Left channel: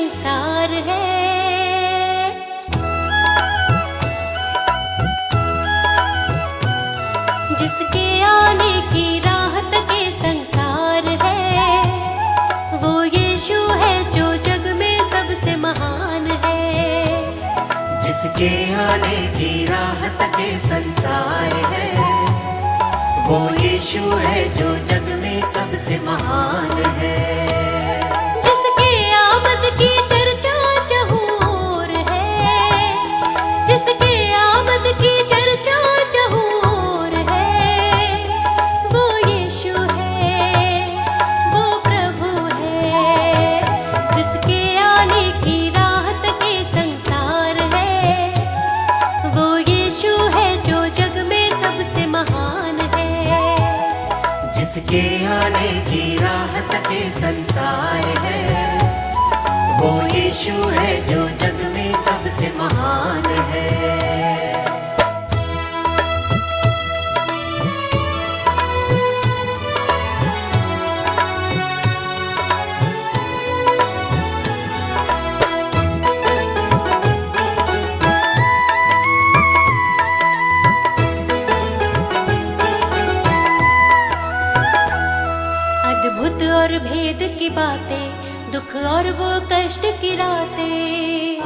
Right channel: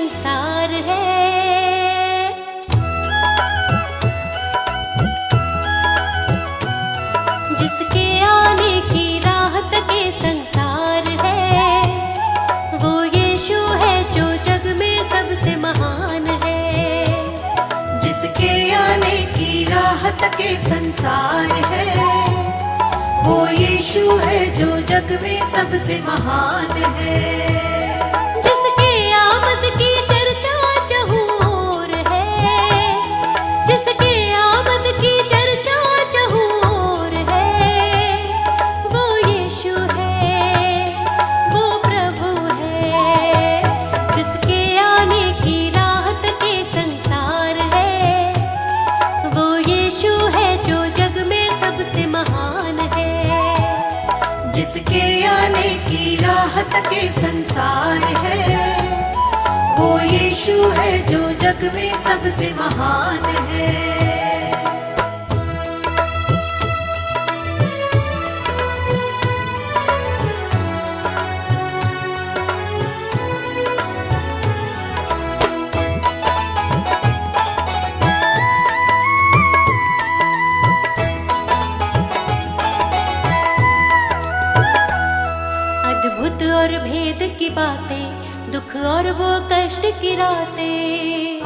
संसार है। जिसके आने की राहत के संसार है, वो यीशु है जो जग में सबसे महान है। जिसके आने की राहत के संसार है, वो यीशु है जो जग में सबसे महान है। जिसके आमद की चर्चा चहुँ ओर है, जिसके आमद की चर्चा चहुँ ओर है, वो यीशु है, वो प्रभु है। जिसके आने की राहत के संसार है, वो यीशु है जो जग में सबसे महान है। जिसके आने की राहत के संसार है, वो यीशु है जो जग में सबसे महान है। अद्भुत और भेद की बातें, दुख और वो कष्ट की रातें।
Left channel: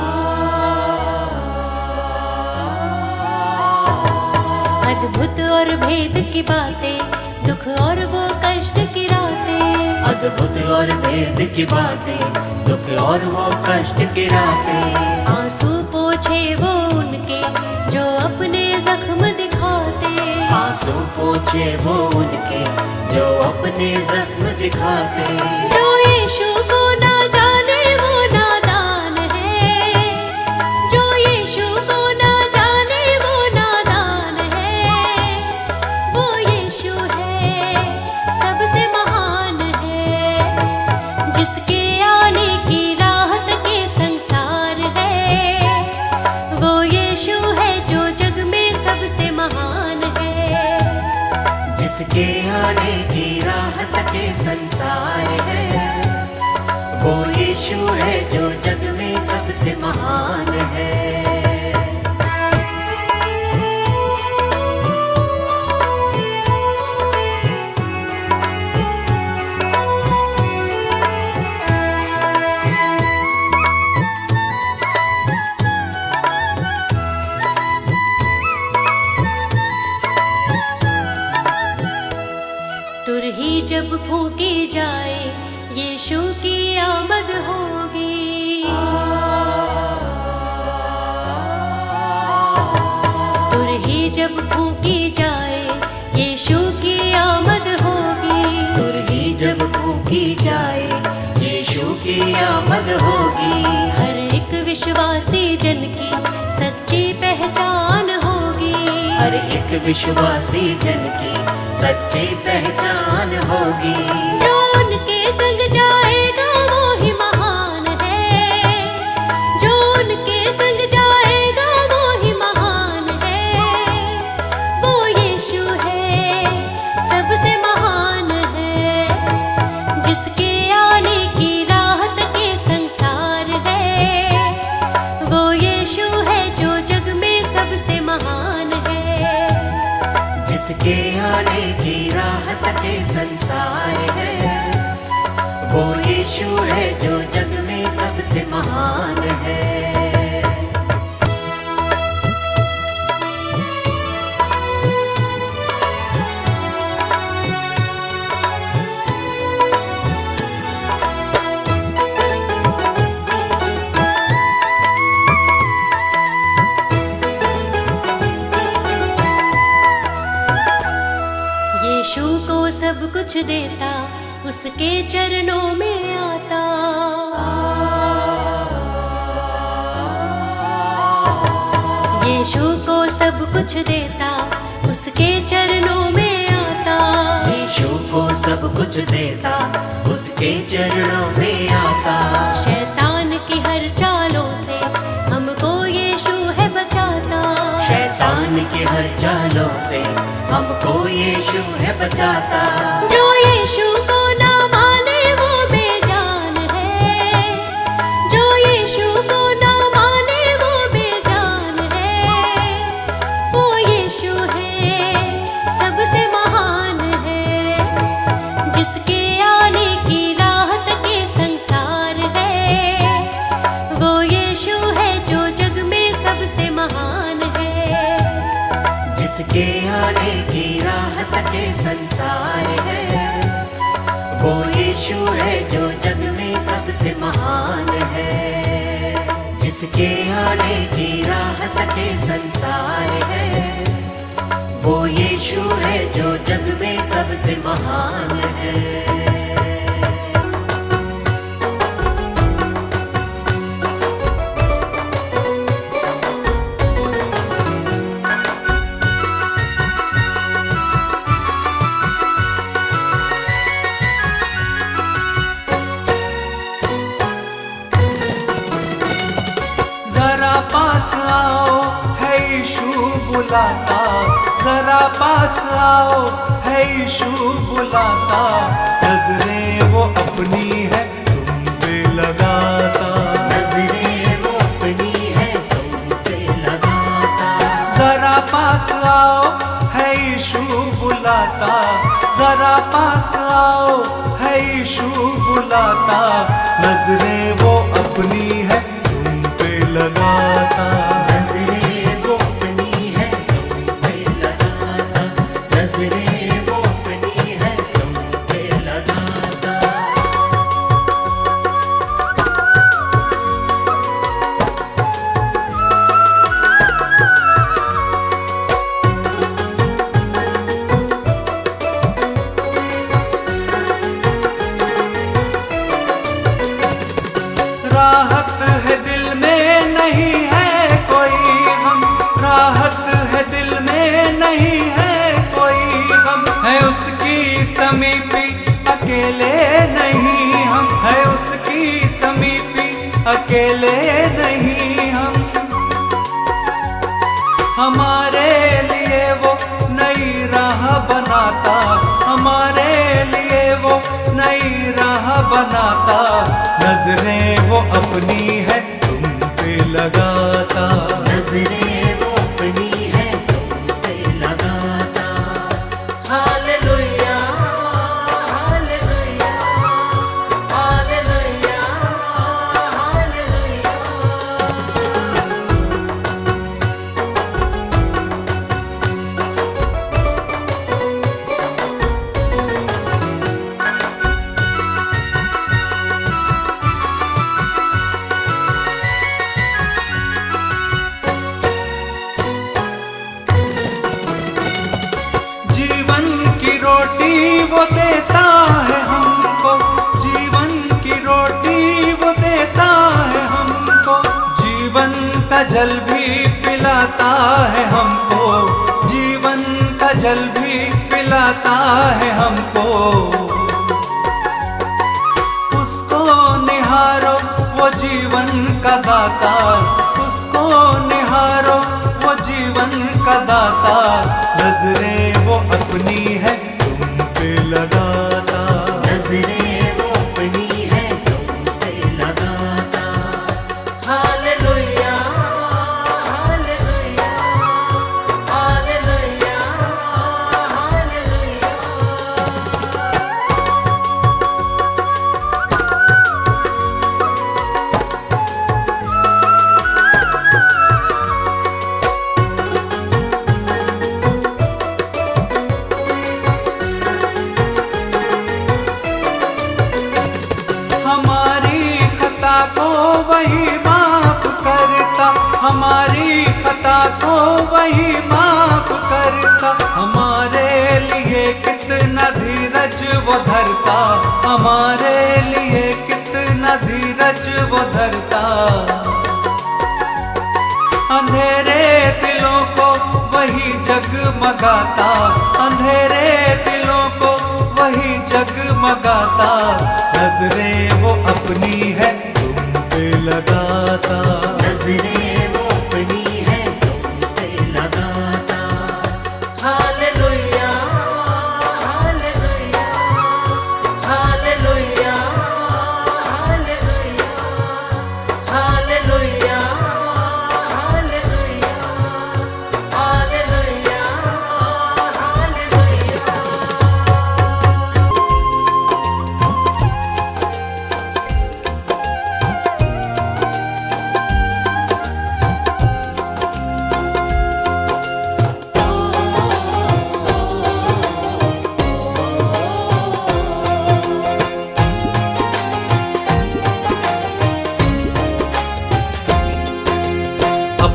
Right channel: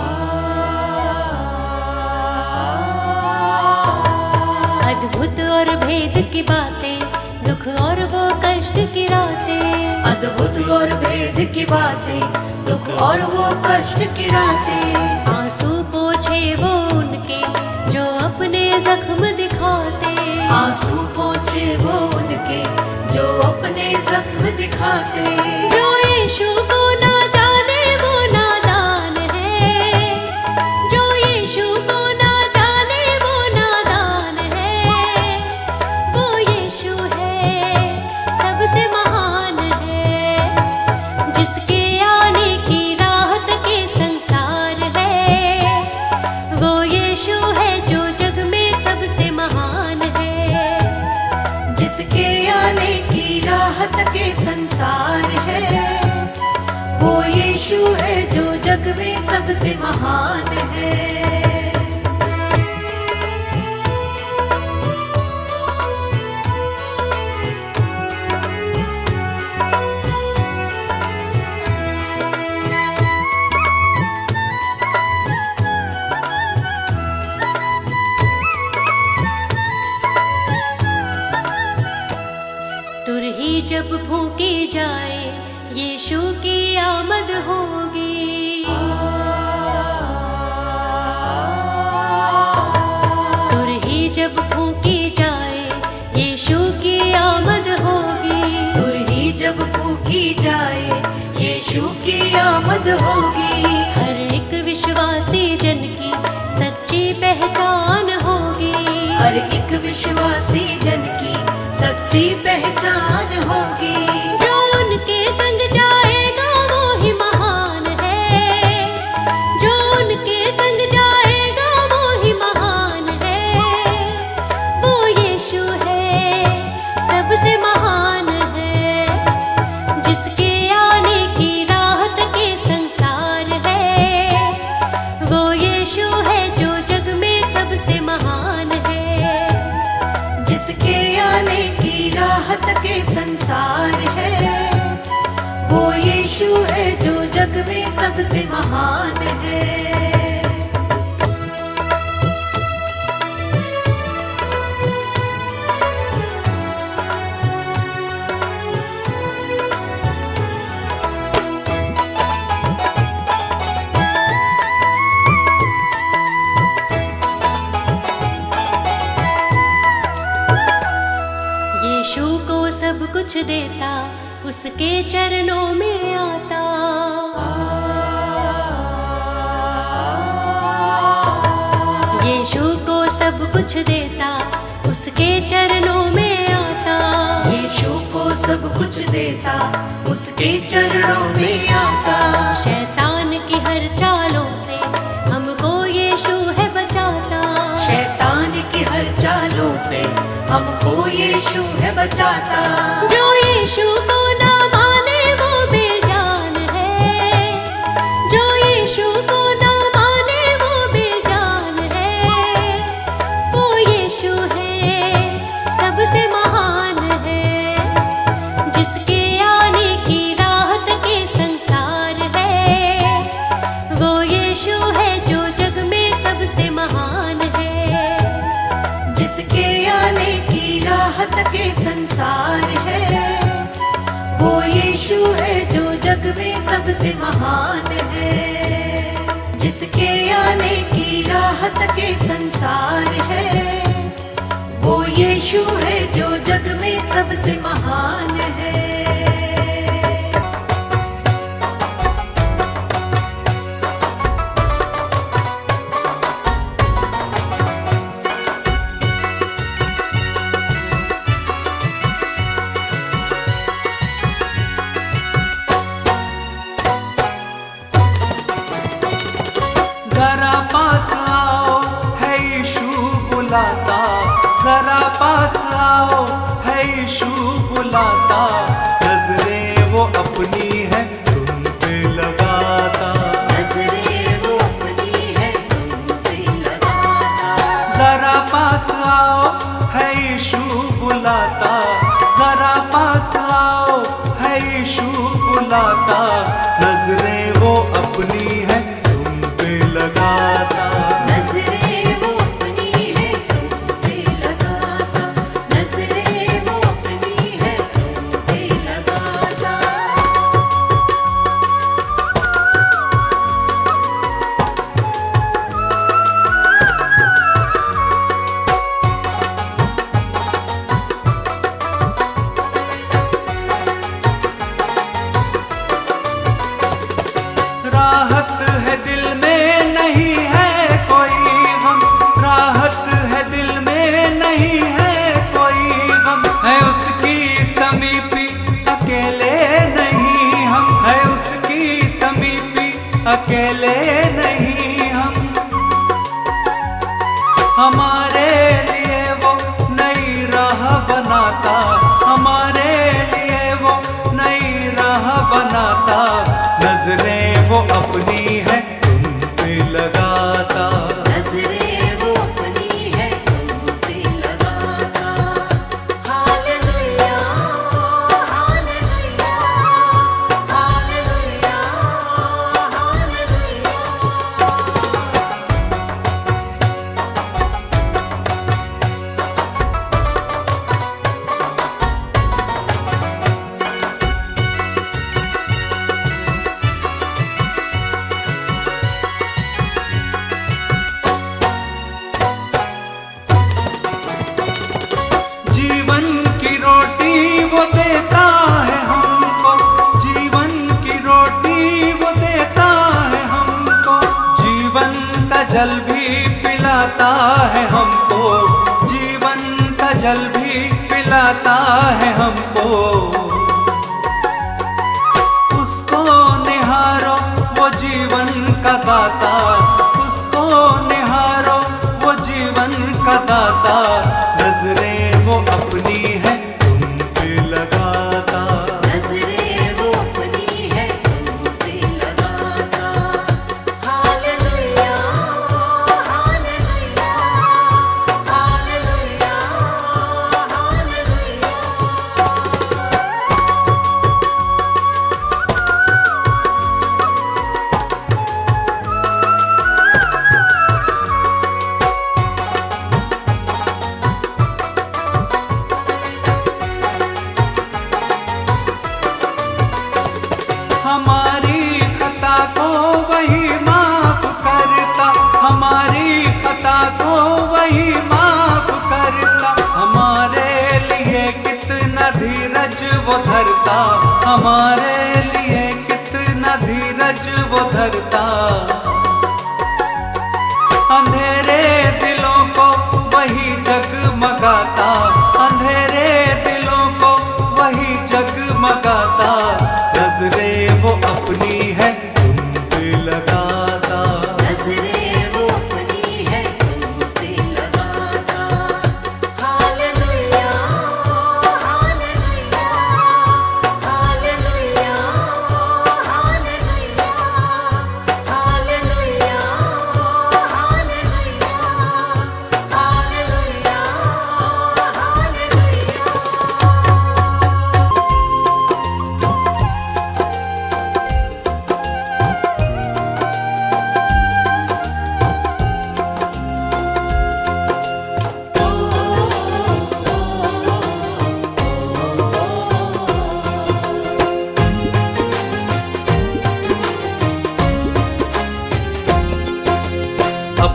अद्भुत और भेद की बातें, दुख और वो कष्ट की रातें। अद्भुत और भेद की बातें, दुख और वो कष्ट की रातें। आंसू पोछे वो उनके जो अपने जख्म दिखाते। आंसू पोछे वो उनके जो अपने जख्म दिखाते। जो यीशु को ना जाने वो नादान है, जो यीशु को ना जाने वो नादान है। वो यीशु है, सबसे महान है। जिसके आने की राहत के संसार है, वो यीशु है जो जग में सबसे महान है। जिसके आने की राहत के संसार है, वो यीशु है जो जग में सबसे महान है। तुरही जब फूंकी जाए, यीशु की आमद होगी। तुरही जब फूंकी जाए, यीशु की आमद होगी। तुरही जब फूंकी जाए, यीशु की आमद होगी। हर एक विश्वासी जन की सच्ची पहचान होगी। हर एक विश्वासी जन की सच्ची पहचान होगी। जो उनके संग जाएगा वो ही महान है, जो उनके संग जाएगा वो ही महान है। वो यीशु है, सबसे महान है। जिसके आने की राहत के संसार है, वो यीशु है जो जग में सबसे महान है। जिसके आने की राहत के संसार है, वो यीशु है जो जग में सबसे महान है। यीशु को सब कुछ देता, उसके चरणों में आता। यीशु को सब कुछ देता, उसके चरणों में आता। यीशु को सब कुछ देता, उसके चरणों में आता। शैतान की हर चालों से हमको यीशु है बचाता। शैतान की हर चालों से हमको यीशु है बचाता। जो यीशु को ना माने वो बेजान है, जो के संसार है। वो यीशु है जो जग में सबसे महान है, जिसके आने की राह तके संसार है। वो यीशु है जो जग में सबसे महान है। जरा पास आओ है यीशु बुलाता, जरा पास आओ है यीशु बुलाता। नजरें वो अपनी है तुम पे लगाता, नजरें वो अपनी है तुम पे लगाता। जरा पास आओ है यीशु बुलाता, जरा पास आओ है यीशु बुलाता। नजरें वो अपनी है तुम पे लगाता, नजरें वो अपनी है तुम पे लगाता। नजरें वो अपनी है तुम पे लगाता। राहत है दिल में नहीं है कोई गम, राहत है दिल में नहीं है कोई गम। है उसकी समीपी अकेले नहीं हम, है उसकी समीपी अकेले नहीं हम। हमारे लिए वो नई राह बनाता, हमारे लिए वो नई राह बनाता। नजरें वो अपनी है तुम पे लगाता, नजरें वो अपनी है तुम पे लगाता। Hallelujah hallelujah hallelujah hallelujah. जीवन की रोटी वो देता है हमको, जीवन की रोटी वो देता है हमको। जीवन का जल भी पिलाता है हमको, जीवन का जल भी पिलाता है हमको। उसको निहारो वो जीवन का दाता, उसको निहारो वो जीवन का दाता। नजरें वो अपनी है तुम पे लगाता, नजरें वो अपनी है तुम पे लगाता। Hallelujah hallelujah hallelujah hallelujah. हमारी खता को वही माफ करता, हमारी खता को वही माफ करता। हमारे लिए कितना धीरज वो धरता, हमारे लिए कितना धीरज वो धरता। अंधेरे दिलों को वही जगमगाता, अंधेरे दिलों को वही जगमगाता। नजरें वो अपनी है तुम पे लगाता, नजरें वो अपनी है तुम पे लगाता। Hallelujah hallelujah hallelujah hallelujah hallelujah hallelujah hallelujah hallelujah.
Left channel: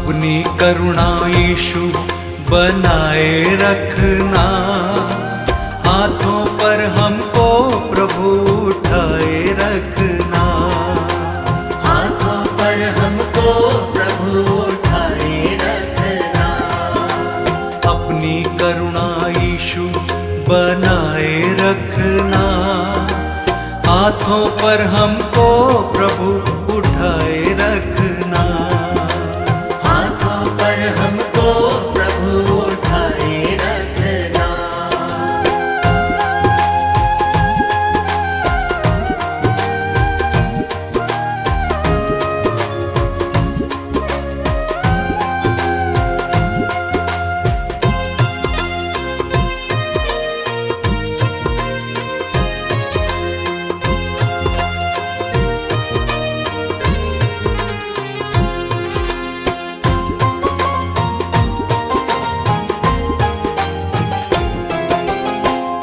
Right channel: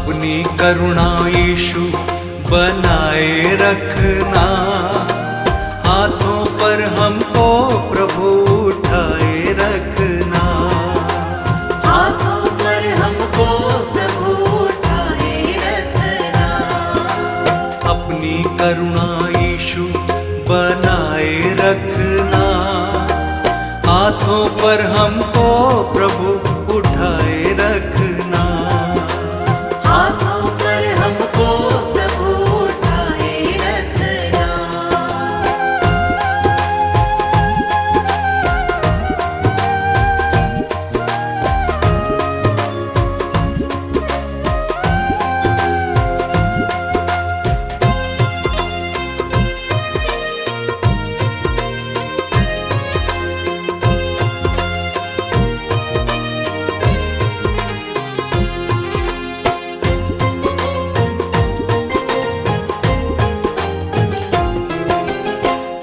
अपनी करुणा यीशु बनाए रखना, हाथों पर हमको प्रभु उठाए रखना। हाथों पर हमको प्रभु उठाए रखना। अपनी करुणा यीशु बनाए रखना, हाथों पर हमको प्रभु उठाए रखना। हाथों पर हमको प्रभु उठाए रखना।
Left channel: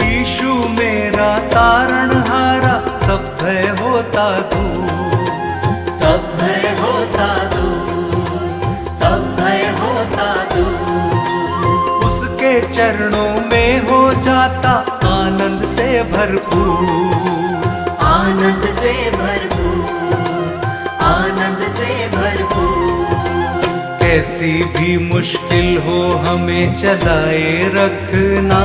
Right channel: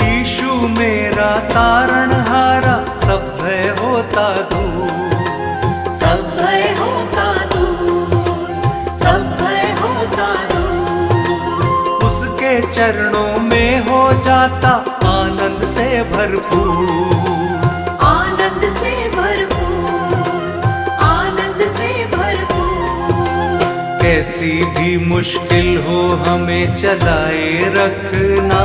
यीशु मेरा तारणहारा, सब भय होता दूर। सब भय होता दूर, सब भय होता दूर। उसके चरणों में हो जाता आनंद से भरपूर। आनंद से भरपूर, आनंद से भरपूर। कैसी भी मुश्किल हो हमें चलाए रखना,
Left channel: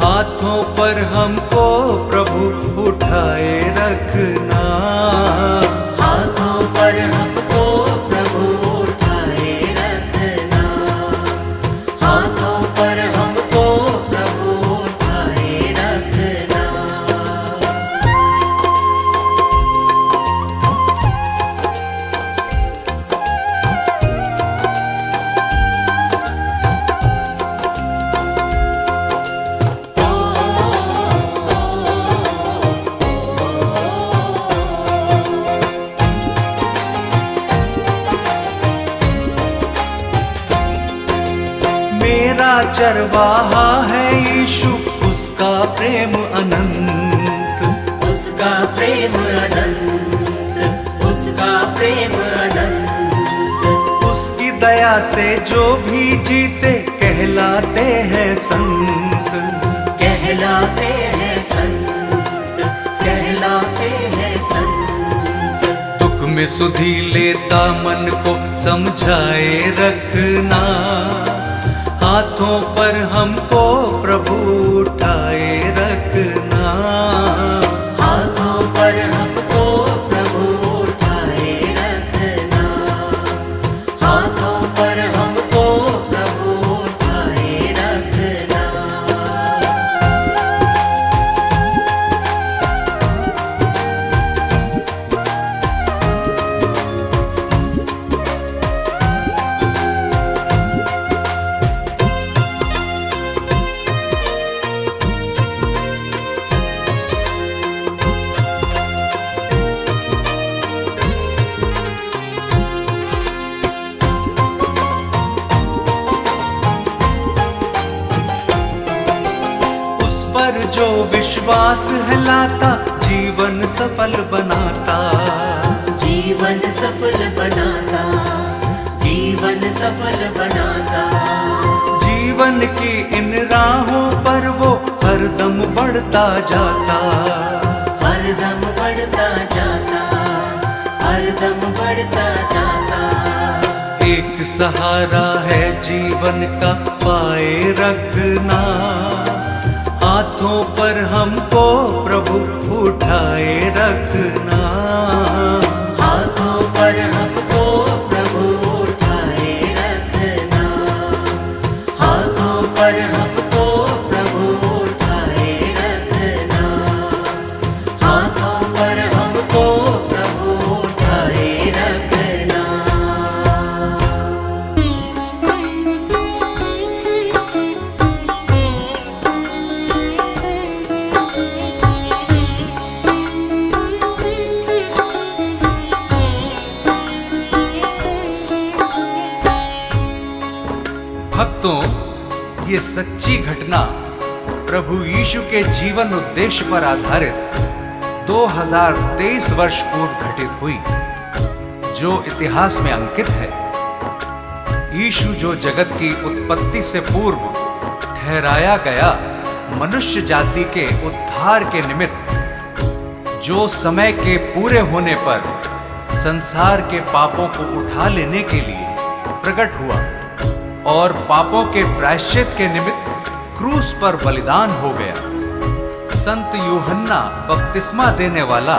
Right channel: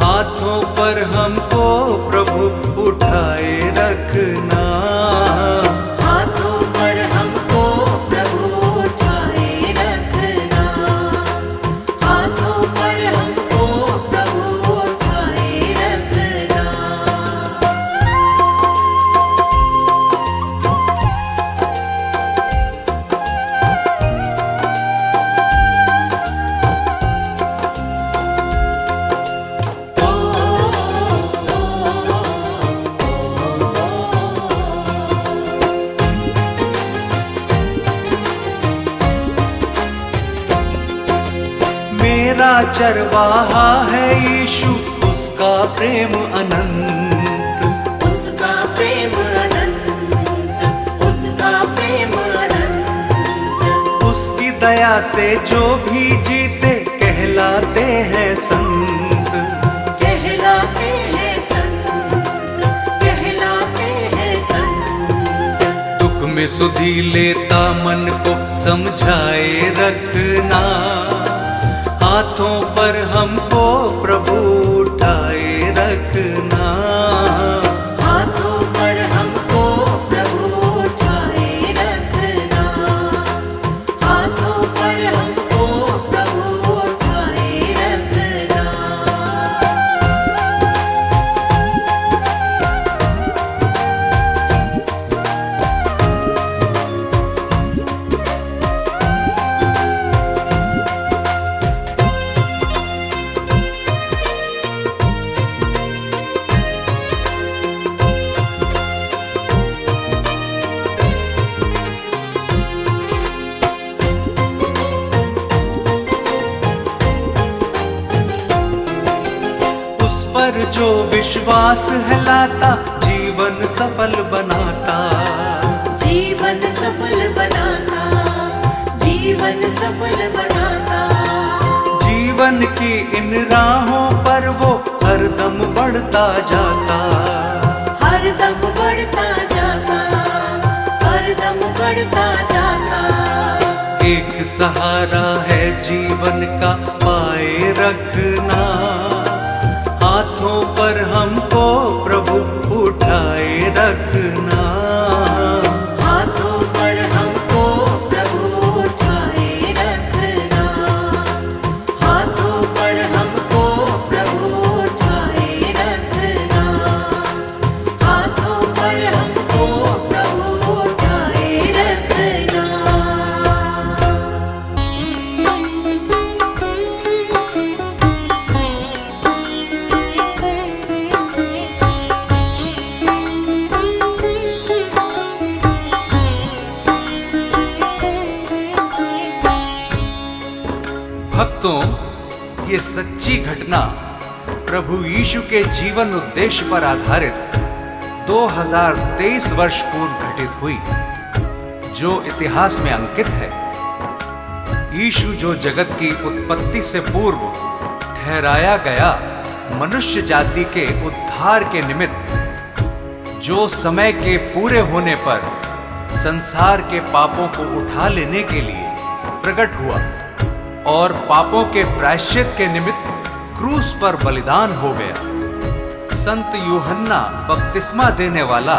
हाथों पर हमको प्रभु उठाए रखना। हाथों पर हमको प्रभु उठाए रखना। हाथों पर हमको प्रभु उठाए रखना। मेरा चरवाहा है यीशु, उसका प्रेम अनंत। उसका प्रेम अनंत, उसका प्रेम अनंत। उसकी दया से जो भी जीते कहलाते हैं संत। कहलाते हैं संत, कहलाते हैं संत। दुख में सुधि लेता मन को समझाए रखना, हाथों पर हमको प्रभु उठाए रखना। हाथों पर हमको प्रभु उठाए रखना। हाथों पर हमको प्रभु उठाए रखना। पर जो विश्वास है लाता, जीवन सफल बनाता। जीवन सफल बनाता, जीवन सफल बनाता। जीवन की इन राहों पर वो हरदम बढ़ता जाता। हरदम बढ़ता जाता, हरदम बढ़ता जाता। एक सहारा है जीवन का पाए रखना, हाथों पर हमको प्रभु उठाए रखना। हाथों पर हमको प्रभु उठाए रखना। हाथों पर हमको प्रभु उठाए रखना। हाथों पर हमको प्रभु उठाए रखना। भक्तों, ये सच्ची घटना प्रभु यीशु के जीवन उद्देश्य पर आधारित 2023 वर्ष पूर्व घटित हुई, जो इतिहास में अंकित है। यीशु जो जगत की उत्पत्ति से पूर्व ठहराया गया मनुष्य जाति के उद्धार के निमित्त, जो समय के पूरे होने पर संसार के पापों को उठा लेने के लिए प्रकट हुआ और पापों के प्रायश्चित के निमित्त क्रूस पर बलिदान हो गया। संत यूहन्ना बपतिस्मा देने वाला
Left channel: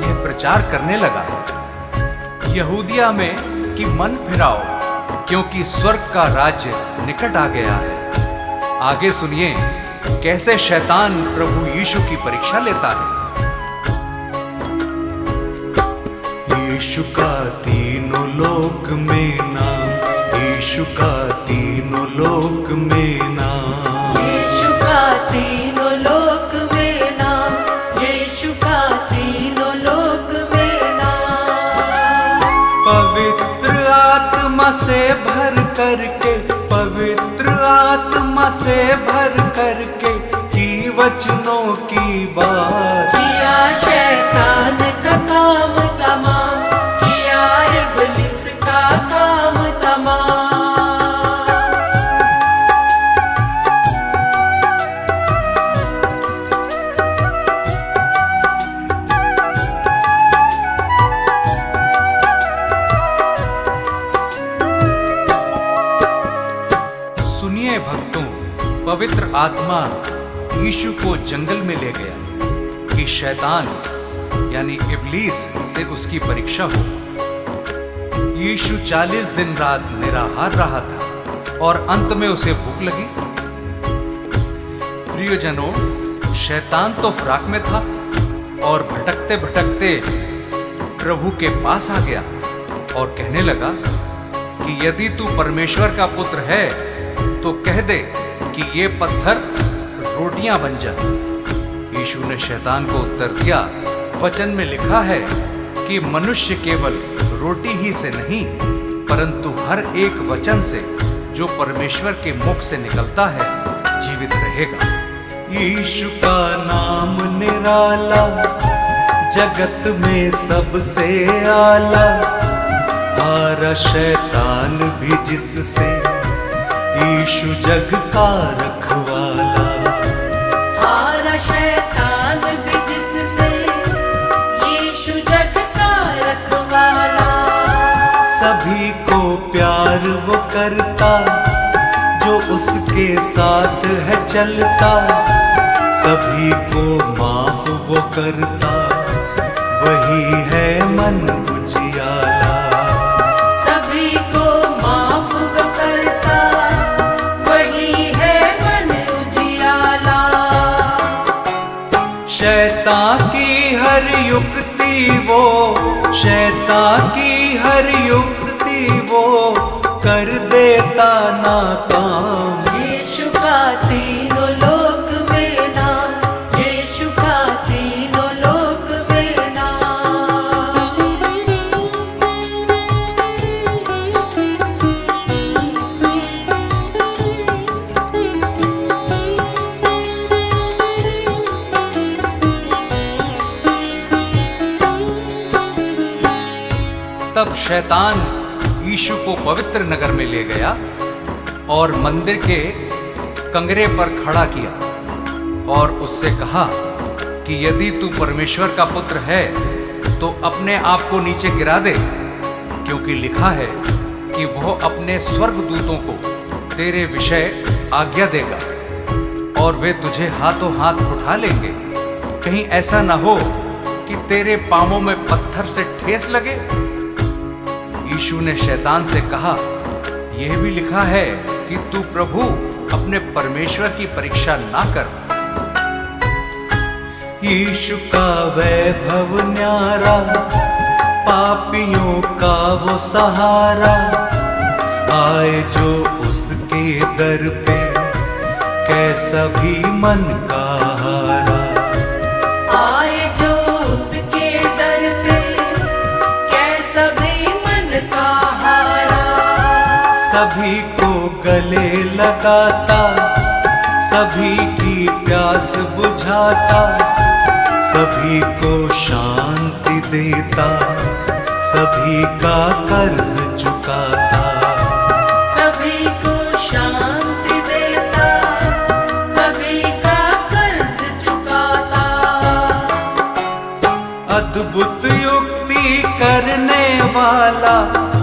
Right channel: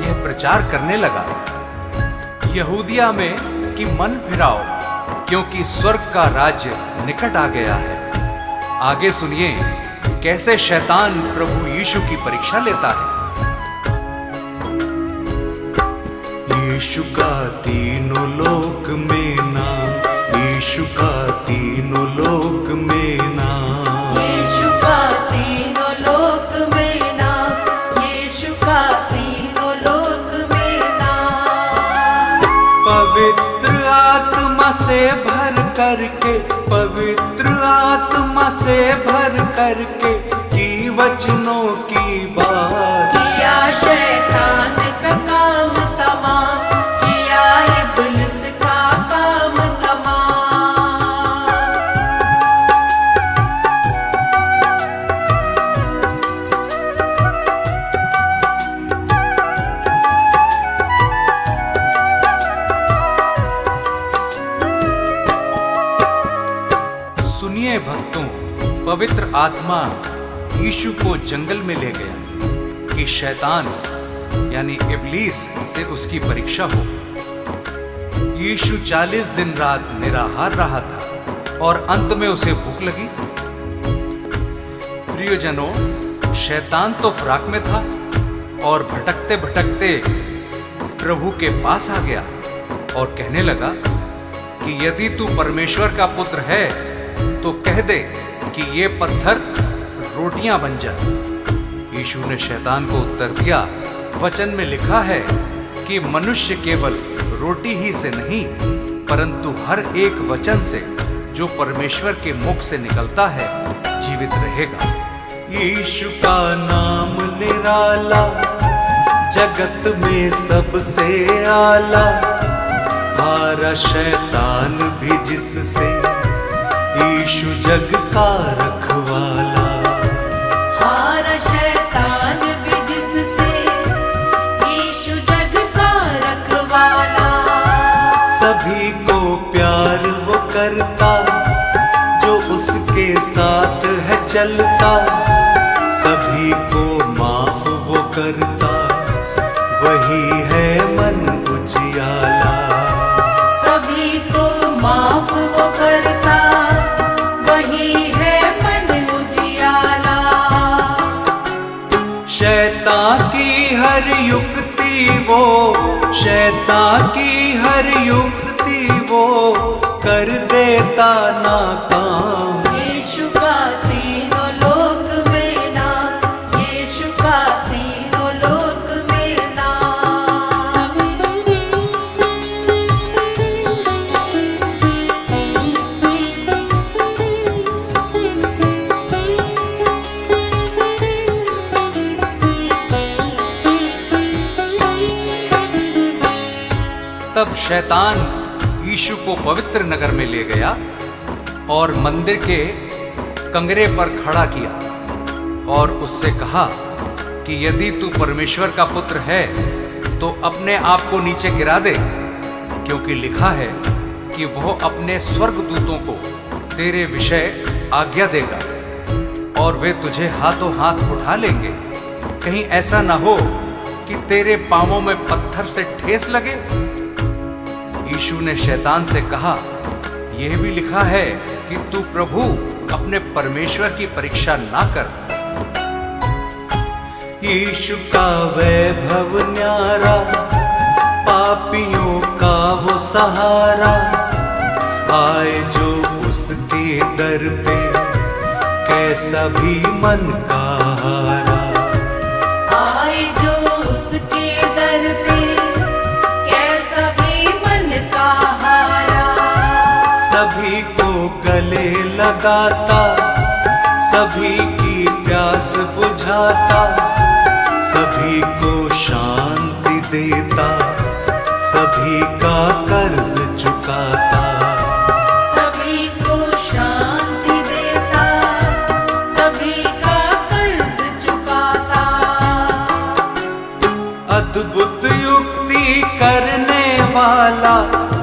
यह प्रचार करने लगा, यहूदिया में कि मन फिराओ, क्योंकि स्वर्ग का राज्य निकट आ गया है। आगे सुनिए कैसे शैतान प्रभु यीशु की परीक्षा लेता है। यीशु का तीनों लोक में नाम, यीशु का तीनों लोक में नाम, यीशु का तीनों लोक में नाम, यीशु का तीनों लोक में नाम। पवित्र आत्मा से भर करके, पवित्र आत्मा से भर करके की वचनों की बात, किया शैतान का काम तमाम, किया इब्लिस का काम तमाम। सुनिए भक्तों, पवित्र आत्मा यीशु को जंगल में ले गया कि शैतान यानी इब्लीस से उसकी परीक्षा हो। यीशु 40 दिन रात निराहार रहा था और अंत में उसे भूख लगी। प्रियजनों, शैतान तो फराक में था और भटकते भटकते प्रभु के पास आ गया और कहने लगा कि यदि तू परमेश्वर का पुत्र है तो कह दे कि ये पत्थर रोटियां बन जाए। यीशु ने शैतान को उत्तर दिया, वचन में लिखा है कि मनुष्य केवल रोटी ही से नहीं परंतु हर एक वचन से जो परमेश्वर के मुख से निकलता है जीवित रहेगा। यीशु का नाम निराला, जगत में सबसे आला, हारा शैतान भी जिससे, यीशु जग का रखवाला। हारा शैतान भी जिससे, यीशु जग का रखवाला। सभी को प्यार वो करता जो उसके साथ है चलता, सभी को माफ वो करता वही है मन उजियाला। सभी को माफ वो करता, वही है मन उजियाला। शैतान की हर युक्ति वो, शैतान की हर युक्ति वो कर देता नाकाम। यीशु का तीनों लोक में नाम, यीशु का तीनों लोक में नाम। तब शैतान यीशु को पवित्र नगर में ले गया और मंदिर के कंगरे पर खड़ा किया और उससे कहा कि यदि तू परमेश्वर का पुत्र है तो अपने आप को नीचे गिरा दे, क्योंकि लिखा है कि वह अपने स्वर्गदूतों को तेरे विषय आज्ञा देगा और वे तुझे हाथों हाथ उठा लेंगे, कहीं ऐसा ना हो कि तेरे पांवों में पत्थर से ठेस लगे। यीशु ने शैतान से कहा, यह भी लिखा है कि तू प्रभु अपने परमेश्वर की परीक्षा ना कर। यीशु का वैभव न्यारा, पापियों का वो सहारा, आए जो उसके दर पे कैसा भी मन का हारा। आए जो उसके दर पे, कैसा भी मन का हारा। सभी को गले लगाता, सभी की प्यास बुझाता, सभी को शांति देता, सभी का कर्ज चुकाता। अद्भुत युक्ति करने वाला,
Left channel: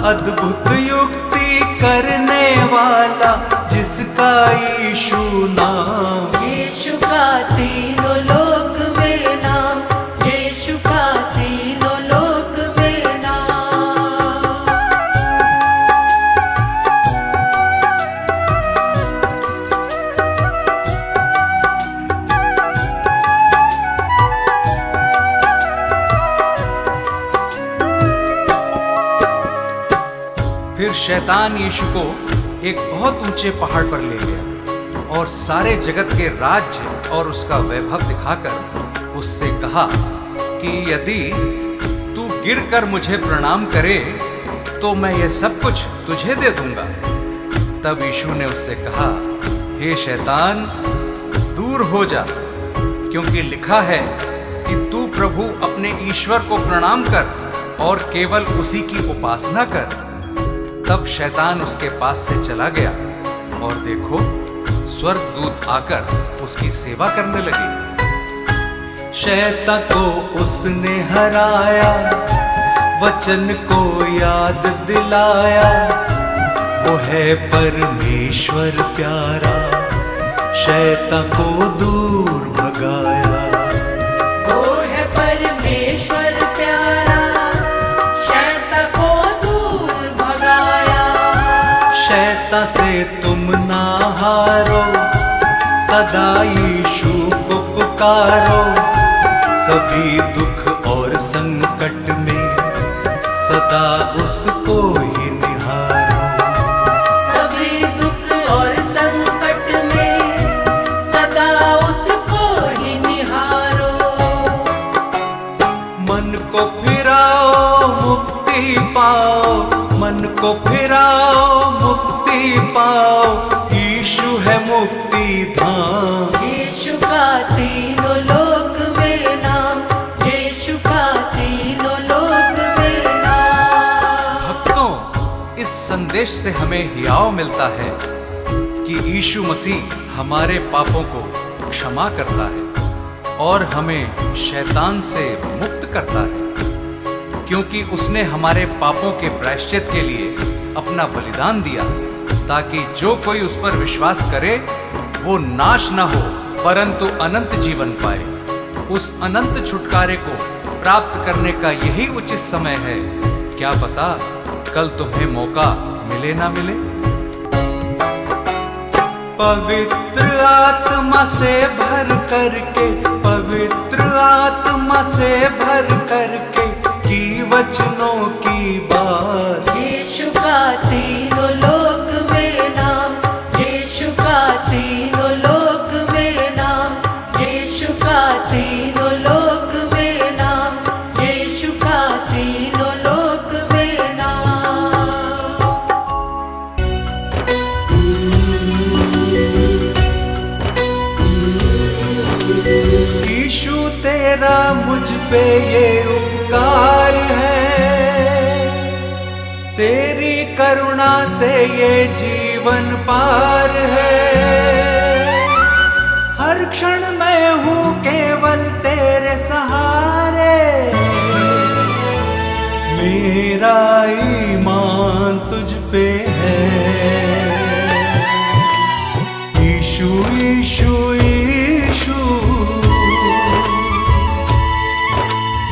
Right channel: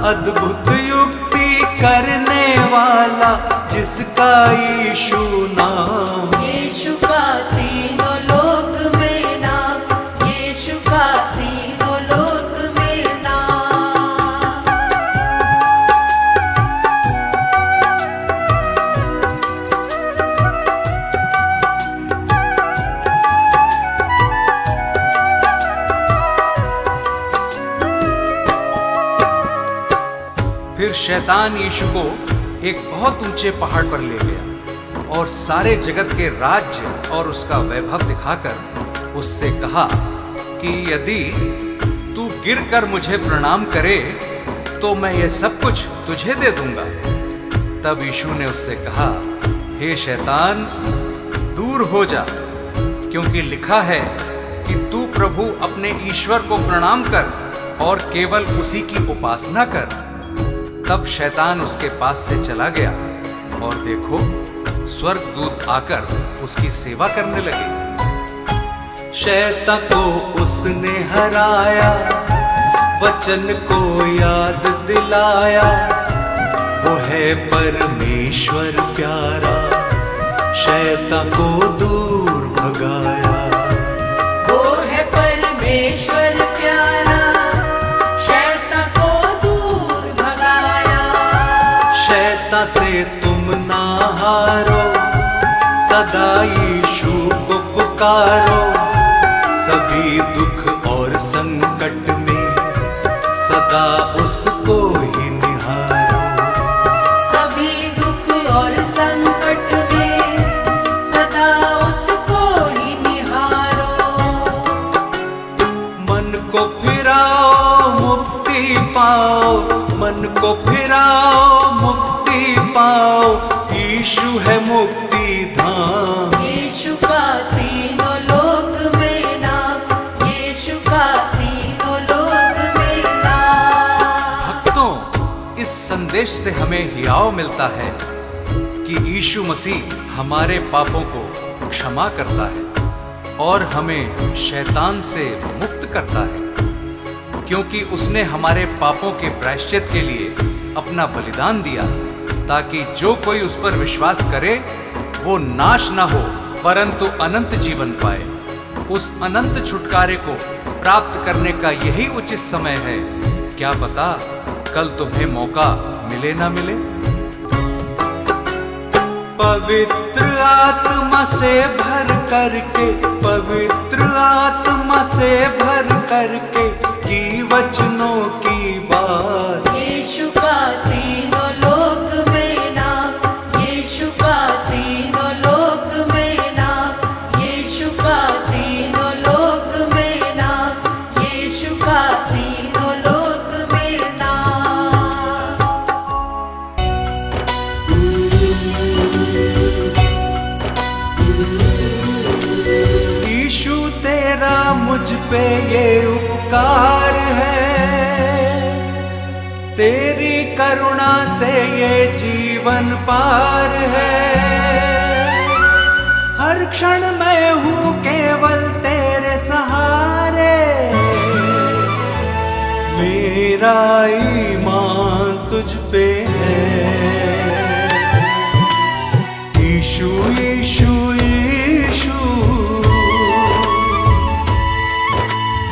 अद्भुत युक्ति करने वाला, जिसका यीशु नाम। यीशु का तीनों लोक में नाम, यीशु का तीनों लोक में नाम। फिर शैतान यीशु को एक बहुत ऊंचे पहाड़ पर ले गया और सारे जगत के राज्य और उसका वैभव दिखाकर उससे कहा कि यदि तू गिरकर मुझे प्रणाम करे तो मैं ये सब कुछ तुझे दे दूंगा। तब यीशु ने उससे कहा, हे शैतान, दूर हो जा, क्योंकि लिखा है कि तू प्रभु अपने ईश्वर को प्रणाम कर और केवल उसी की उपासना कर। तब शैतान उसके पास से चला गया और देखो, स्वर्गदूत आकर उसकी सेवा करने लगे। शैतान को उसने हराया, वचन को याद दिलाया, वो है परमेश्वर प्यारा, शैतान को दूर भगाया। वो है परमेश्वर प्यारा, शैतान को दूर भगाया। शैतान से तुम ना हारो, सदा यीशु को पुकारो, सभी दुख और संकट में सदा उसको ही निहारो। सभी दुख और संकट में सदा उसको ही निहारो। मन को फिराओ मुक्ति पाओ, मन को फिराओ मुक्ति पाओ, यीशु है मुक्ति धाम। यीशु का तीनों लोक में नाम, यीशु का तीनों लोक में नाम। भक्तों, इस संदेश से हमें हियाव मिलता है कि यीशु मसीह हमारे पापों को क्षमा करता है और हमें शैतान से मुक्त करता है, क्योंकि उसने हमारे पापों के प्रायश्चित के लिए अपना बलिदान दिया, ताकि जो कोई उस पर विश्वास करे वो नाश न हो परंतु अनंत जीवन पाए। उस अनंत छुटकारे को प्राप्त करने का यही उचित समय है। क्या पता कल तुम्हें मौका मिले ना मिले। पवित्र आत्मा से भर करके, पवित्र आत्मा से भर करके की वचनों की बात। यीशु का तीनों लोक में नाम, यीशु का तीनों लोक में नाम, यीशु का तीनों लोक में नाम, यीशु का तीनों लोक में नाम। यीशु तेरा मुझ पे ये उपकार है, तेरी करुणा से ये जीवन पार है। हर क्षण मैं हूँ केवल तेरे सहारे, मेरा ईमान तुझ पे है। यीशु यीशु यीशु,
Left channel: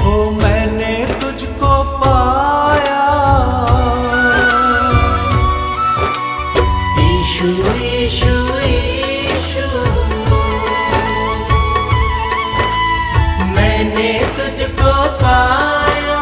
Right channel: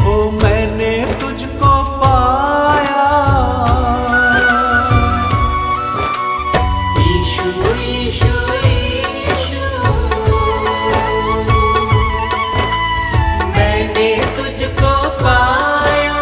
ओ मैंने तुझको पाया। यीशु यीशु यीशु, मैंने तुझको पाया।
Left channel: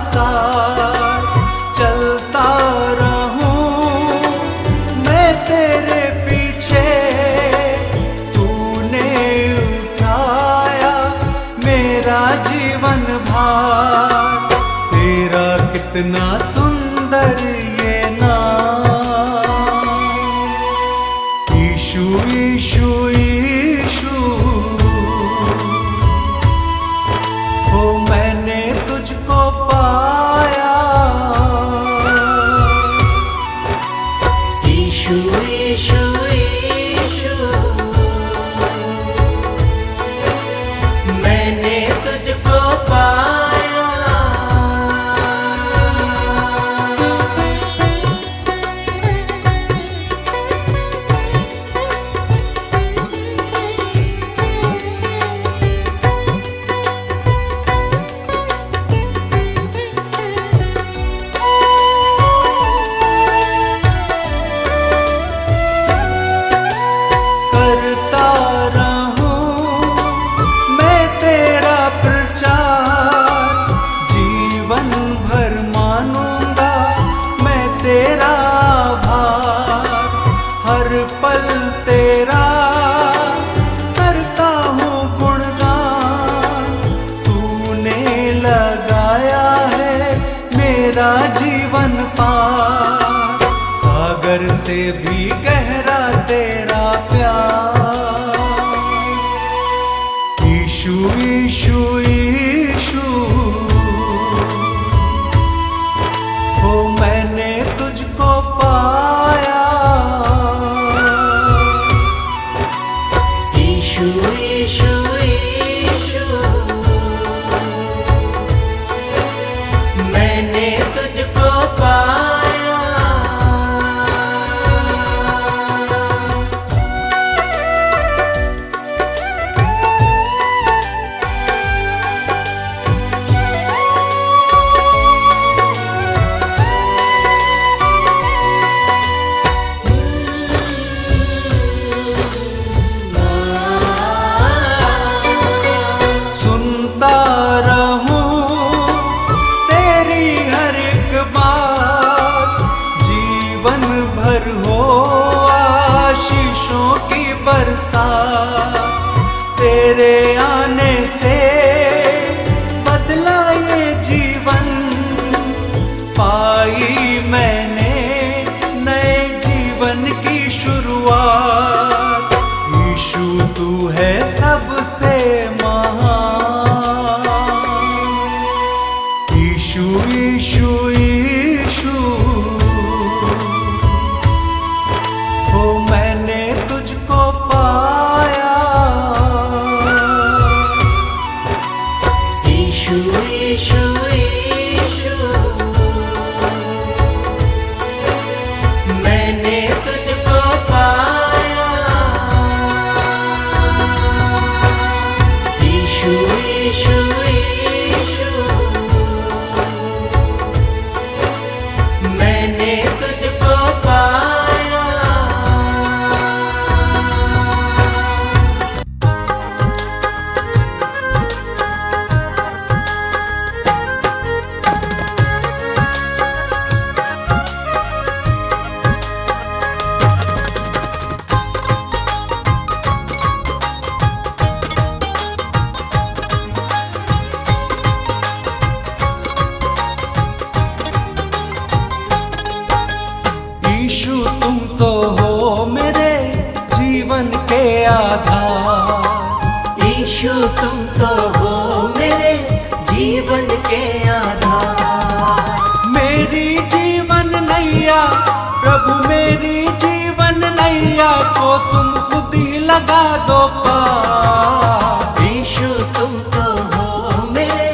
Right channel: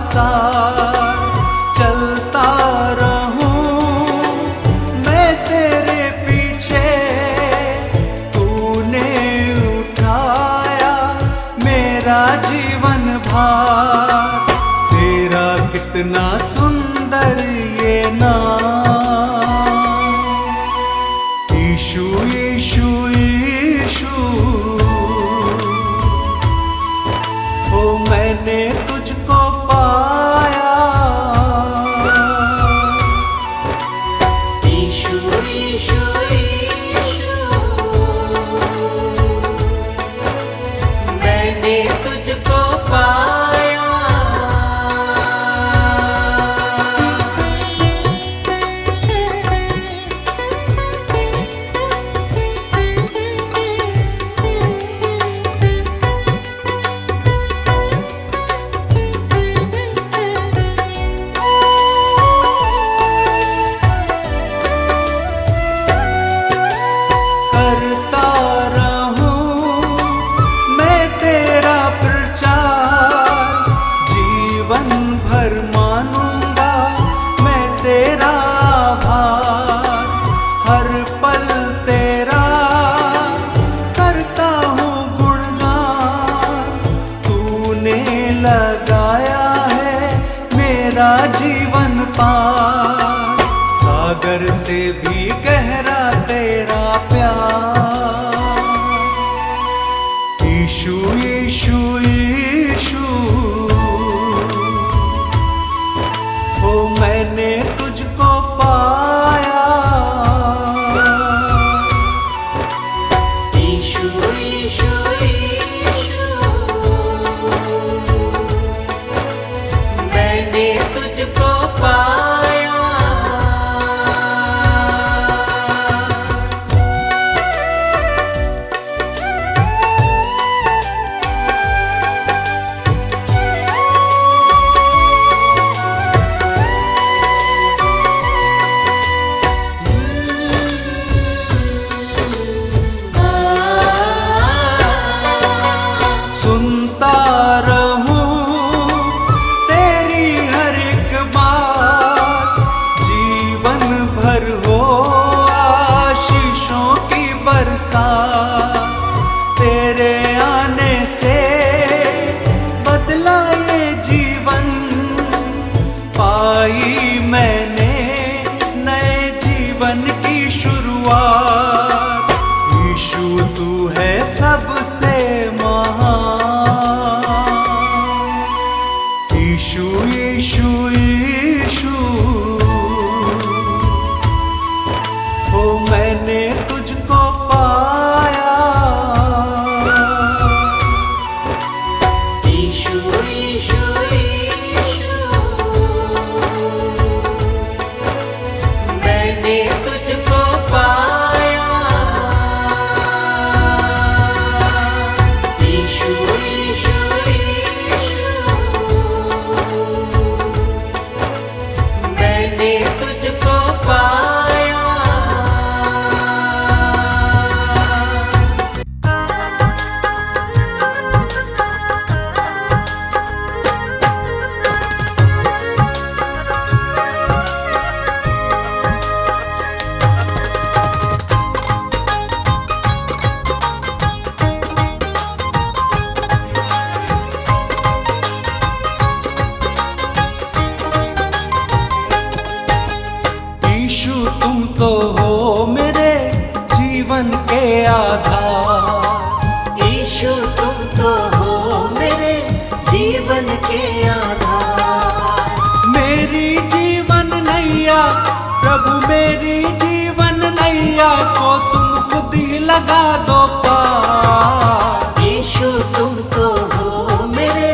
सार चलता रहूं मैं तेरे पीछे, तूने जीवन भार, तेरा कितना सुंदर ये नाम। यीशु यीशु यीशु, ओ मैंने तुझको पाया। यीशु यीशु यीशु, मैंने तुझको पाया। करता रहूं मैं तेरा प्रचार, जीवन भर मानूंगा मैं तेरा आभार। हर पल तेरा करता हूँ गुणगान, तूने लगाया है मेरा जीवन पार। सागर से भी गहरा तेरा प्यार। यीशु यीशु यीशु, ओ मैंने तुझको पाया। यीशु यीशु यीशु, मैंने तुझको पाया। सुनता रहूं तेरी हर एक बात, जीवन भर हो आशीषों की बरसात। तेरे आने से बदला ये जीवन, पाई मैंने नए जीवन की शुरुआत। यीशु तू है सबसे महान। यीशु यीशु यीशु, ओ मैंने तुझको पाया। यीशु यीशु यीशु, मैंने तुझको पाया। यीशु यीशु यीशु, मैंने तुझको पाया। यीशु तुम तो हो मेरे जीवन के आधार। यीशु तुम तो हो मेरे जीवन के आधार। मेरी जीवन नैया प्रभु, मेरी जीवन नैया को तुम खुद ही लगा दो पार। यीशु तुम तो हो मेरे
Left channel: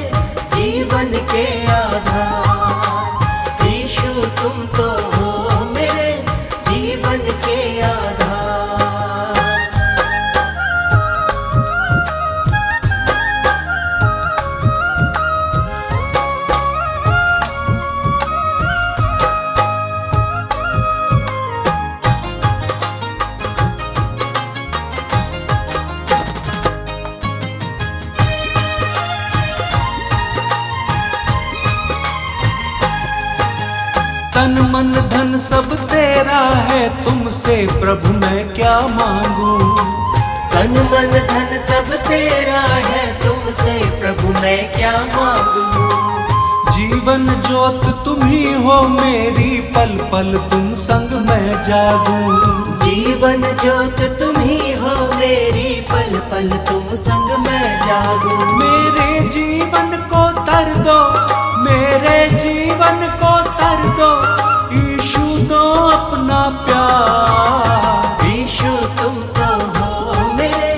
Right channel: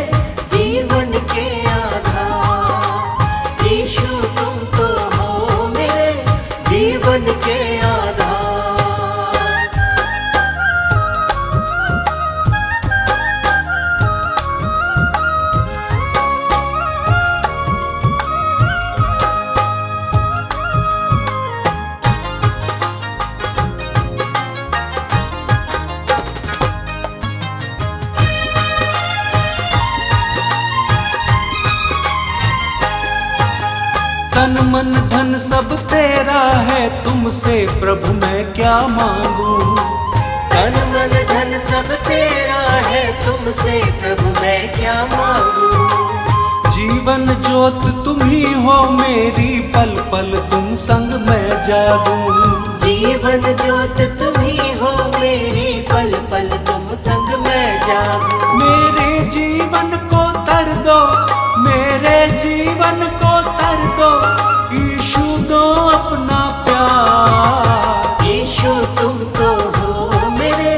जीवन के आधार। यीशु तुम तो हो मेरे जीवन के आधार। तन मन धन सब तेरा है, तुमसे प्रभु मैं क्या मांगू। तन मन धन सब तेरा है, तुमसे प्रभु मैं क्या जीवन ज्योत तुम ही हो मेरी, पल पल तुम संग मैं जागूं। जीवन ज्योत तुम ही हो मेरी, पल पल तुम संग मैं जागूं। मेरे जीवन को तर दो, मेरे जीवन को तर दो, यीशु दो अपना प्यार। यीशु तुम तो हो मेरे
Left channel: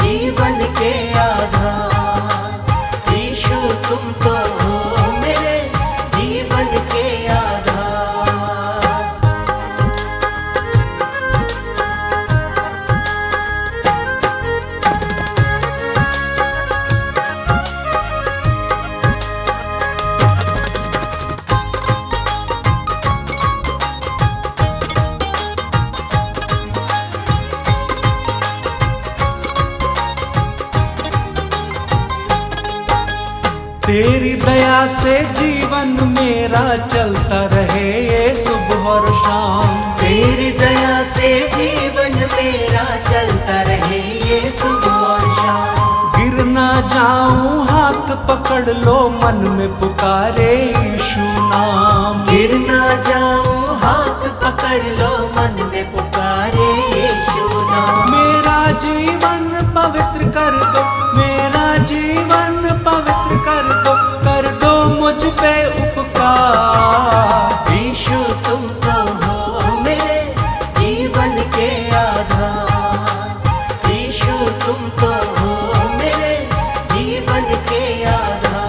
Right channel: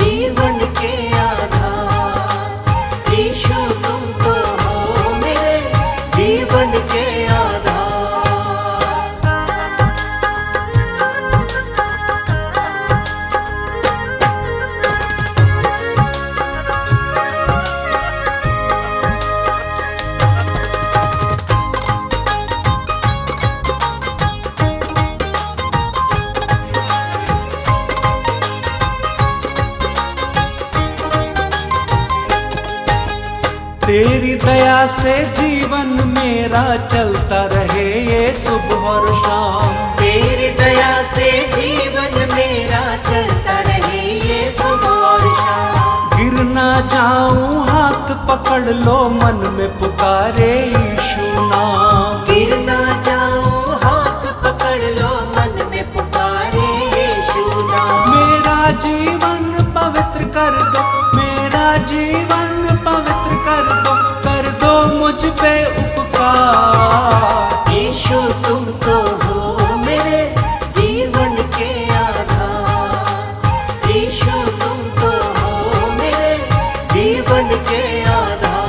जीवन के आधार। यीशु तुम तो हो मेरे जीवन के आधार। तेरी दया से जीवन मेरा चलता रहे ये सुबह और शाम। तेरी दया से जीवन मेरा चलता रहे ये सुबह और शाम। गिर ना जाऊं हाथ पकड़ लो, मन में पुकारे यीशु नाम। गिर ना जाऊं हाथ पकड़ लो, मन में पुकारे यीशु नाम। मेरा जीवन पवित्र कर दो, मेरा जीवन पवित्र कर दो मुझ पे उपकार। यीशु तुम तो हो मेरे जीवन के आधार। यीशु तुम तो हो मेरे जीवन के आधार।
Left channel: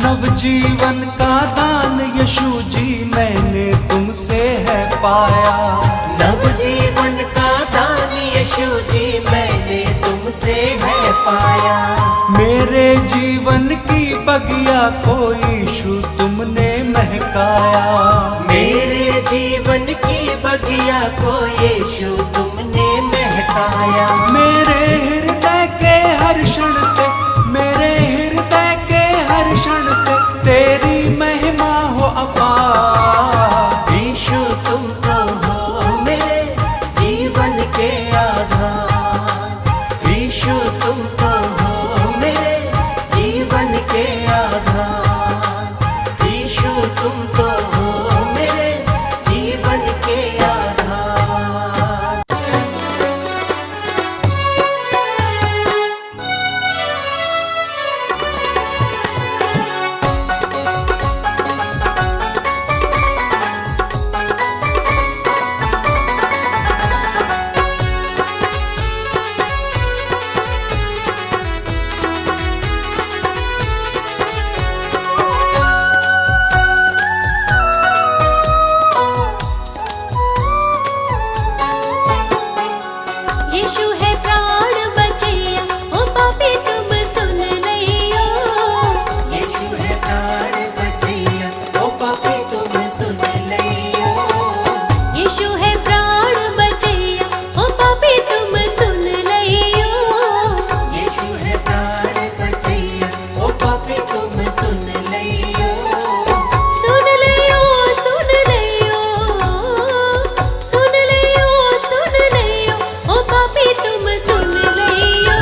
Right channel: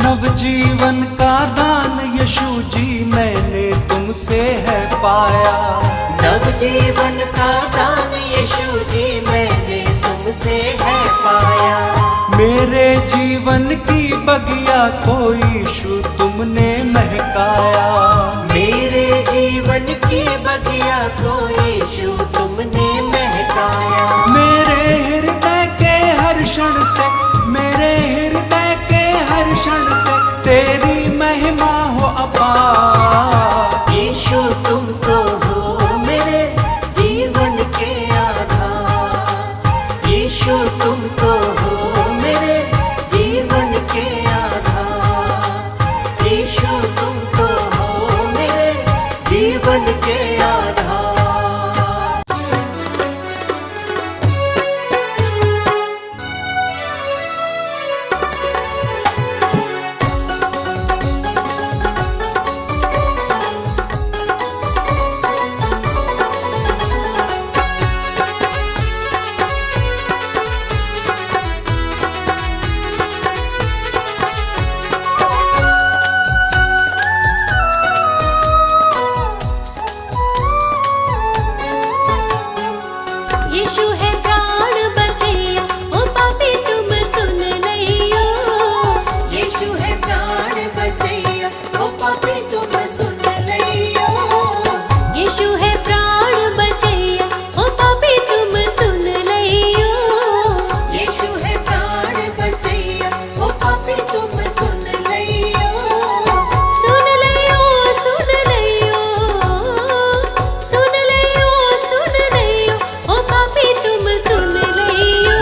नवजीवन का दान यीशु जी मैंने तुमसे है पाया। नवजीवन का दान यीशु जी मैंने तुमसे है पाया। मेरे जीवन की बगिया को यीशु तुमने महकाया। मेरे जीवन की बगिया को यीशु तुमने महकाया। मेरे हृदय के हर क्षण से, मेरे हृदय के हर क्षण से तेरी महिमा हो अपार। यीशु तुम तो हो मेरे जीवन के आधार। यीशु तुम तो हो मेरे जीवन के आधार। यीशु तुम तो हो मेरे जीवन के आधार। यीशु है प्राण बचैया, ओ पापी तुम सुन लियो। यीशु है प्राण बचैया, ओ पापी तुम सुन लियो। यीशु है प्राण बचैया, ओ पापी तुम सुन लियो। यीशु है प्राण बचैया, ओ पापी तुम सुन लियो। सुन लियो, सुन लियो, सुन लियो, सुन लियो, ओ पापी तुम सुन लियो।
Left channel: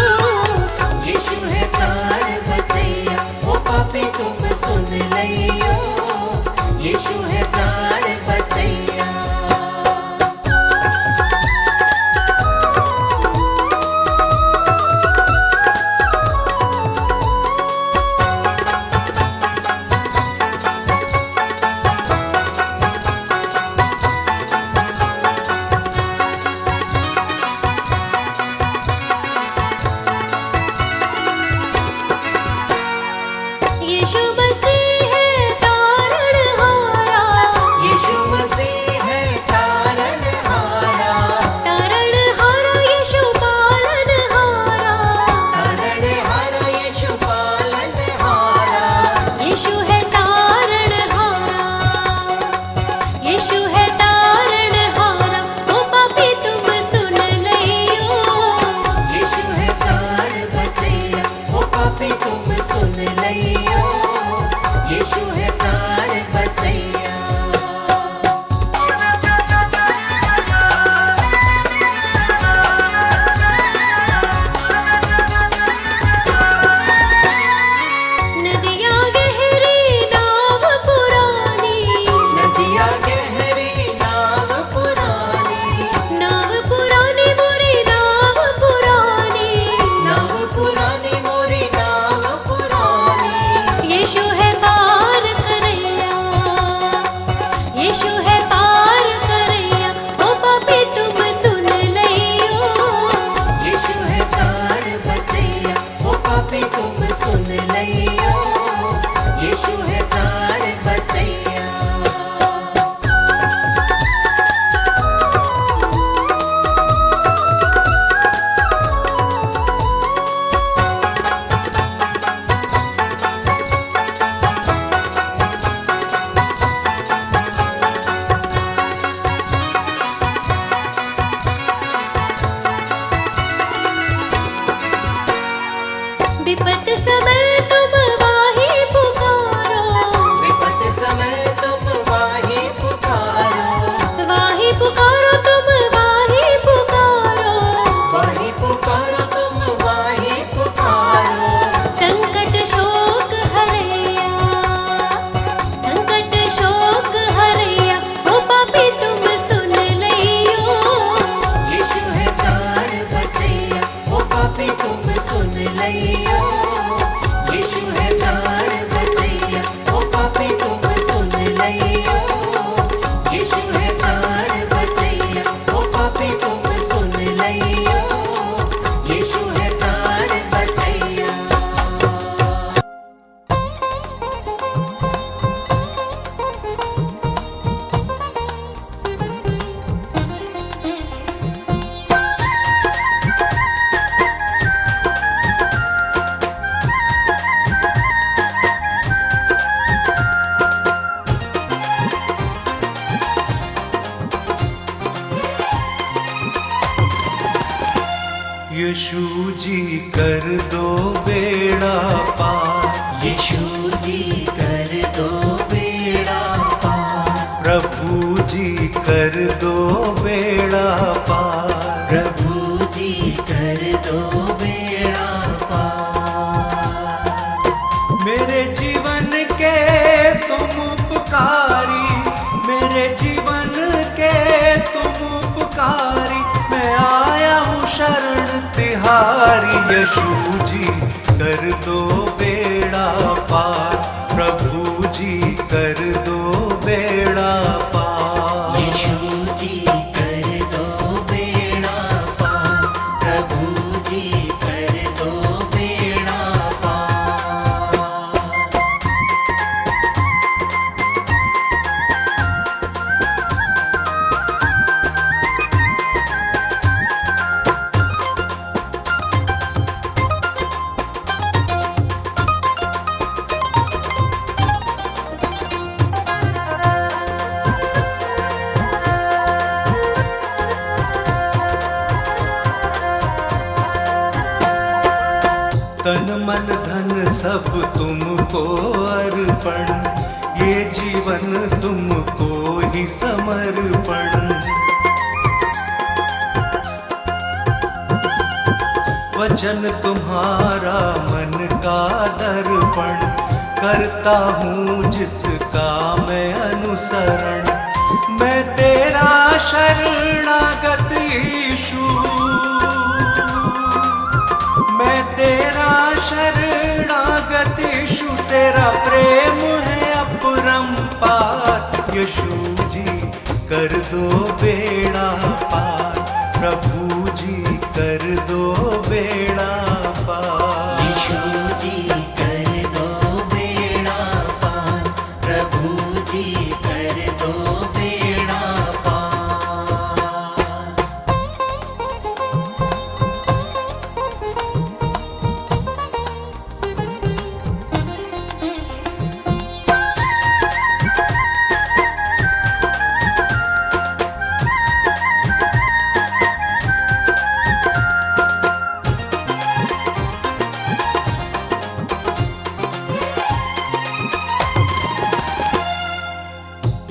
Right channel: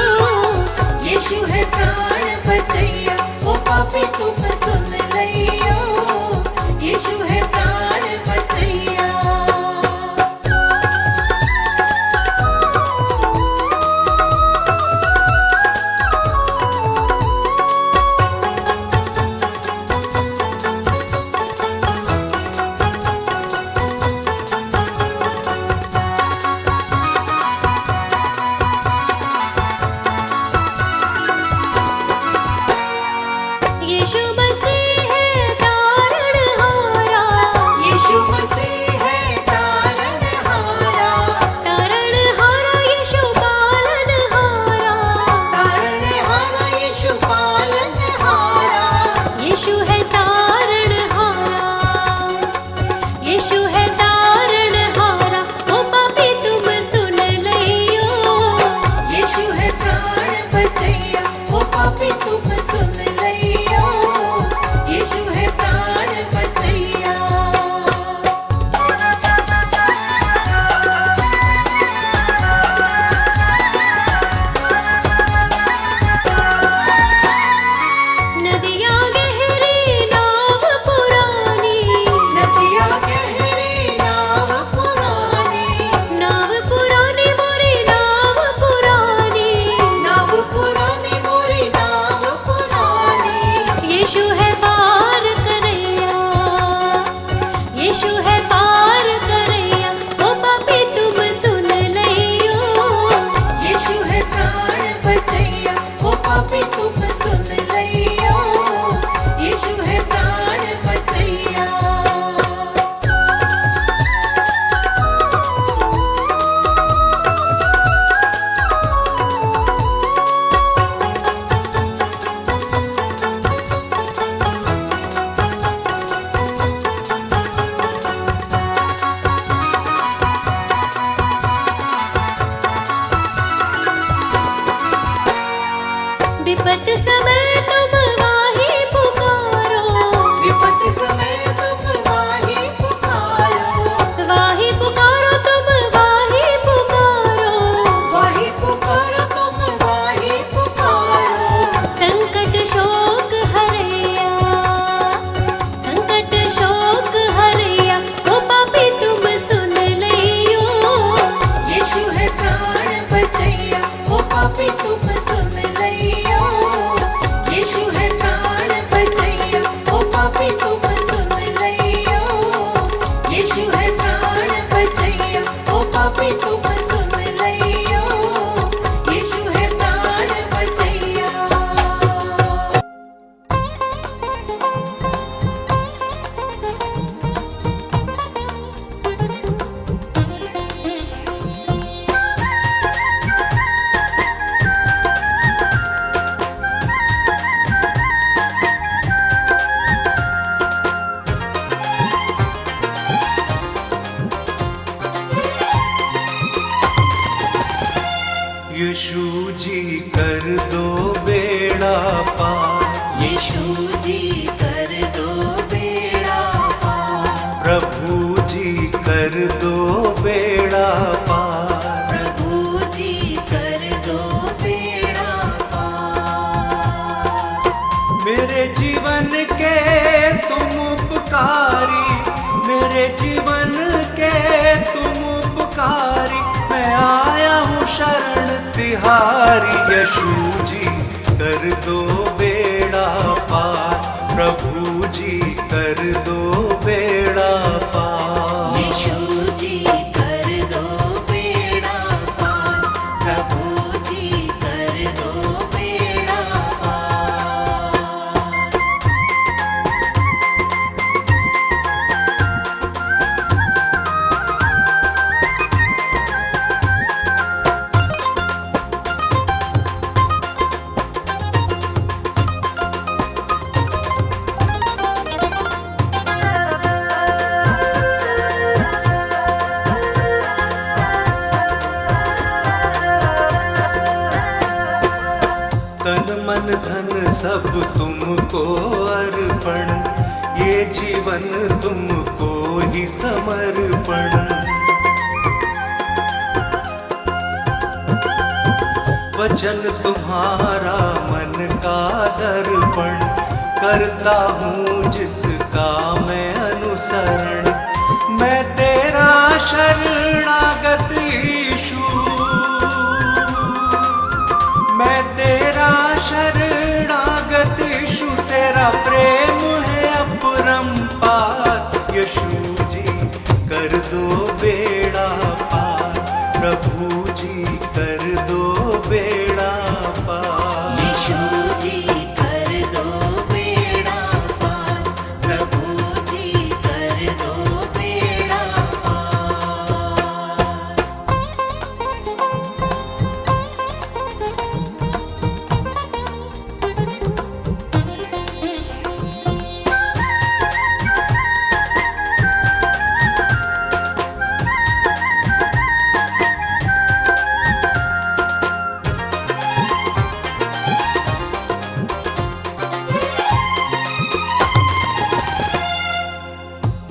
यीशु है प्राण बचैया, ओ पापी तुम सुन लियो। यीशु है प्राण बचैया। यीशु मसीह है तारणहारा। यीशु मसीह है तारणहारा। तारणहारा यीशु पालनहारा। तारणहारा यीशु पालनहारा। यीशु है तारणहारा। यीशु है तारणहारा, ओ यीशु जी कर दो बेड़ा पार, यीशु जी कर दो बेड़ा पार, प्रभु जी कर दो बेड़ा पार, प्रभु जी कर दो बेड़ा पार। मेरे जीवन के तुम उपकारी, मेरे जीवन के तुम उपकारी, मैं आया हूँ शरण तिहारी। यीशु जी कर दो बेड़ा पार, प्रभु जी कर दो बेड़ा पार। यीशु जी कर दो बेड़ा पार, प्रभु जी कर दो बेड़ा पार। तन मन धन सब तुमको अर्पण, ये जीवन तुमको ही समर्पण। वचन तुम्हारा मन का दर्पण, करता हूँ जिसका मैं अनुसरण। मैं तेरा शरणागत यीशु, मैं तेरा शरणागत यीशु, तेरा प्रेम है अपरंपार। यीशु जी कर दो बेड़ा पार, प्रभु जी कर दो बेड़ा पार। यीशु जी कर दो बेड़ा पार, प्रभु जी कर दो बेड़ा पार।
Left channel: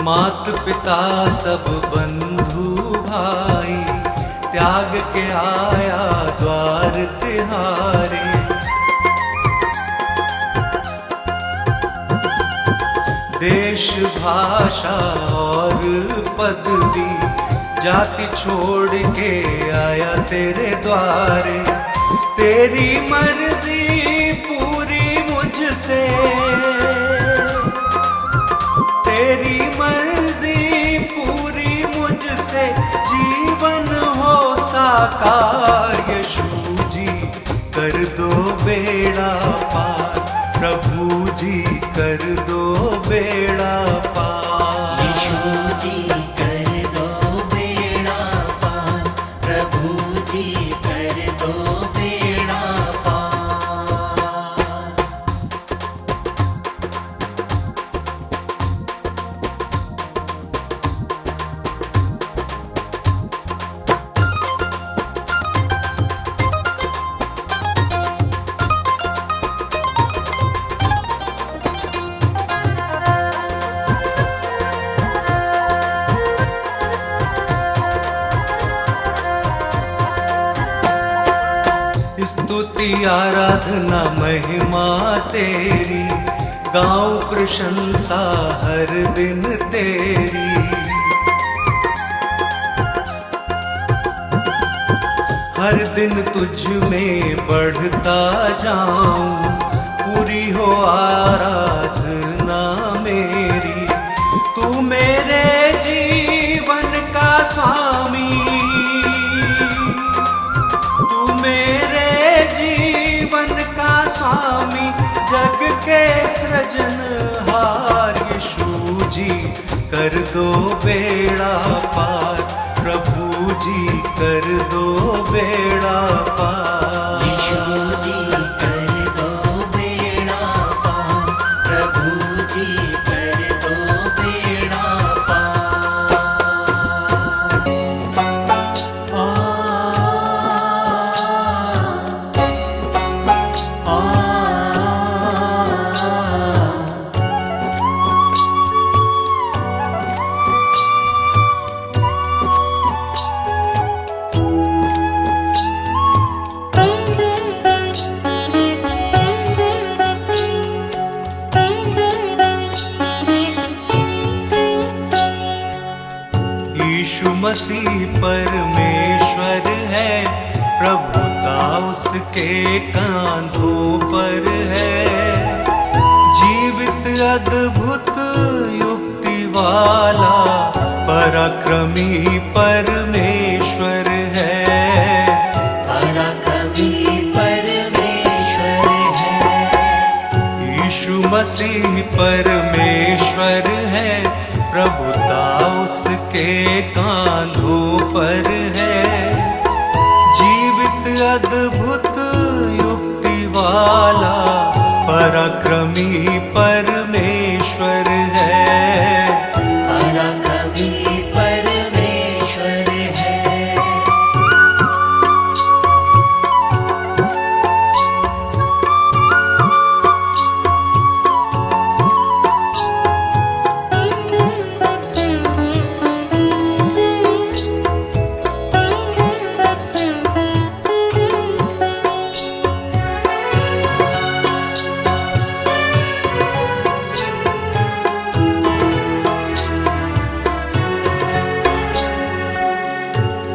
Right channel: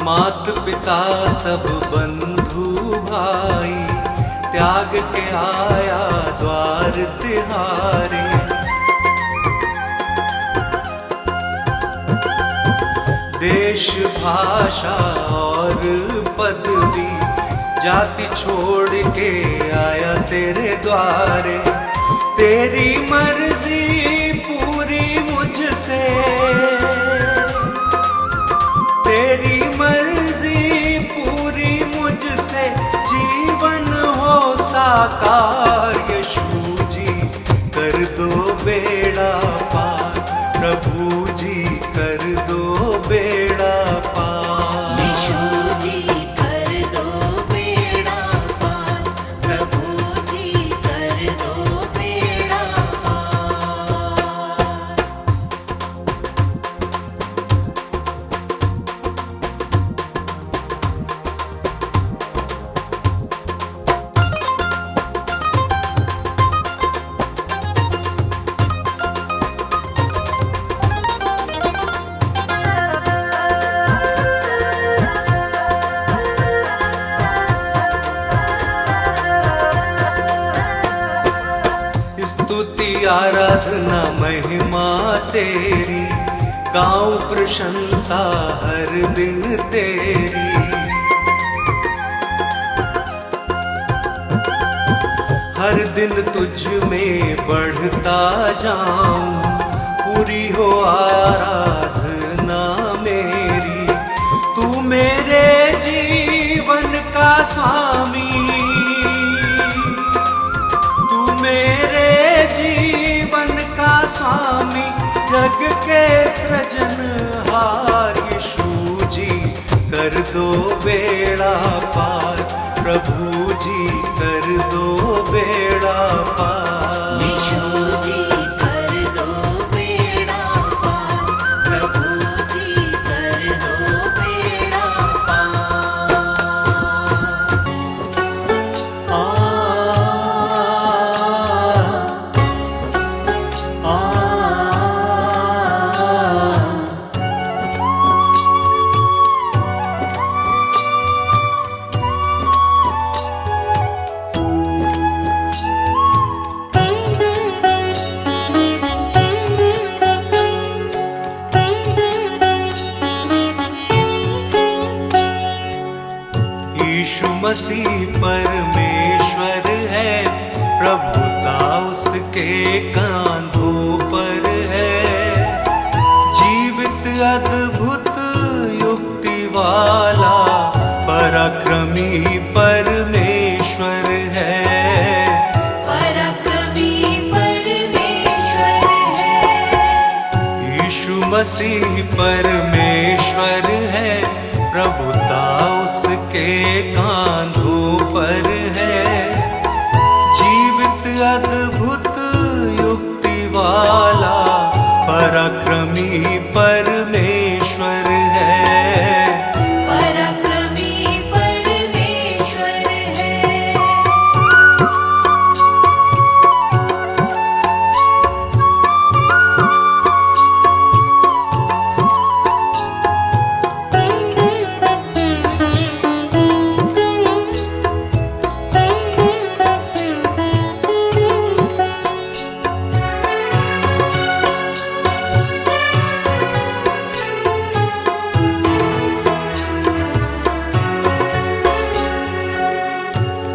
मात पिता सब बंधु भाई, त्याग के आया द्वार तिहारे। देश भाषा और पदवी, जाति छोड़ के आया तेरे द्वारे। तेरी मर्जी पूरी मुझसे, तेरी मर्जी पूरी मुझसे, जीवन हो साकार। यीशु जी कर दो बेड़ा पार, प्रभु जी कर दो बेड़ा पार। यीशु जी कर दो बेड़ा पार, प्रभु जी कर दो बेड़ा पार। स्तुति आराधना महिमा तेरी, गाऊं प्रशंसा हर दिन तेरी। हर दिन तुझ में बढ़ता जाऊं, पूरी हो आराधना मेरी। तू मेरे जीवन का स्वामी, तू मेरे जीवन का स्वामी, जग के सृजनहार। यीशु जी कर दो बेड़ा पार, प्रभु जी कर दो बेड़ा पार। यीशु जी कर दो बेड़ा पार, प्रभु जी कर दो बेड़ा पार। मसीह परमेश्वर है, प्रभुता उसके कांधों पर है। जीवित अद्भुत युक्ति वाला पराक्रमी परमेश्वर है। पराक्रमी परमेश्वर है। यीशु मसीह परमेश्वर है, प्रभुता उसके कांधों पर है। जीवित अद्भुत युक्ति वाला पराक्रमी परमेश्वर है। पराक्रमी परमेश्वर है।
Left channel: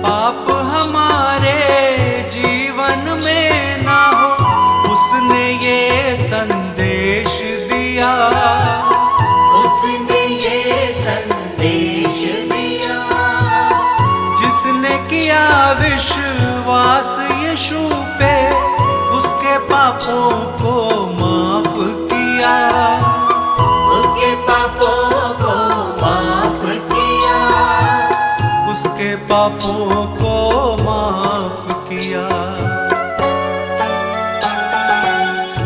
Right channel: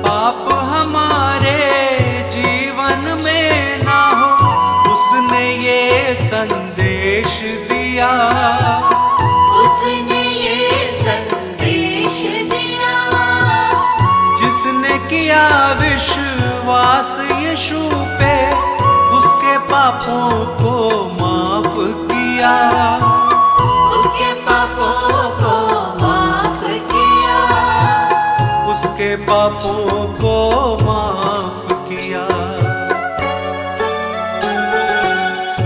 पाप हमारे जीवन में ना हो, उसने ये संदेश दिया। उसने ये संदेश दिया। जिसने किया विश्वास यीशु पे, उसके पापों को माफ किया। उसके पापों को माफ किया। उसके पापों को माफ किया।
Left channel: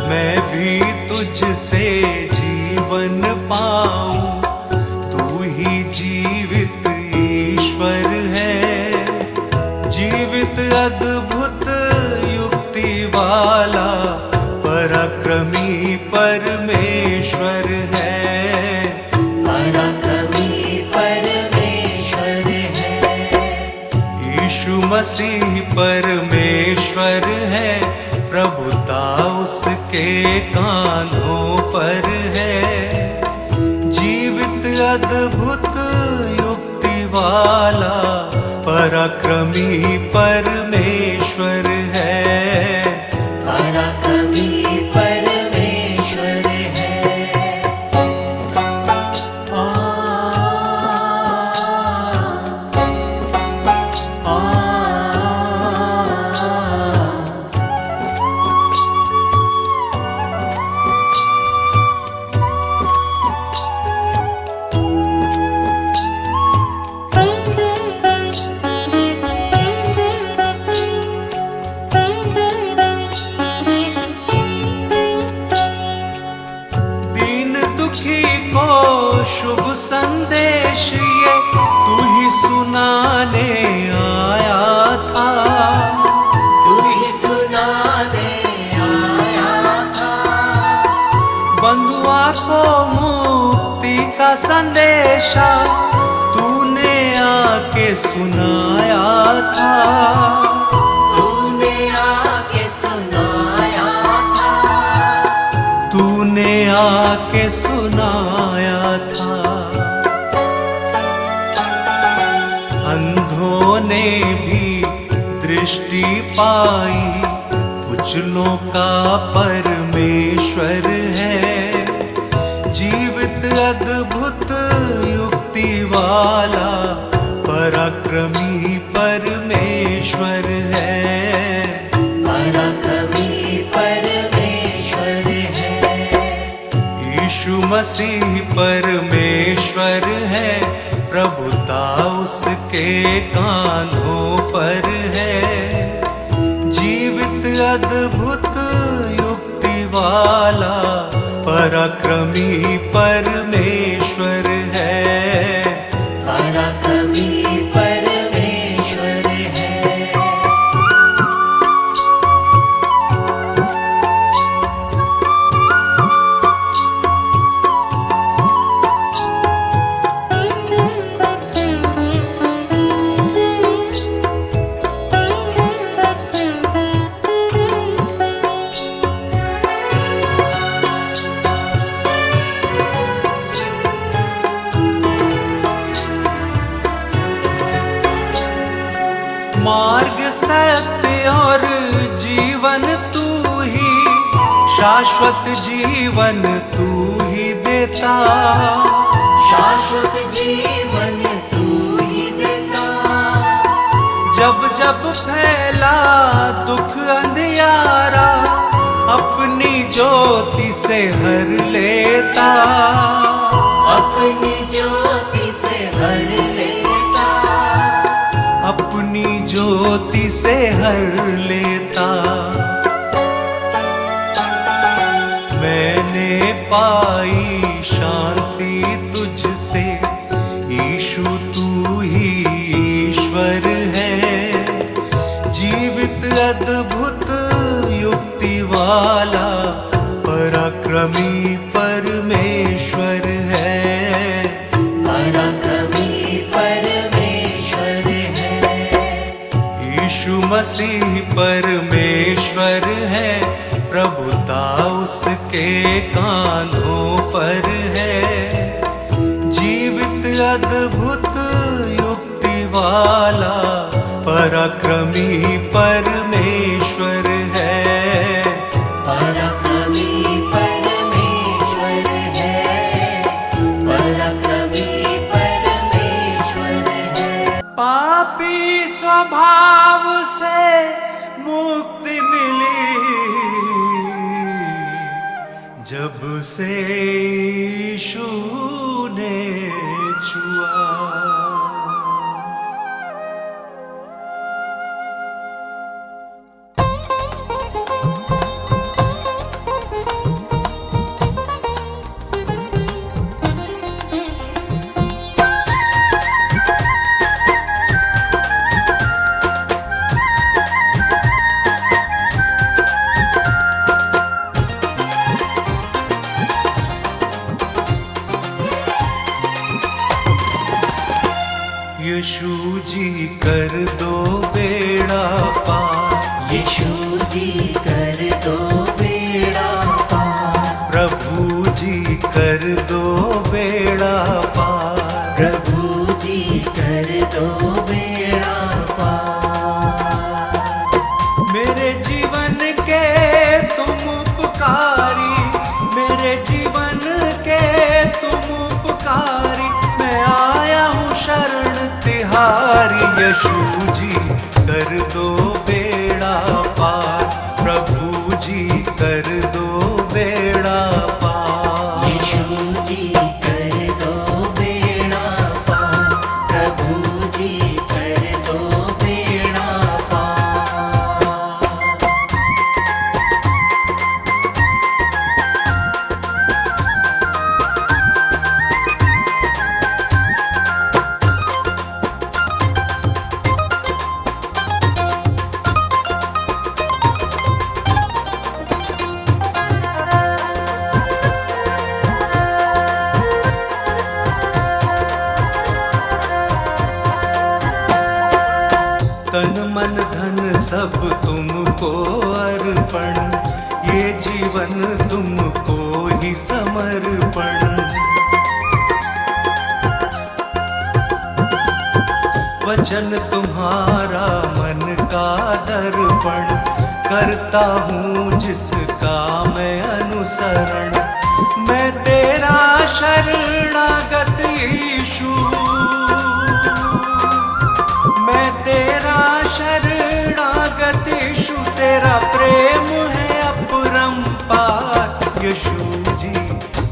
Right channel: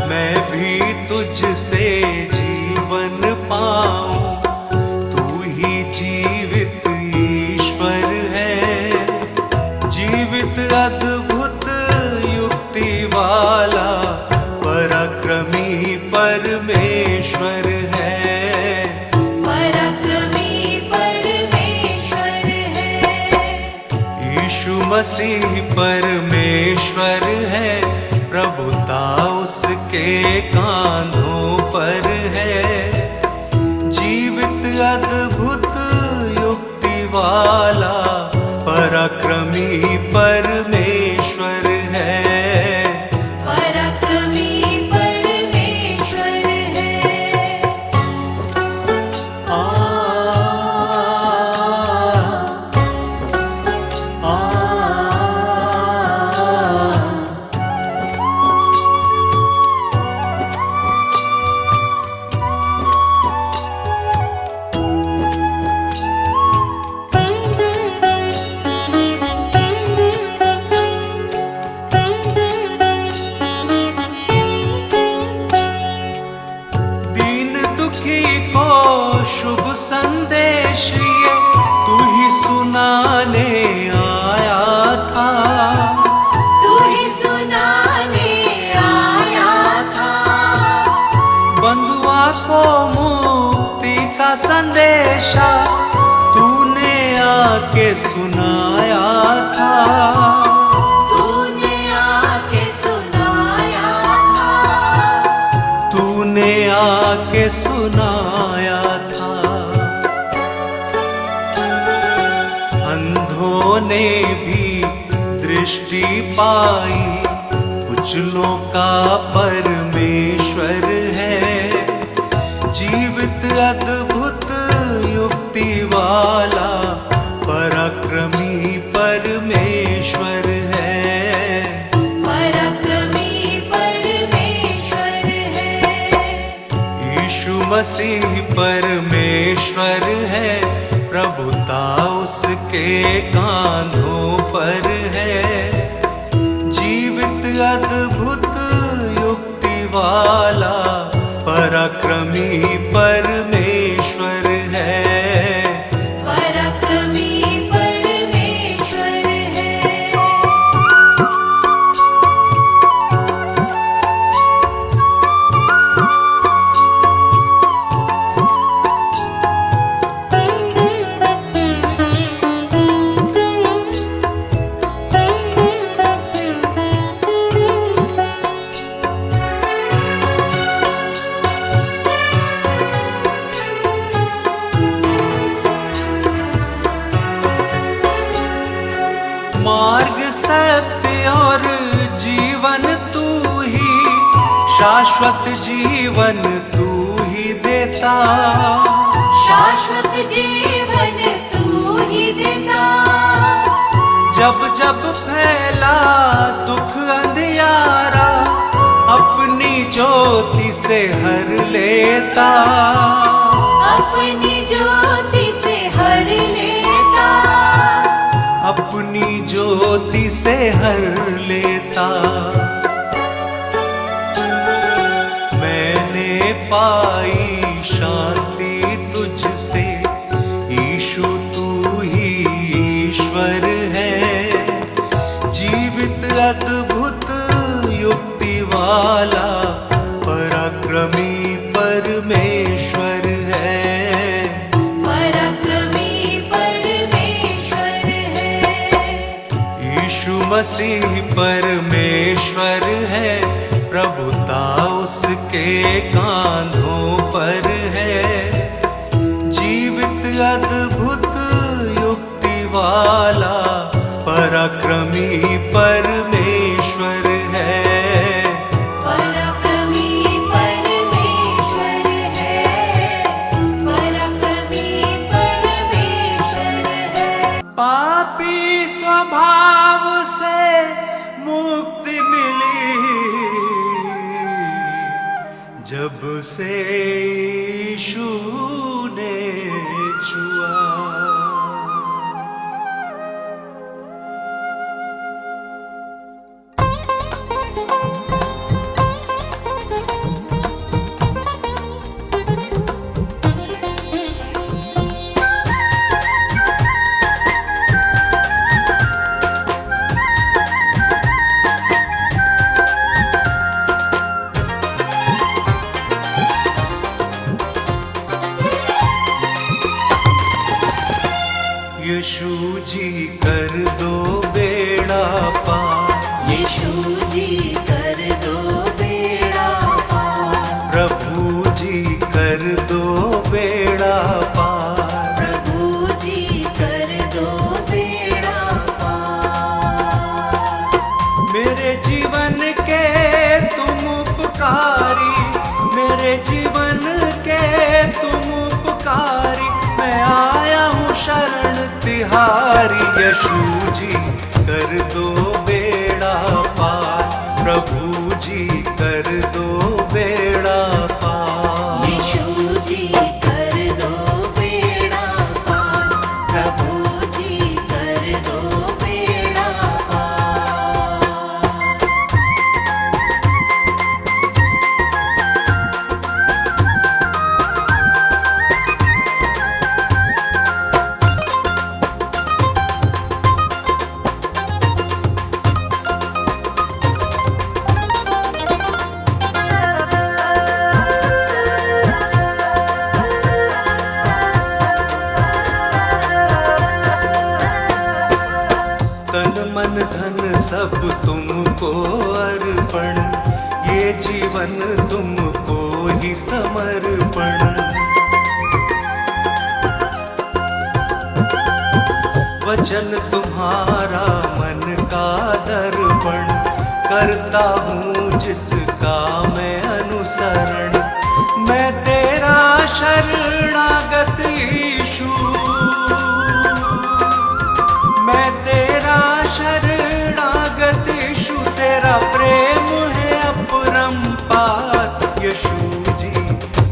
मैं भी तुझसे जीवन पाऊं, तू ही जीवित ईश्वर है। जीवित अद्भुत युक्ति वाला पराक्रमी परमेश्वर है। पराक्रमी परमेश्वर है। यीशु मसीह परमेश्वर है, प्रभुता उसके कांधों पर है। जीवित अद्भुत युक्ति वाला पराक्रमी परमेश्वर है। पराक्रमी परमेश्वर है। को शुभ संदेश ये तू ही सुनाने आया था। तू ही सुनाने आया था। बंधुआ को मुक्ति का संदेशा तूने आके सुनाया था। तूने आके सुनाया था। तूने आके सुनाया था। अंधों ने भी दृष्टि पाई, कुचलों का परमेश्वर है। जीवित अद्भुत युक्ति वाला पराक्रमी परमेश्वर है। पराक्रमी परमेश्वर है। यीशु मसीह परमेश्वर है, प्रभुता उसके कांधों पर है। जीवित अद्भुत युक्ति वाला पराक्रमी परमेश्वर है। पराक्रमी परमेश्वर है। मार्ग सत्य और जीवन तू ही, शाश्वत जीवन तू ही देता। शाश्वत जीवन तू ही देता। जब जब फैला दुख अंधियारा, अपनी ज्योति से हर लेता। अपनी ज्योति से हर लेता। अपनी ज्योति से हर लेता। मैंने पाई शांति तुझसे, ईशु तू ही ईश्वर है। जीवित अद्भुत युक्ति वाला पराक्रमी परमेश्वर है। पराक्रमी परमेश्वर है। यीशु मसीह परमेश्वर है, प्रभुता उसके कांधों पर है। जीवित अद्भुत युक्ति वाला पराक्रमी परमेश्वर है। पराक्रमी परमेश्वर है। पराक्रमी परमेश्वर है। पापी स्वभाव से मुक्ति मिली, जब से यीशु ने छुआ। यीशु जी कर दो बेड़ा पार। यीशु जी कर दो बेड़ा पार। प्रभु जी कर दो बेड़ा पार। प्रभु जी कर दो बेड़ा पार। मेरे जीवन के तुम उपकारी, मेरे जीवन के तुम उपकारी। मैं आया हूँ शरण तिहारी। यीशु जी कर दो बेड़ा पार। प्रभु जी कर दो बेड़ा पार। यीशु जी कर दो बेड़ा पार। प्रभु जी कर दो बेड़ा पार। तन मन धन सब तुमको अर्पण, ये जीवन तुमको ही समर्पण। वचन तुम्हारा मन का दर्पण, करता हूँ जिसका मैं अनुसरण। मैं तेरा शरणागत यीशु, मैं तेरा शरणागत यीशु। तेरा प्रेम है अपरंपार। यीशु जी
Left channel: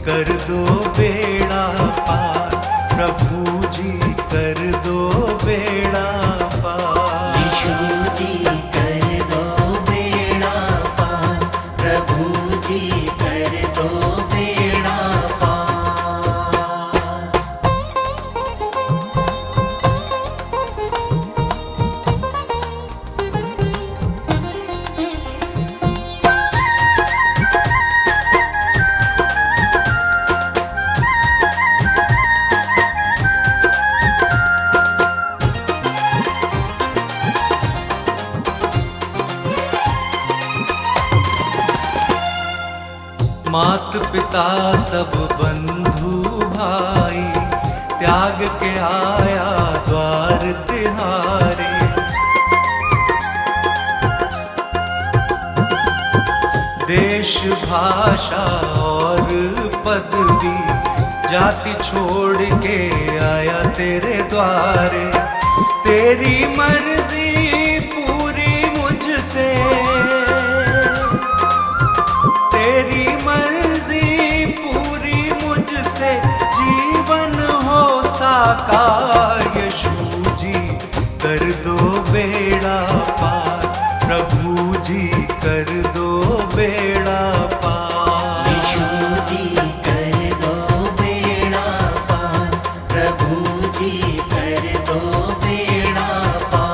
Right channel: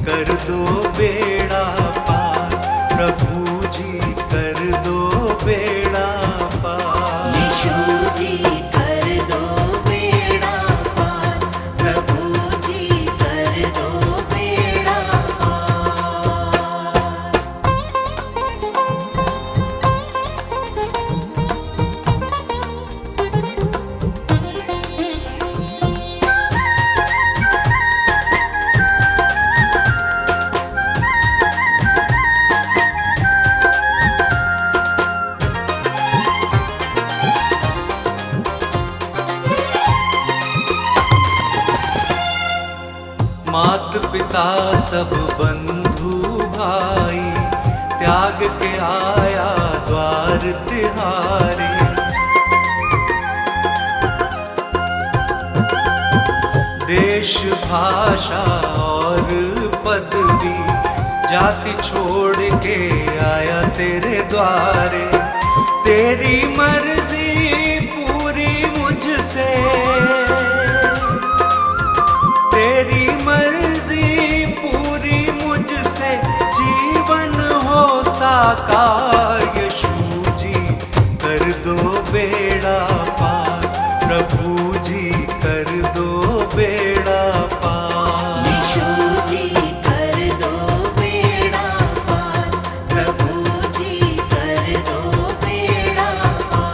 कर दो बेड़ा पार। प्रभु जी कर दो बेड़ा पार। यीशु जी कर दो बेड़ा पार। प्रभु जी कर दो बेड़ा पार। मात पिता सब बंधु भाई, त्याग के आया द्वार तिहारे। देश भाषा और पदवी जाति छोड़ के आया तेरे द्वारे। तेरी मर्जी पूरी मुझसे, तेरी मर्जी पूरी मुझसे, जीवन हो साकार। यीशु जी कर दो बेड़ा पार, प्रभु जी कर दो बेड़ा पार। यीशु जी कर दो बेड़ा पार, प्रभु जी कर दो बेड़ा पार।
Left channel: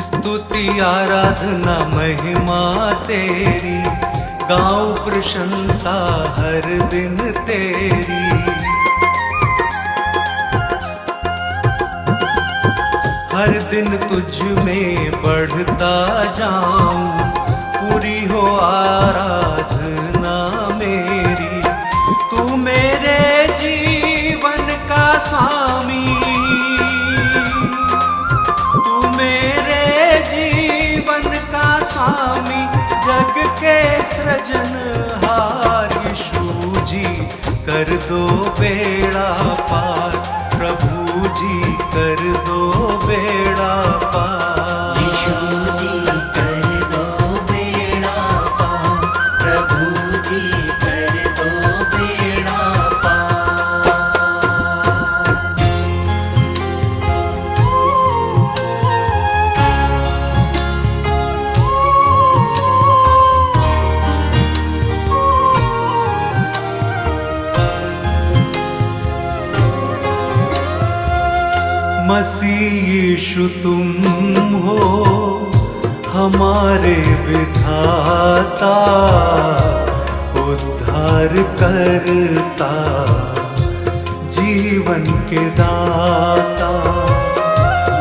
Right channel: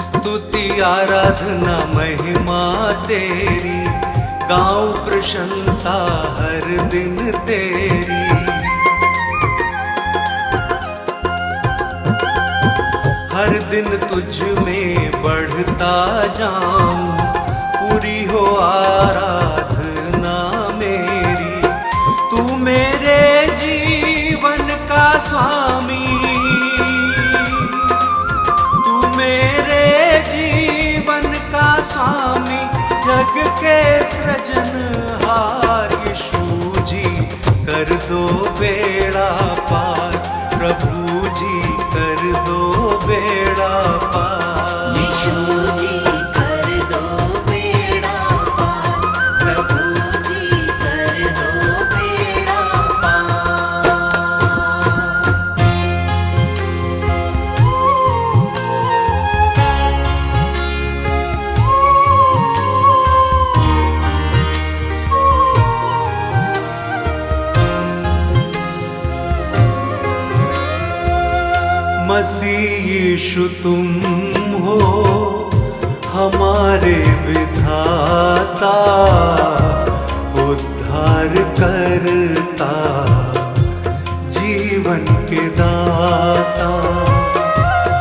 स्तुति आराधना महिमा तेरी, गाऊं प्रशंसा हर दिन तेरी। हर दिन तुझ में बढ़ता जाऊं, पूरी हो आराधना मेरी। तू मेरे जीवन का स्वामी, तू मेरे जीवन का स्वामी, जग के सृजनहार। यीशु जी कर दो बेड़ा पार, प्रभु जी कर दो बेड़ा पार। यीशु जी कर दो बेड़ा पार, प्रभु जी कर दो बेड़ा पार। मसीह यीशु तुम हो हमारे विधाता, उद्धार करता, जीवन के दाता।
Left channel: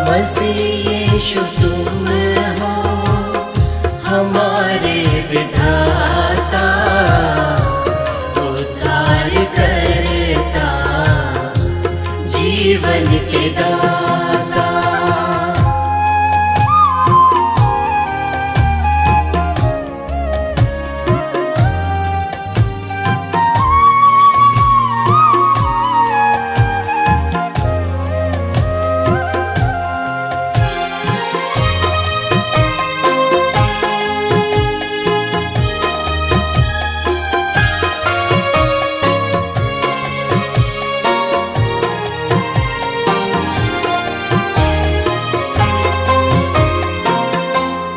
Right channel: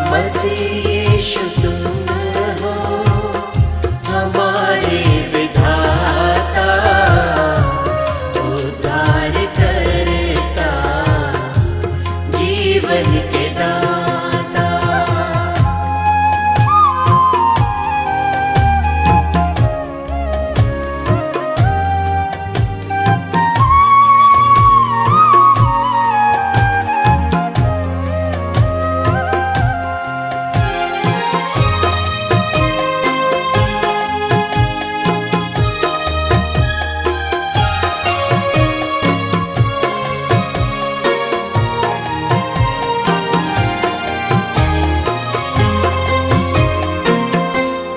मसीह यीशु तुम हो हमारे विधाता, उद्धार करता, जीवन के दाता।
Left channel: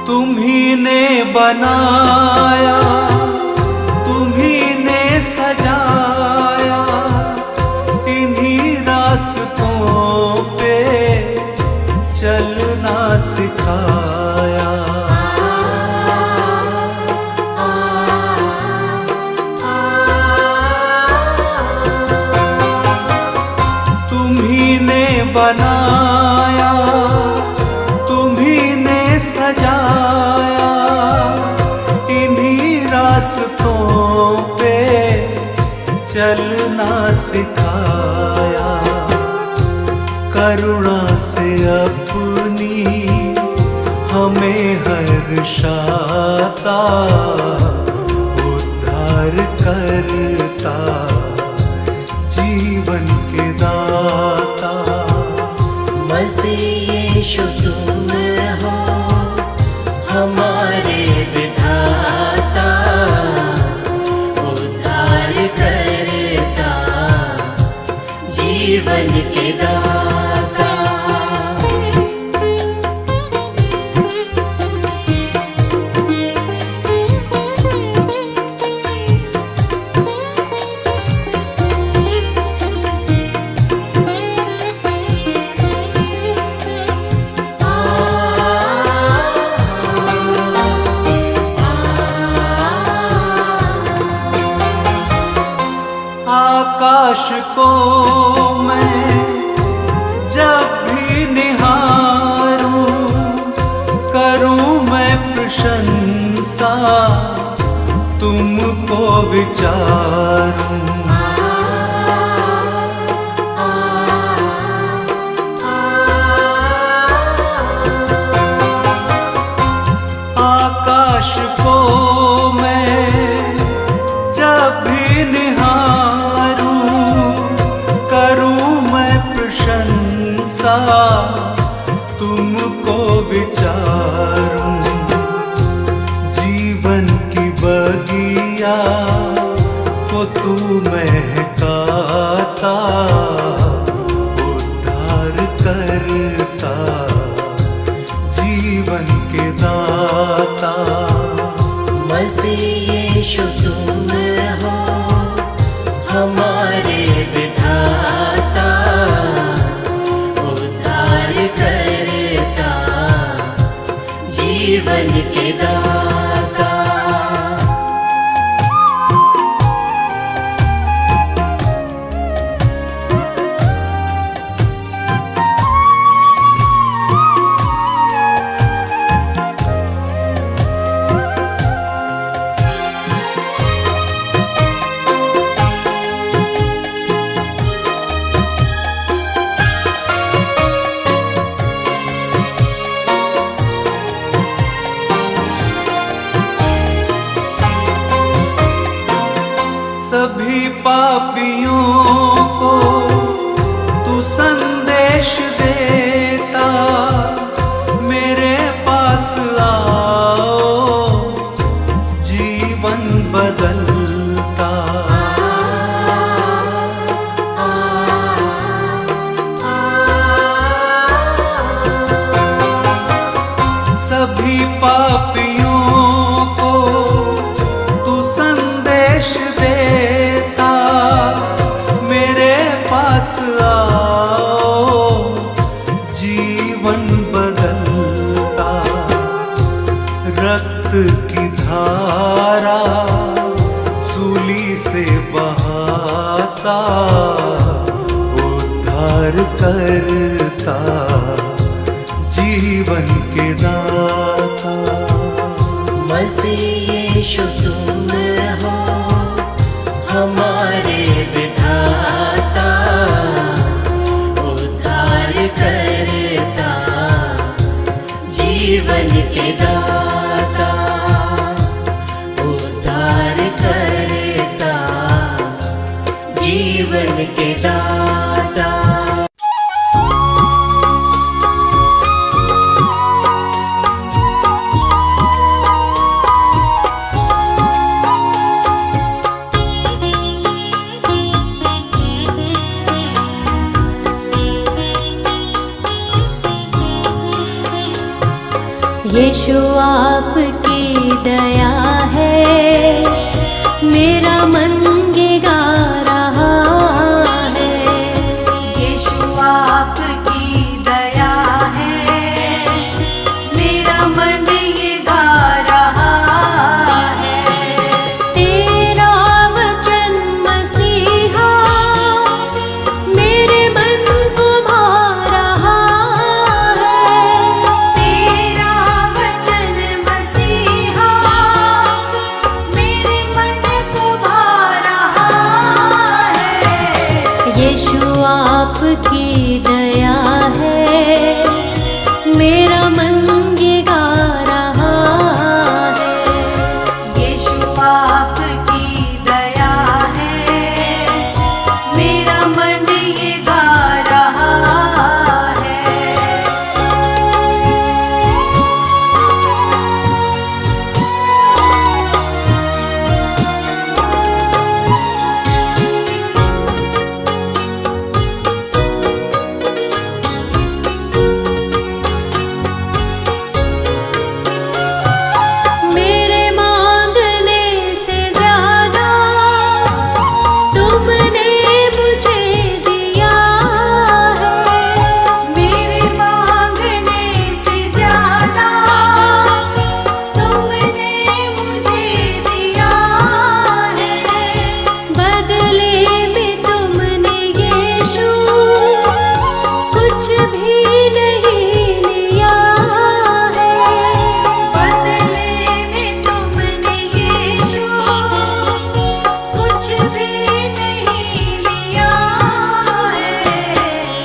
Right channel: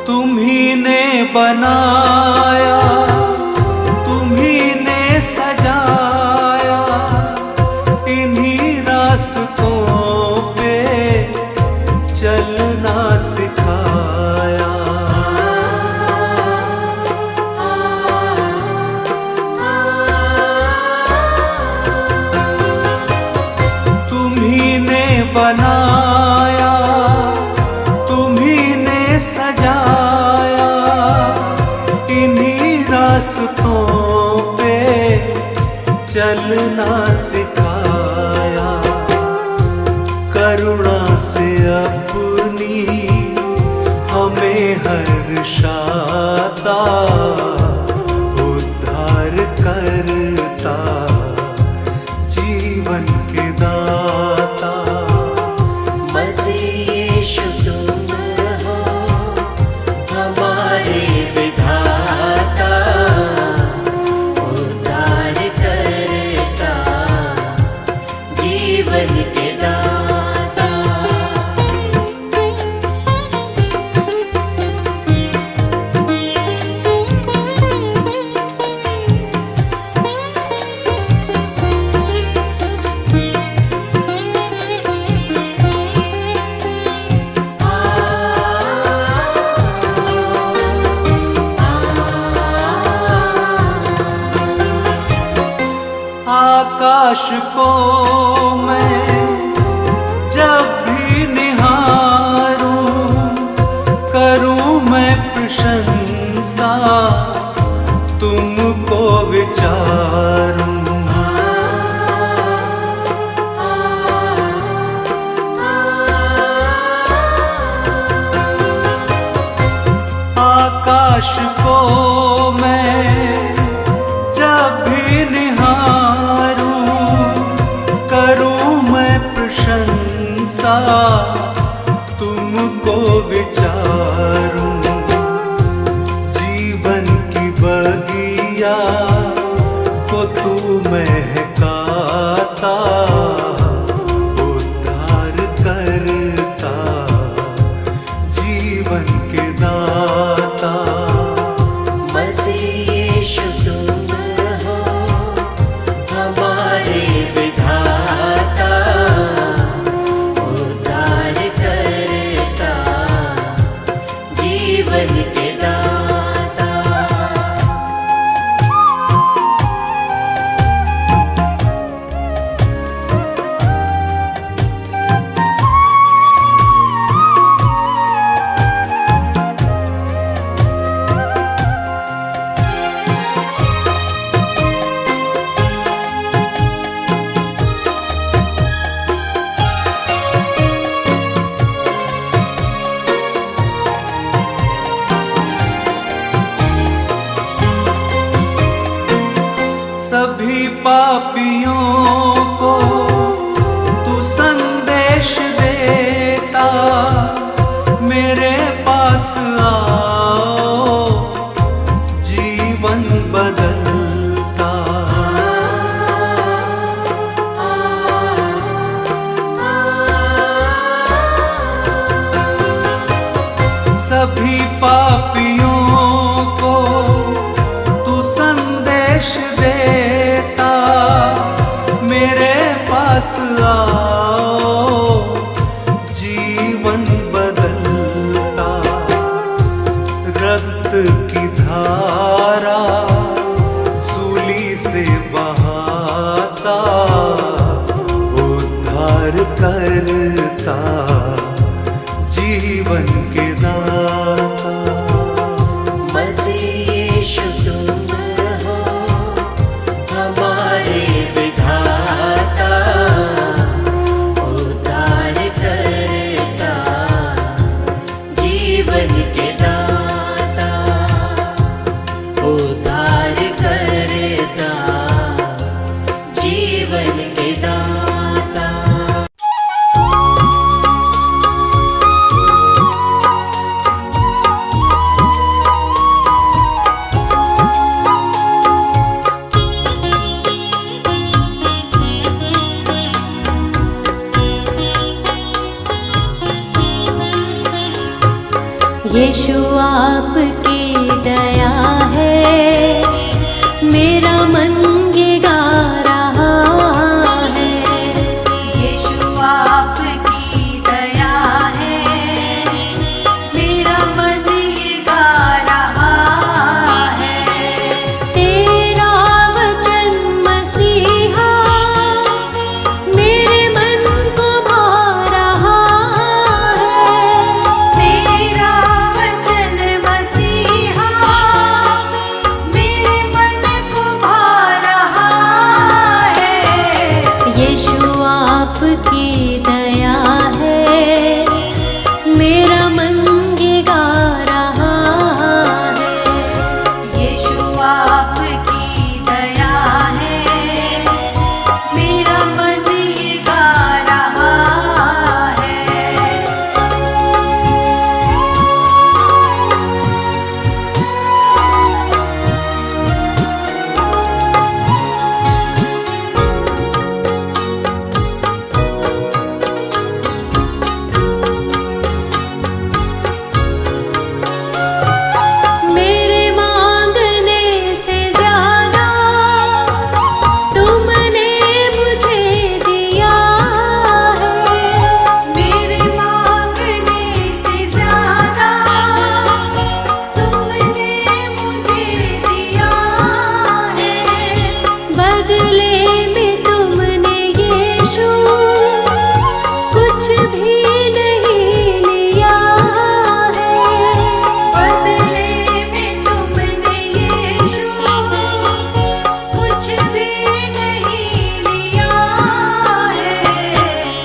तुम्ही ने बनाया, तुम्ही ने सजाया, इन्हीं रास्तों पे चलना सिखाया। तुम्ही ने बनाया, तुम्ही ने सजाया, इन्हीं रास्तों पे चलना सिखाया। करुणा से अपनी हमें हर्षाता, उद्धार करता, जीवन के दाता। मसीह यीशु तुम हो हमारे विधाता, उद्धार करता, जीवन के दाता। आकाश को मैं जब भी निहारूं, करूं मैं प्रशंसा, तुमको विचारूं। आकाश को मैं जब भी निहारूं, करूं मैं प्रशंसा, तुमको विचारूं। जीवन की बगिया को तू महकाता, उद्धार करता, जीवन के दाता। मसीह यीशु तुम हो हमारे विधाता, उद्धार करता, जीवन के दाता। सभी पापियों को तू संदेश देता, मेरे पास आओ, जीवन बदलता। सभी पापियों को तू संदेश देता, मेरे पास आओ, जीवन बदलता। रक्त की धारा सूली से बहाता, उद्धार करता, जीवन के दाता। मसीह यीशु तुम हो हमारे विधाता, उद्धार करता, जीवन के दाता, उद्धार करता, जीवन के दाता। यीशु आपकी दया है, मेरा मन ये गा रहा है। यीशु आपकी दया है, मेरा मन ये गा रहा है। तेरा वचन मसीहा मेरे मन को भा रहा है। तेरा वचन मसीहा मेरे मन को भा रहा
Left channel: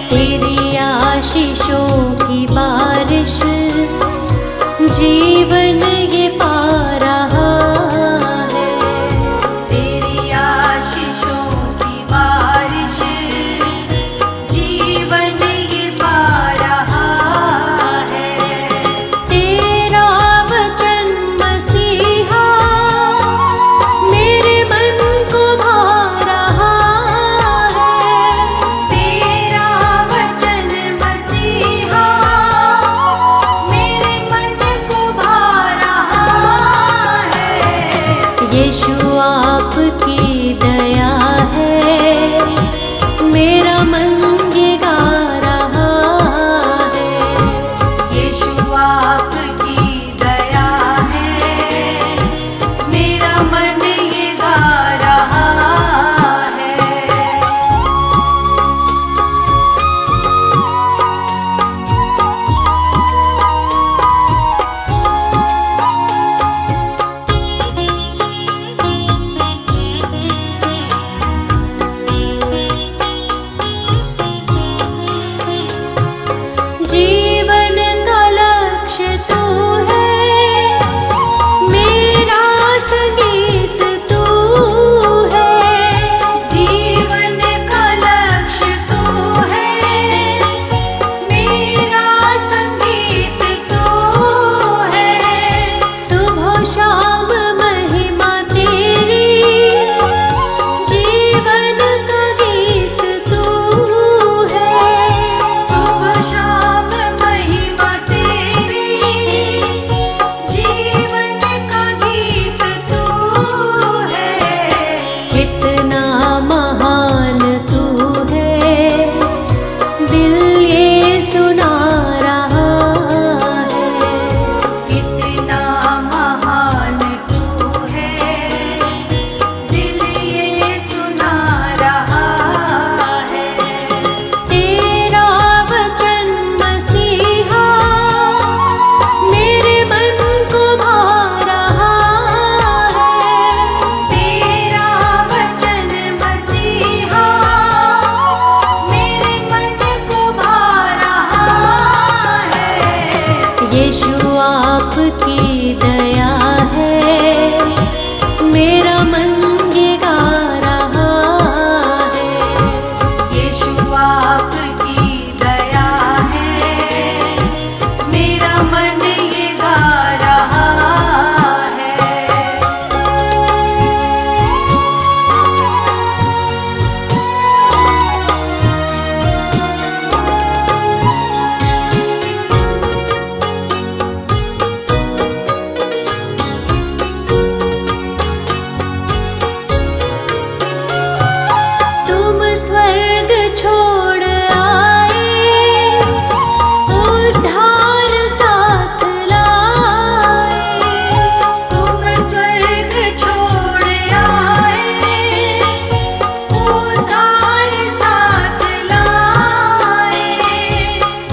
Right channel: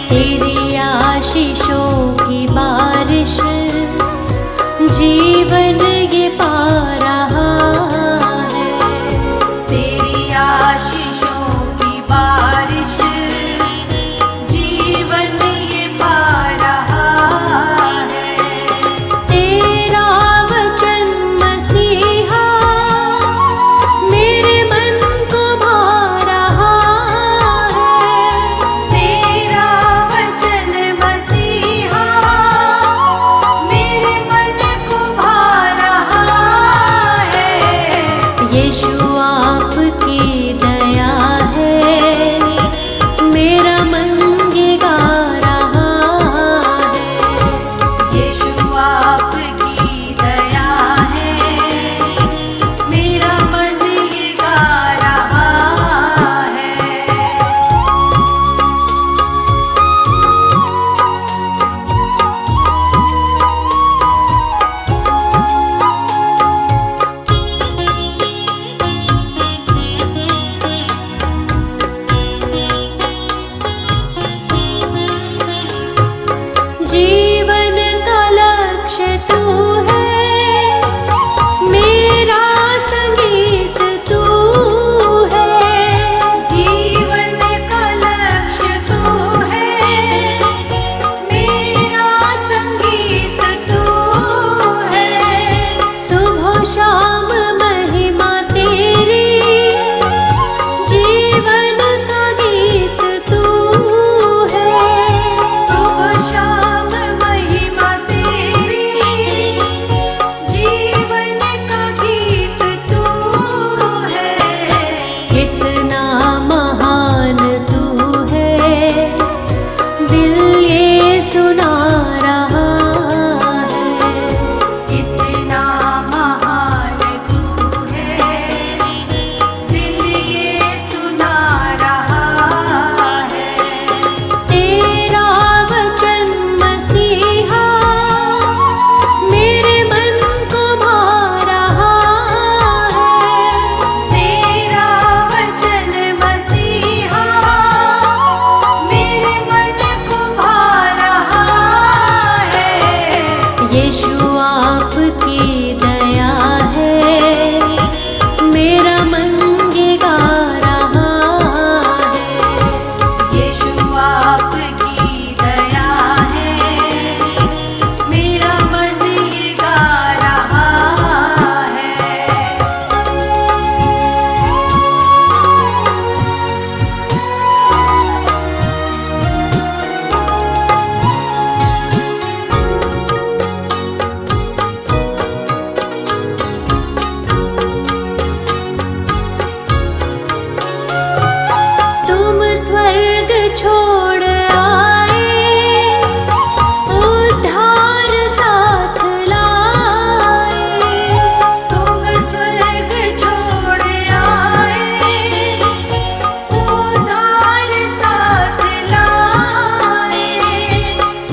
तेरी आशीषों की बारिश जीवन ये पा रहा है। तेरी आशीषों की बारिश जीवन ये पा रहा है। तेरा वचन मसीहा मेरे मन को भा रहा है। तेरा वचन मसीहा मेरे मन को भा रहा है। यीशु आपकी दया है, मेरा मन ये गा रहा है। यीशु आपकी दया है, मेरा मन ये गा रहा है। जीवन का लक्ष्य तू है, मेरा संगीत तू है। जीवन का लक्ष्य तू है, मेरा संगीत तू है। सुबह शाम महिमा तेरी, जीवन का गीत तू है। सुबह शाम महिमा तेरी, जीवन का गीत तू है। कितना महान तू है, दिल ये सुना रहा है। कितना महान तू है, दिल ये सुना रहा है। तेरा वचन मसीहा मेरे मन को भा रहा है। तेरा वचन मसीहा मेरे मन को भा रहा है। यीशु आपकी दया है, मेरा मन ये गा रहा है। यीशु आपकी दया है, मेरा मन ये गा रहा है। तुम स्वर्ग छोड़ आए, उद्धार साथ लाए। तुम स्वर्ग छोड़ आए, उद्धार साथ लाए।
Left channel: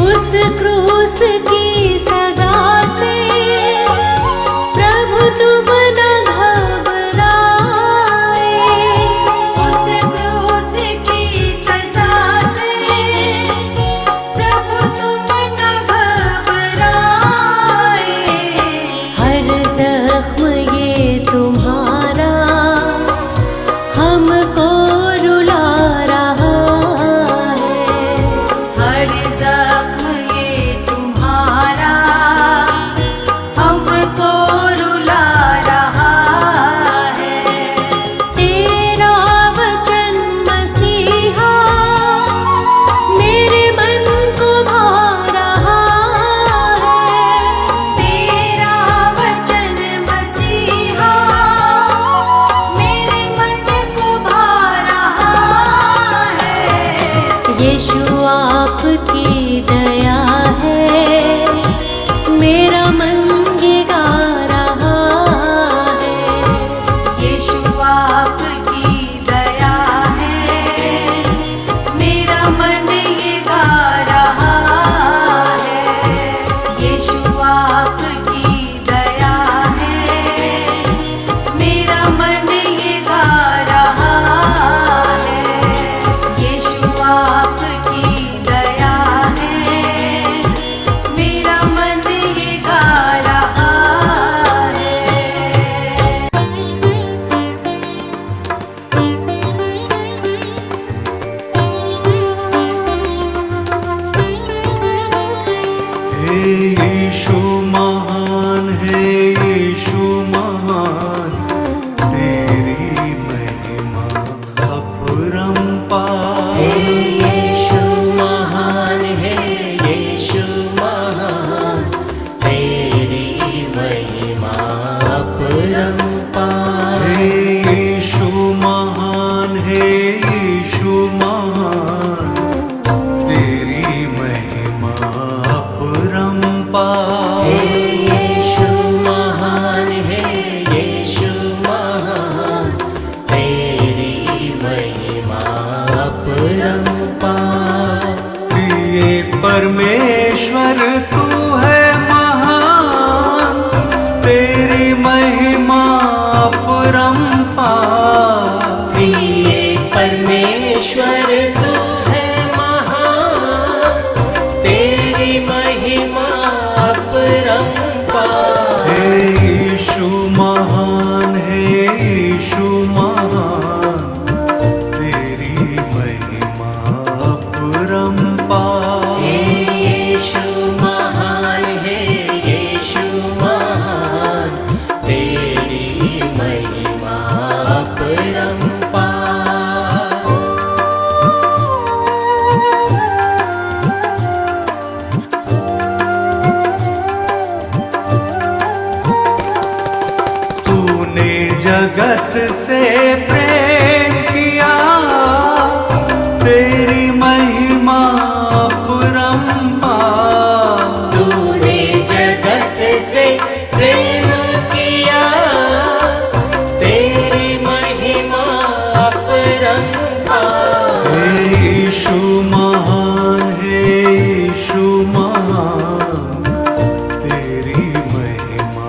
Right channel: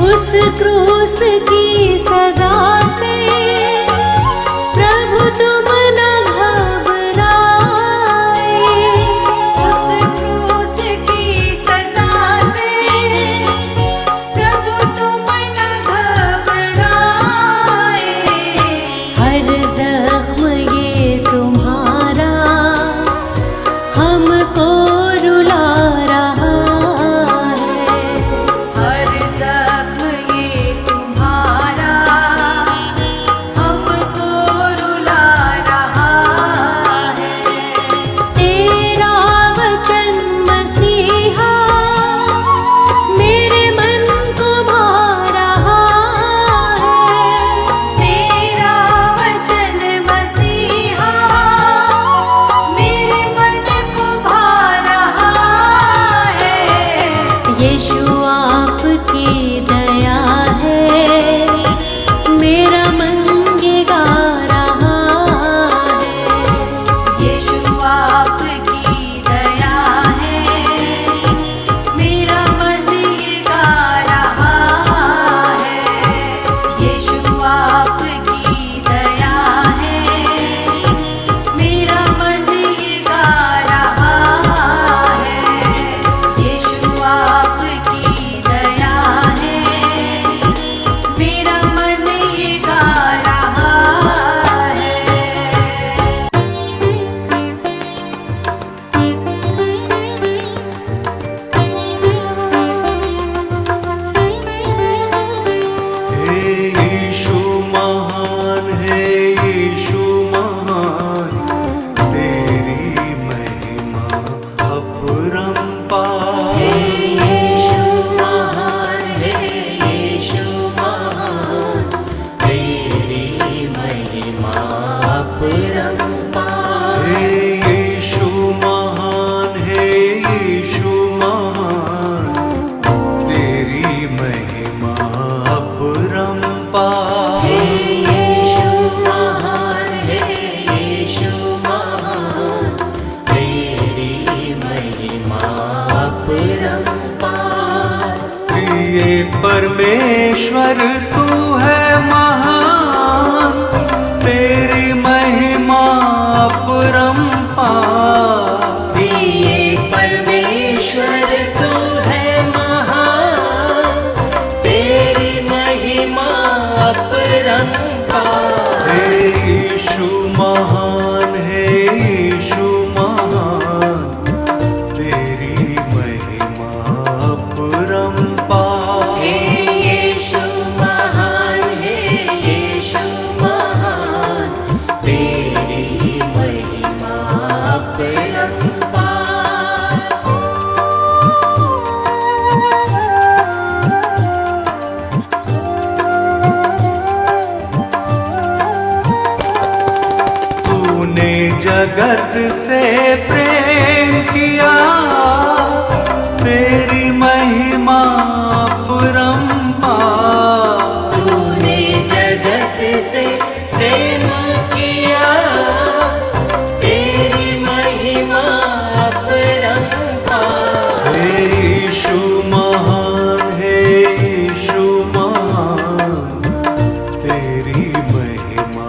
उस क्रूस की सजा से प्रभु तुम न घबराए। उस क्रूस की सजा से प्रभु तुम न घबराए। हर जख्म ये तुम्हारा हमको रुला रहा है। हर जख्म ये तुम्हारा हमको रुला रहा है। तेरा वचन मसीहा मेरे मन को भा रहा है। तेरा वचन मसीहा मेरे मन को भा रहा है। यीशु आपकी दया है, मेरा मन ये गा रहा है। यीशु आपकी दया है, मेरा मन ये गा रहा है। यीशु आपकी दया है, मेरा मन ये गा रहा है। यीशु आपकी दया एक परमेश्वर तू है महान, तेरी महिमा अपरंपार। एक परमेश्वर तू है महान, तेरी महिमा अपरंपार। हे यीशु महान, हे यीशु महान, तेरी महिमा अपरंपार। हे यीशु महान, हे यीशु महान, तेरी महिमा अपरंपार। तूने जगत से प्रेम किया, तेरी महिमा अपरंपार। तूने जगत से प्रेम किया, तेरी महिमा अपरंपार। हे यीशु महान, हे यीशु महान, तेरी महिमा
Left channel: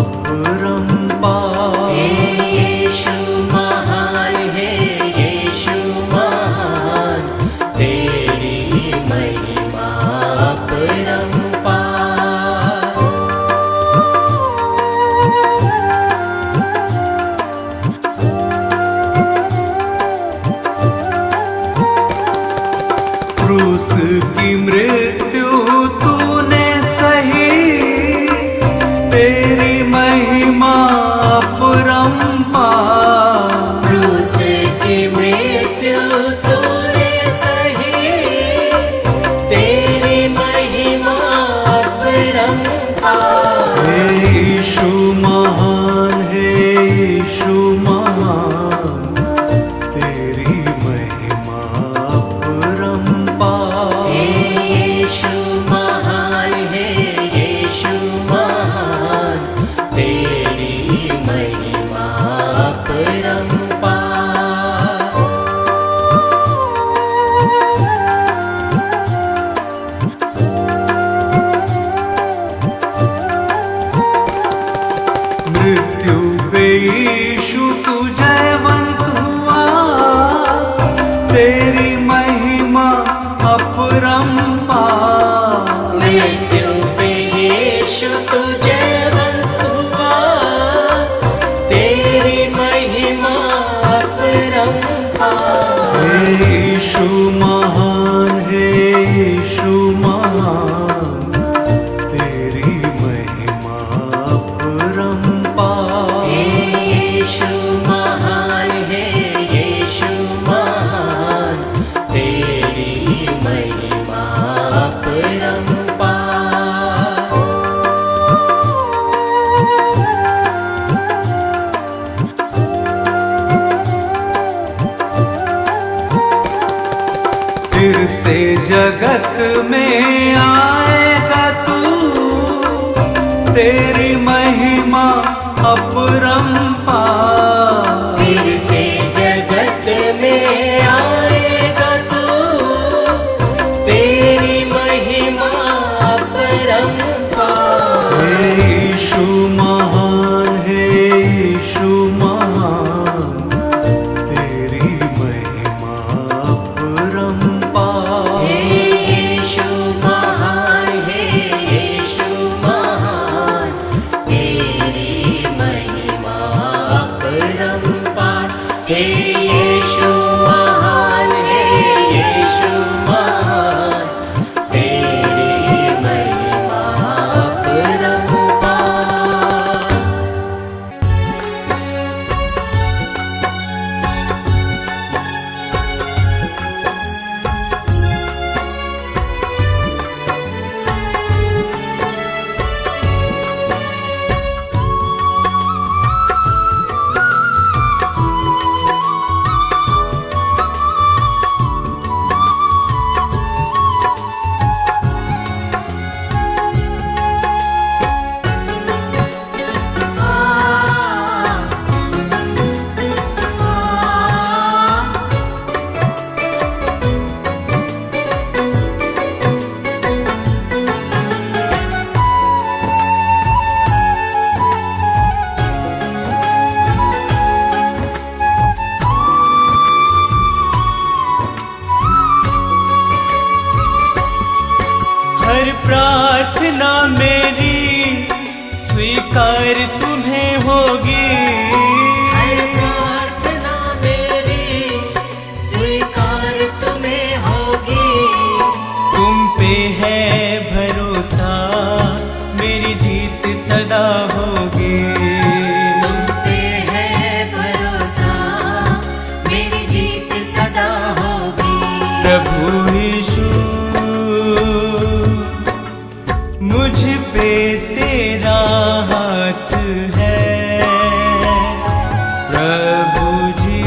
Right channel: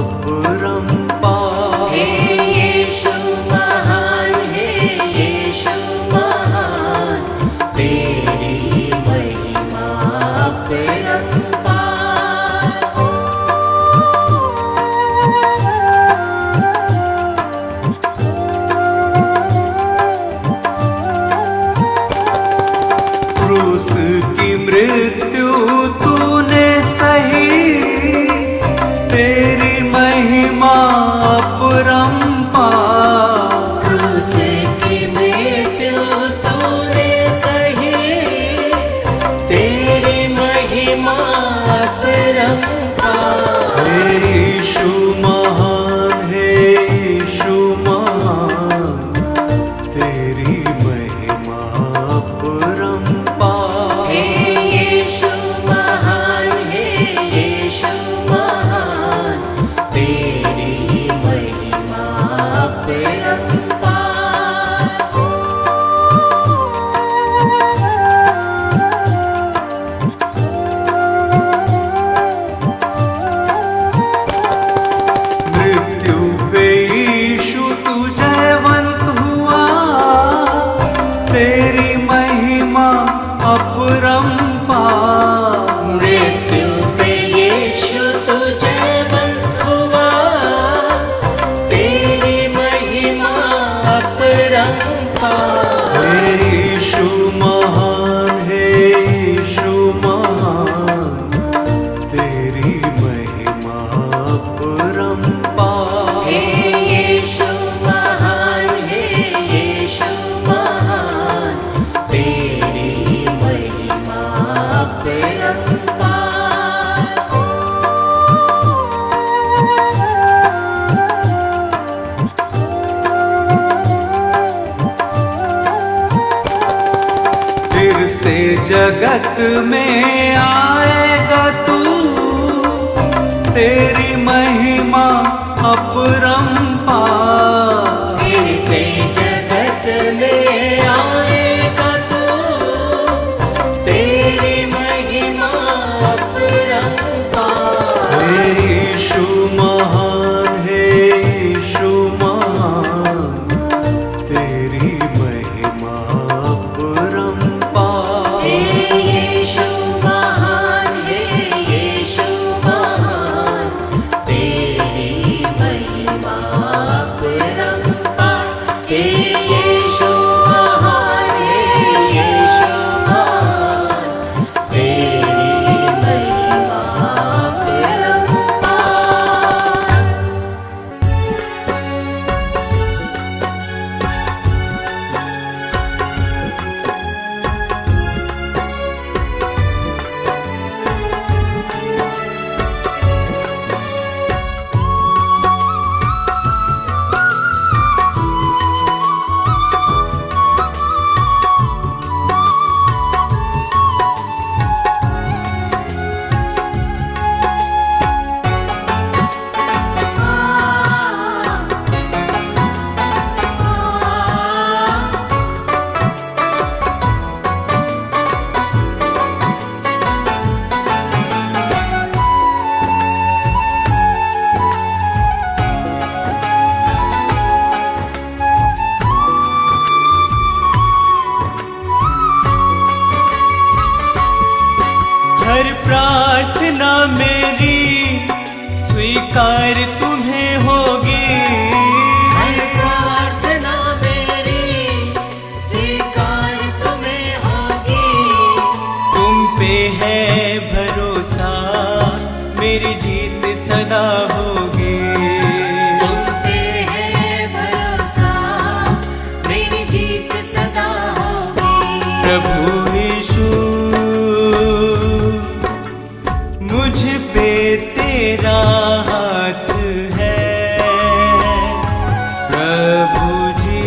अपरंपार। हे यीशु महान, हे यीशु महान, तेरी महिमा अपरंपार। क्रूस की मृत्यु तूने सही, तेरी महिमा अपरंपार। क्रूस की मृत्यु तूने सही, तेरी महिमा अपरंपार। हे यीशु महान, हे यीशु महान, तेरी महिमा अपरंपार। हे यीशु महान, हे यीशु महान, तेरी महिमा अपरंपार। मृत्यु पे यीशु तू जयवंत हुआ, तेरी महिमा अपरंपार। मृत्यु पे यीशु तू जयवंत हुआ, तेरी महिमा अपरंपार। हे यीशु महान, हे यीशु महान, तेरी महिमा अपरंपार। हे यीशु महान, हे यीशु महान, तेरी महिमा अपरंपार। फिर से जगत में आएगा तू, तेरी महिमा अपरंपार। फिर से जगत में आएगा तू, तेरी महिमा अपरंपार। हे यीशु महान, हे यीशु महान, तेरी महिमा अपरंपार। हे यीशु महान, हे यीशु महान, तेरी महिमा हर प्रार्थना मेरी स्वीकार तुम्हें होगी। प्रार्थना मेरी स्वीकार तुम्हें होगी। तुम पे है भरोसा मेरी जीत सदा होगी। तुम पे है भरोसा मेरी जीत सदा होगी। प्रभु यीशु मुझ पे तेरा हाथ है। प्रभु जी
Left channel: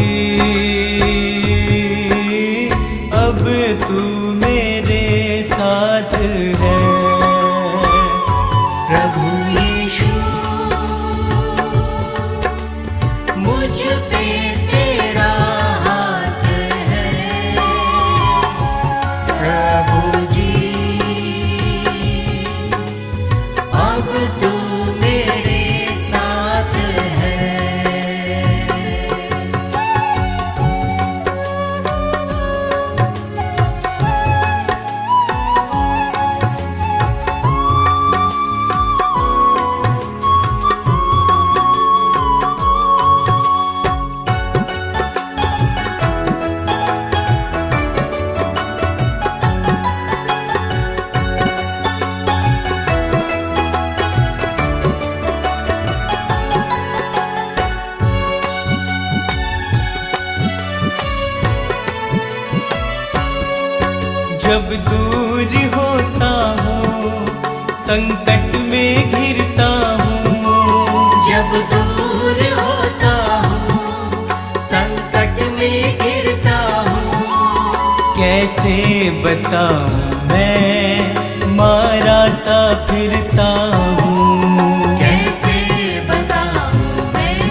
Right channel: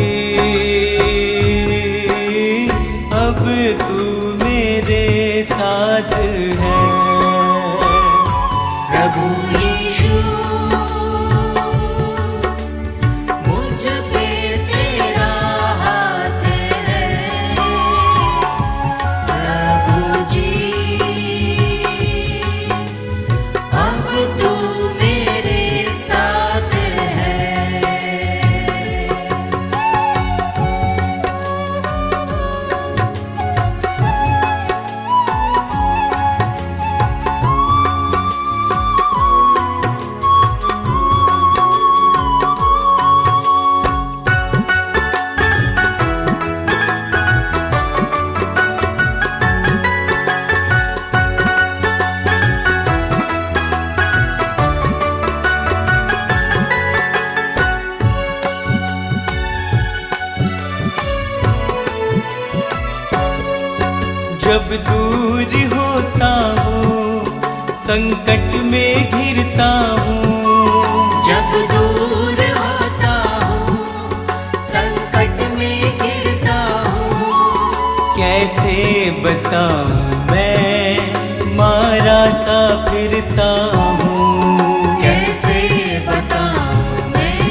अब तू मेरे साथ है। प्रभु यीशु मुझ पे तेरा हाथ है। प्रभु जी अब तू मेरे साथ है। जब दूर होता हूँ संकट में घिरता हूँ। जब दूर होता हूँ संकट में गिरता हूँ। कैसे बताऊँ मैं मारा सा फिरता हूँ। कैसे बताऊँ मैं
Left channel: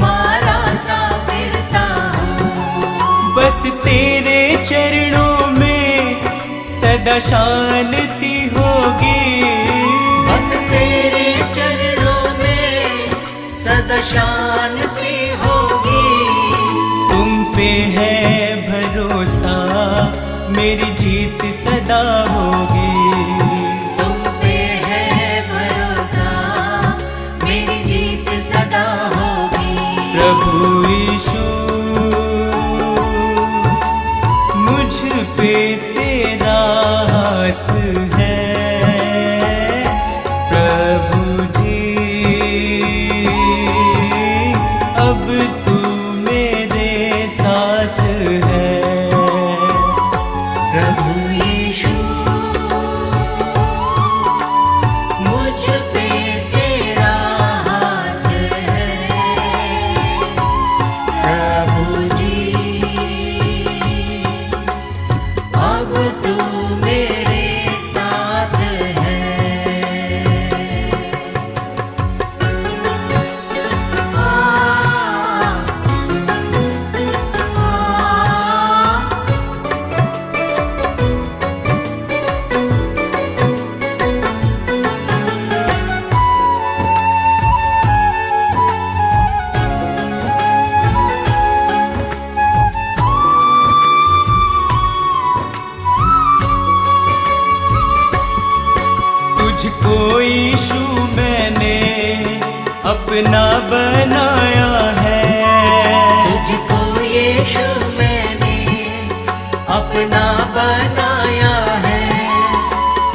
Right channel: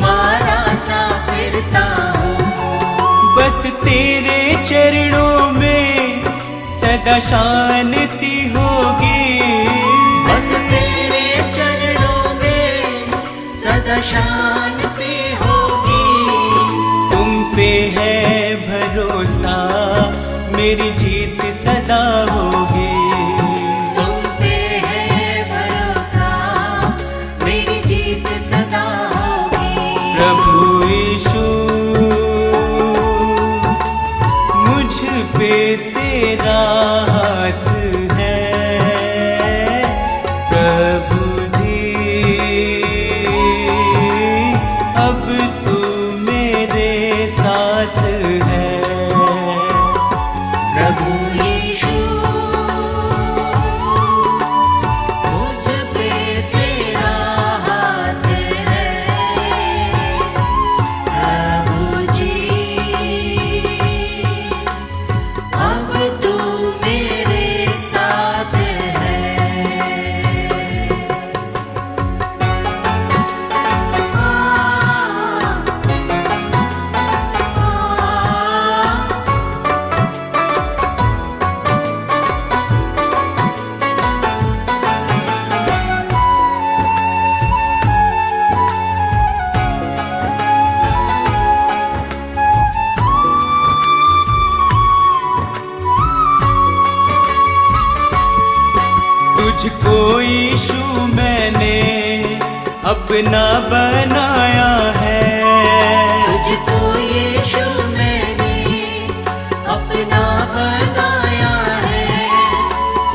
मारा सा फिरता हूँ। बस तेरे चरणों में सदा शांति होगी। बस तेरे चरणों में सदा शांति होगी। तुम पे है भरोसा मेरी जीत सदा होगी। तुम पे है भरोसा मेरी जीत सदा होगी। प्रभु यीशु मुझ पे तेरा हाथ है। प्रभु जी अब तू मेरे साथ है। प्रभु यीशु मुझ पे तेरा हाथ है। प्रभु जी अब तू मेरे साथ है। तुझको यीशु मैंने अपना बनाया है। तुझको यीशु मैंने अपना बनाया है।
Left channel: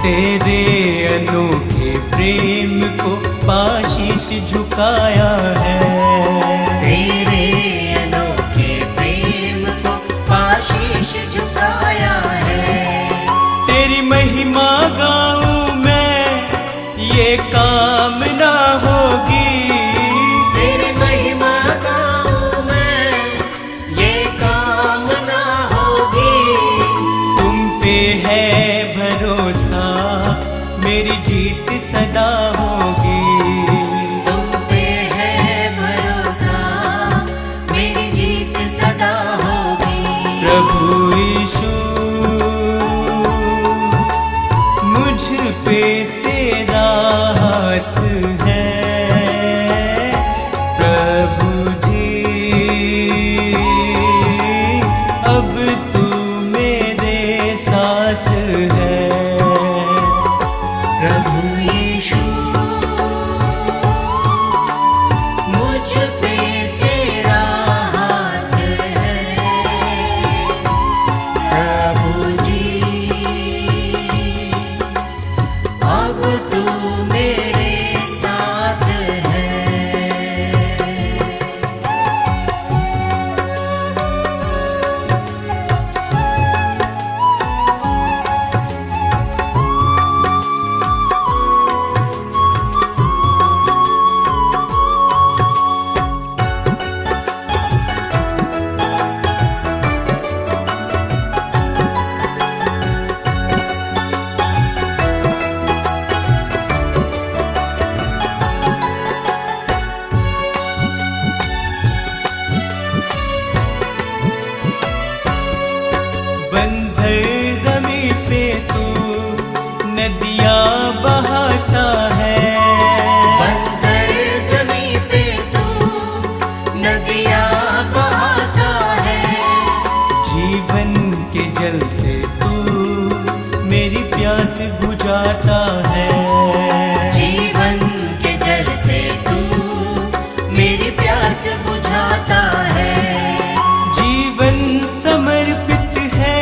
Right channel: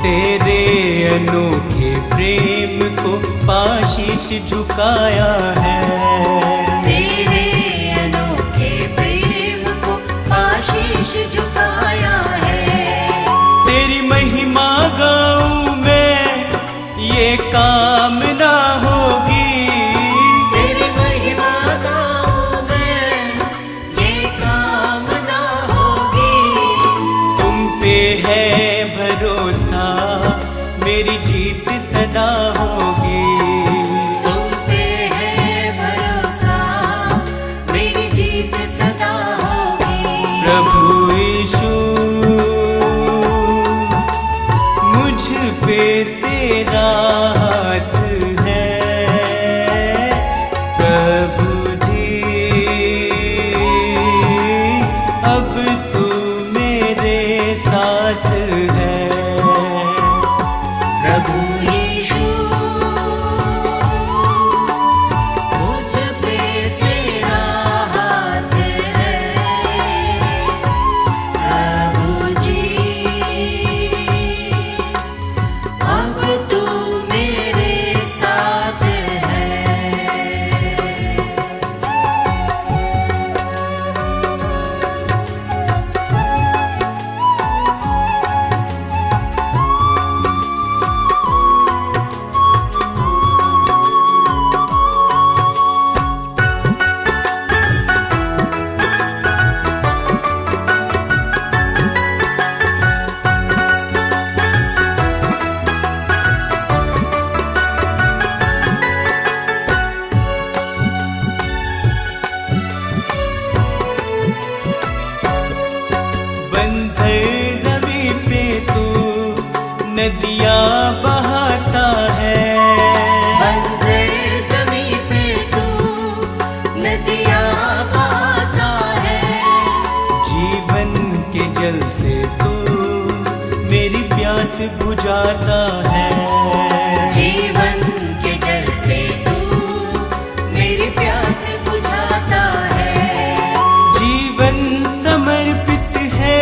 तेरे अनोखे प्रेम को पाशीश झुकाया है। तेरे अनोखे प्रेम को आशीष झुकाया है। तेरी महिमा गाऊं मैं ये कामना होगी। तेरी महिमा गाऊं मैं ये कामना होगी। तुम पे है भरोसा मेरी जीत सदा होगी। तुम पे है भरोसा मेरी जीत सदा होगी। प्रभु यीशु मुझ पे तेरा हाथ है। प्रभु जी अब तू मेरे साथ है। नदियाँ बहाता है। बंजर ज़मीं पे तू नदियाँ बहाता है। जीवन के जल से तू मेरी प्यास बुझाता है। जीवन के जल से तू मेरी प्यास बुझाता है। जीवन समर्पित है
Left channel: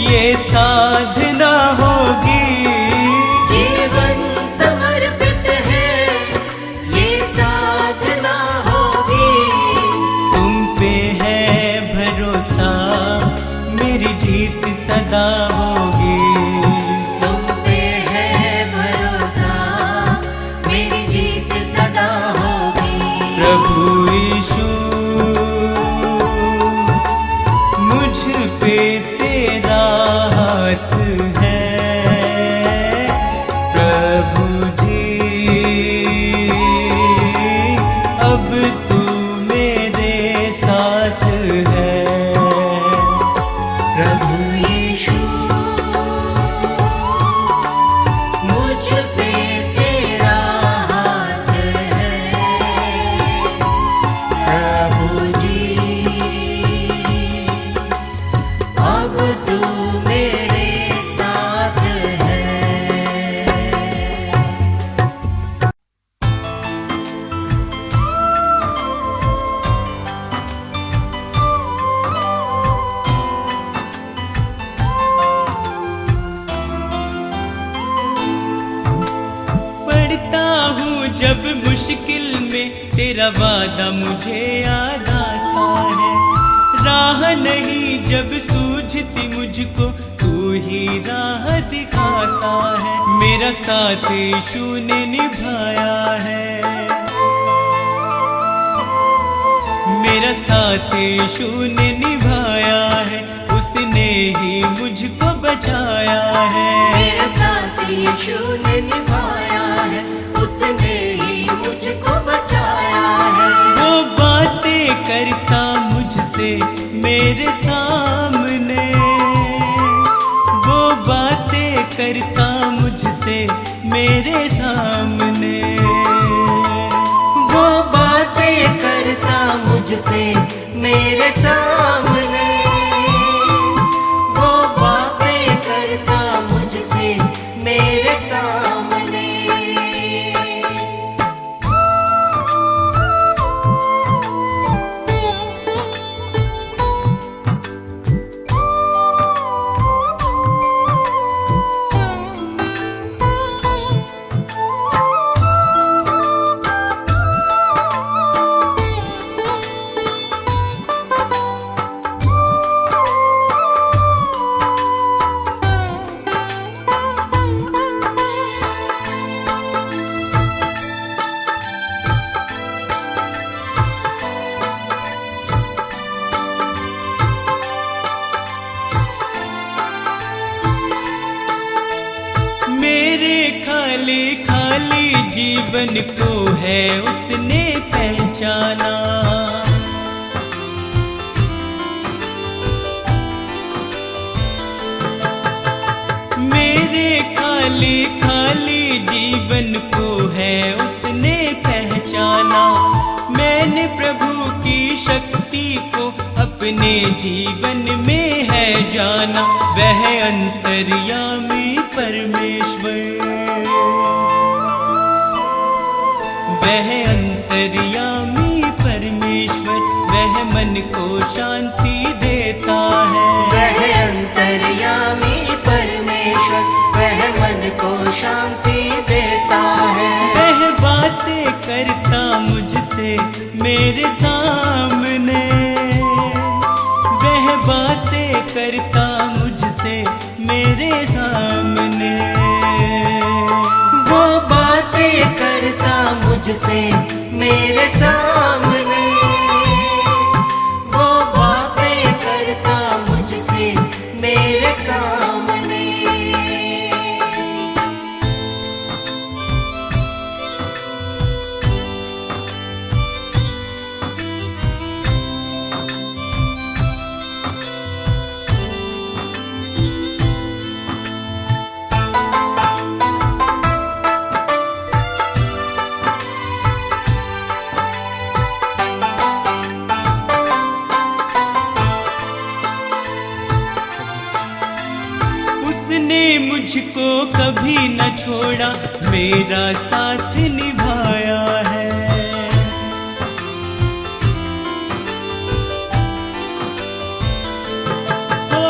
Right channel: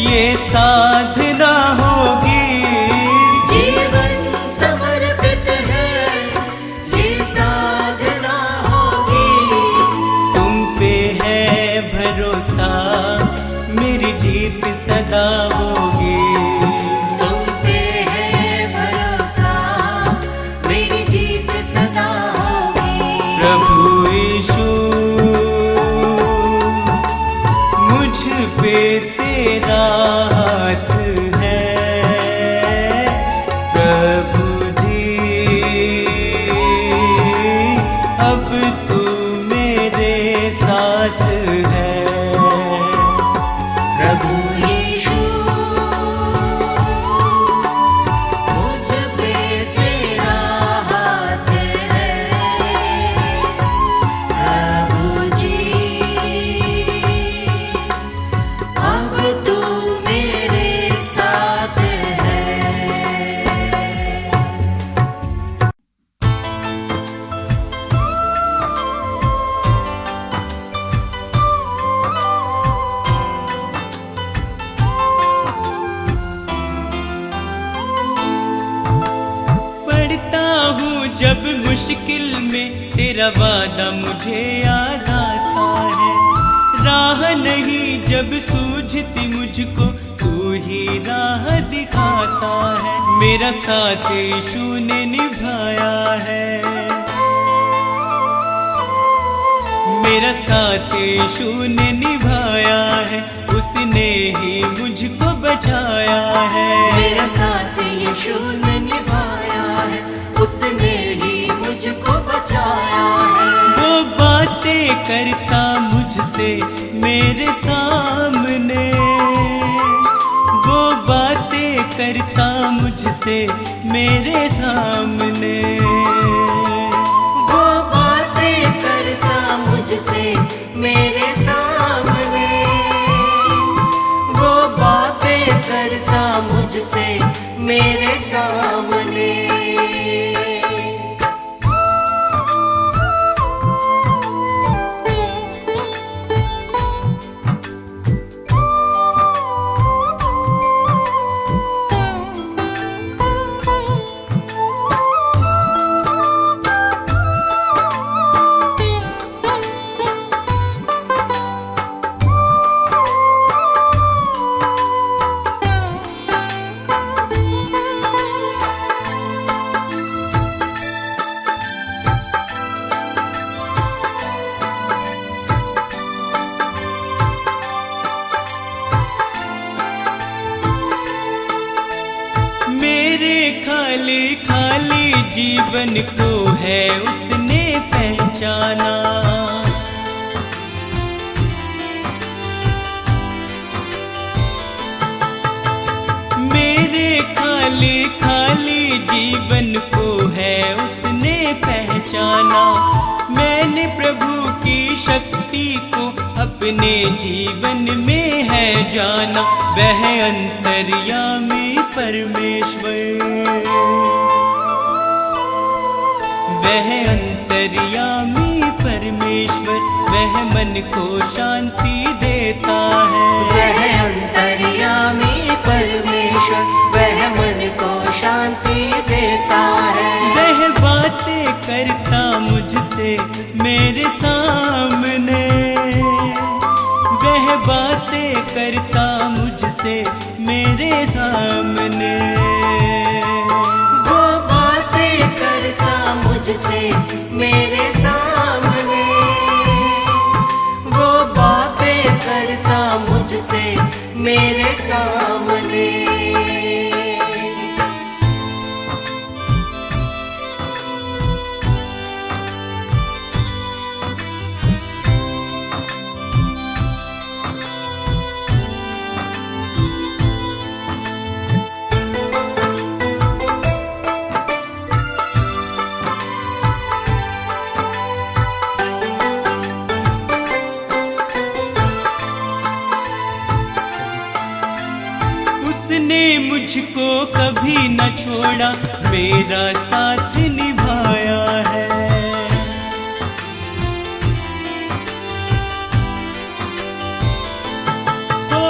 ये साधना होगी। जीवन समर्पित है ये साधना होगी। तुम पे है भरोसा मेरी जीत सदा होगी। तुम पे है भरोसा मेरी जीत सदा होगी। प्रभु यीशु मुझ पे तेरा हाथ है। प्रभु जी अब तू मेरे साथ है। प्रभु यीशु मुझ पे तेरा हाथ है। प्रभु जी अब तू मेरे साथ है। पढ़ता हूँ जब मुश्किल में तेरा वादा मुझे याद आता है। राह नहीं जब सूझती मुझको तू ही राह दिखाता है। मेरा साथ यीशु ने निभाया है। मेरा साथ यीशु ने निभाया है। उसने ही मुझको बचाया है। मेरा साथ यीशु ने निभाया है। उसने ही मुझको बचाया है। वो बातें करता मुझसे मेरे सामने। वो बातें करता मुझसे मेरे सामने। वो बातें करता मुझसे मेरे सामने। वो बातें करता मुझसे मेरे सामने। मेरे खाली खाली जीवन को है उसने पहचाना। मेरे खाली खाली जीवन को है उसने पहचाना। मैंने प्रभु की शक्ति को अपने जीवन में है जाना। वह अंतर्यामी परमेश्वर, वह अंतर्यामी परमेश्वर, वह मन को शांति देता है। वह अंतर्यामी परमेश्वर, वह मन को शांति देता है। वह बातें करता मुझसे मेरे सामने। वह बातें करता मुझसे मेरे सामने। वो बातें करता मुझसे मेरे सामने। वो बातें करता मुझसे मेरे सामने। मुझको कभी न छोड़ा, मेरा साथ निभाया है। ओ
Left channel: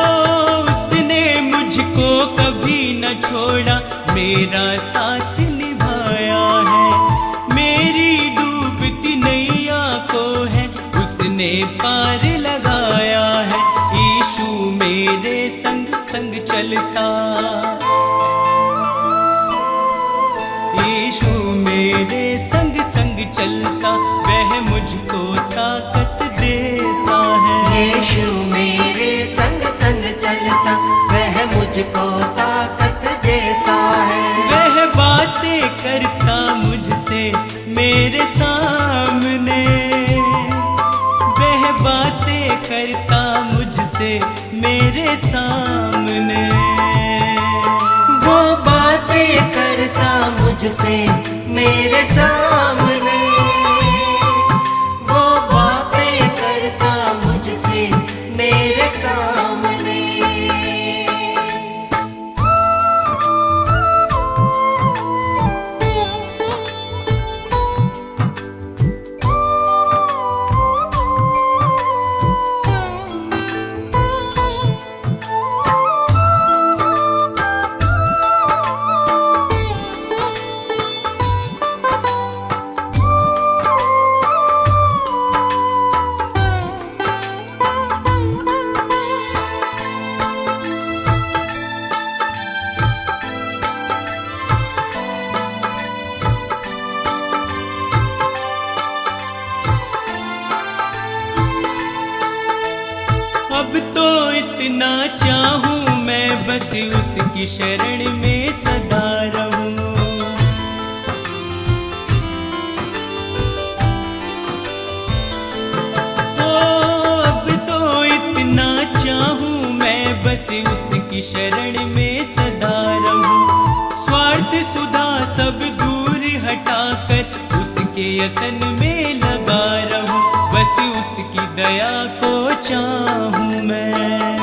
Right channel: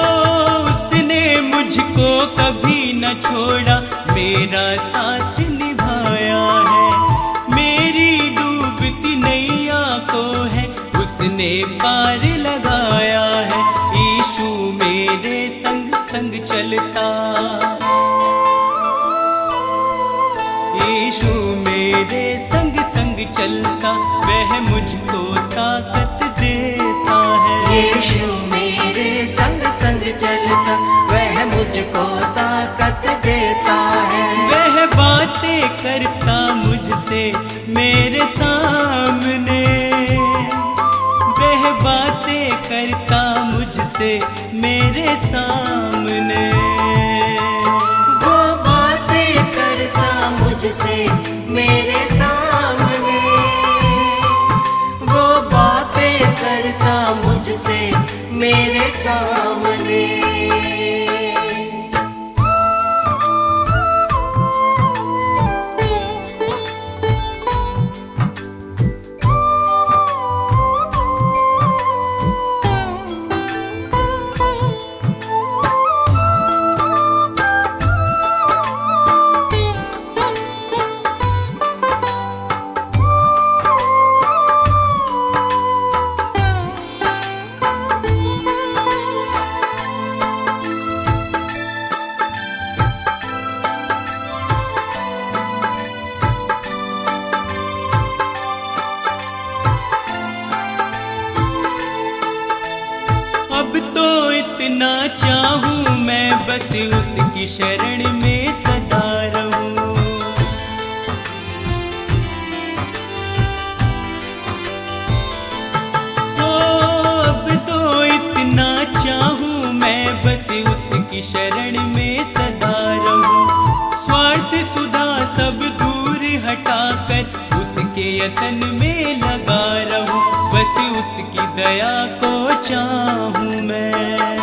उसने मुझको कभी न छोड़ा, मेरा साथ निभाया है। मेरी डूबती नैया को है उसने पार लगाया है। यीशु मेरे संग संग चलता, यीशु मेरे संग संग चलता, वह मुझको ताकत देता है। यीशु मेरे संग संग चलता, वह मुझको ताकत देता है। वह बातें करता मुझसे मेरे सामने, वह बातें करता मुझसे मेरे सामने। वो बातें करता मुझसे मेरे सामने, वो बातें करता मुझसे मेरे सामने। अब तो इतना चाहूं मैं, बस उसकी शरण में सदा रहूं। ओ अब तो इतना चाहूं मैं, बस उसकी शरण में सदा रहूं। स्वार्थ सुधा सब दूर हटाकर उसके यतन में लगा रहूं। बस उसकी दया को चाहूं मैं,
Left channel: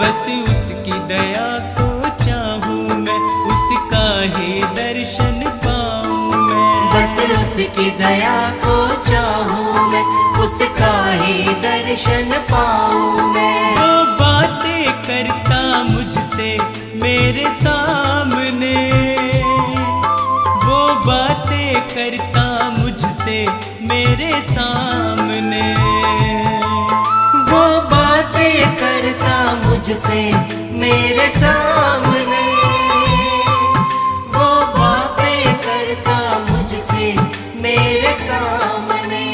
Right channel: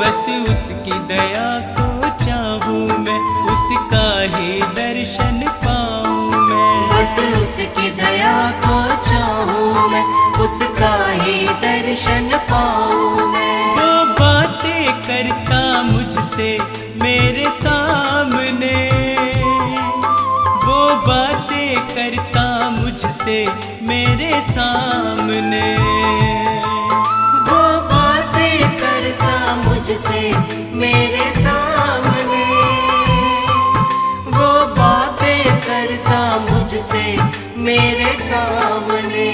बस उसकी दया को चाहूं मैं, उसका ही दर्शन पाऊं मैं। बस उसकी दया को चाहूं मैं, उसका ही दर्शन पाऊं मैं। वो बातें करता मुझसे मेरे सामने, वो बातें करता मुझसे मेरे सामने। वो बातें करता मुझसे मेरे सामने, वो बातें करता मुझसे मेरे सामने।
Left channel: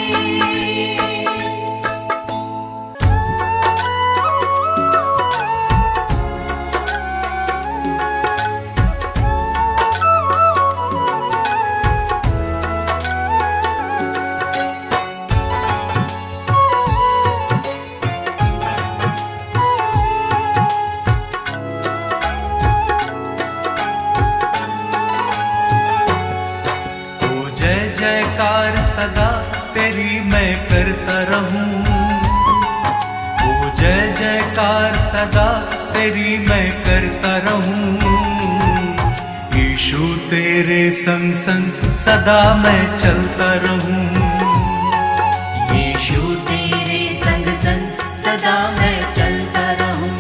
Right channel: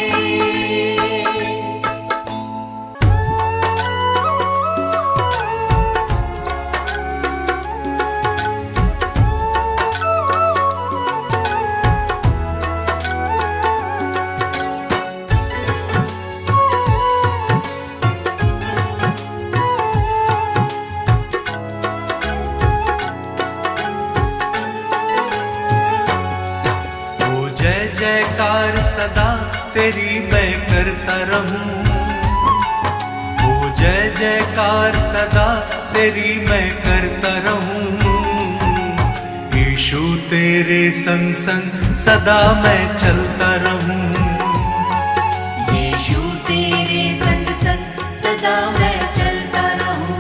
जयकार सदा तेरी मैं करता रहूं। ओ जय जयकार सदा तेरी मैं करता रहूं। यीशु तेरे संग संग सदा मैं चलता रहूं। यीशु तेरे संग संग सदा मैं चलता रहूं।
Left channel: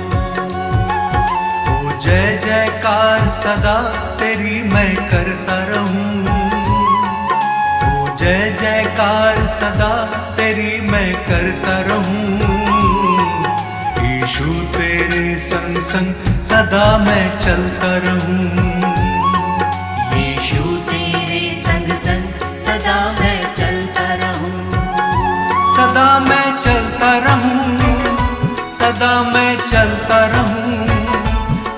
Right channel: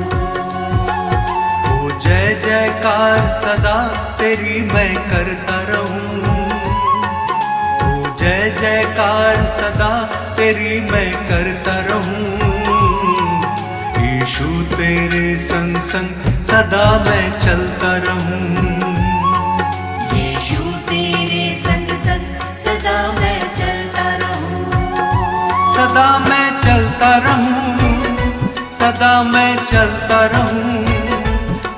ओ जय जयकार सदा तेरी मैं करता रहूं। जय जयकार सदा तेरी मैं करता रहूं। यीशु तेरे संग संग सदा मैं चलता रहूं। यीशु तेरे संग संग सदा मैं चलता रहूं। सदा मैं चलता रहूं, सदा मैं चलता रहूं,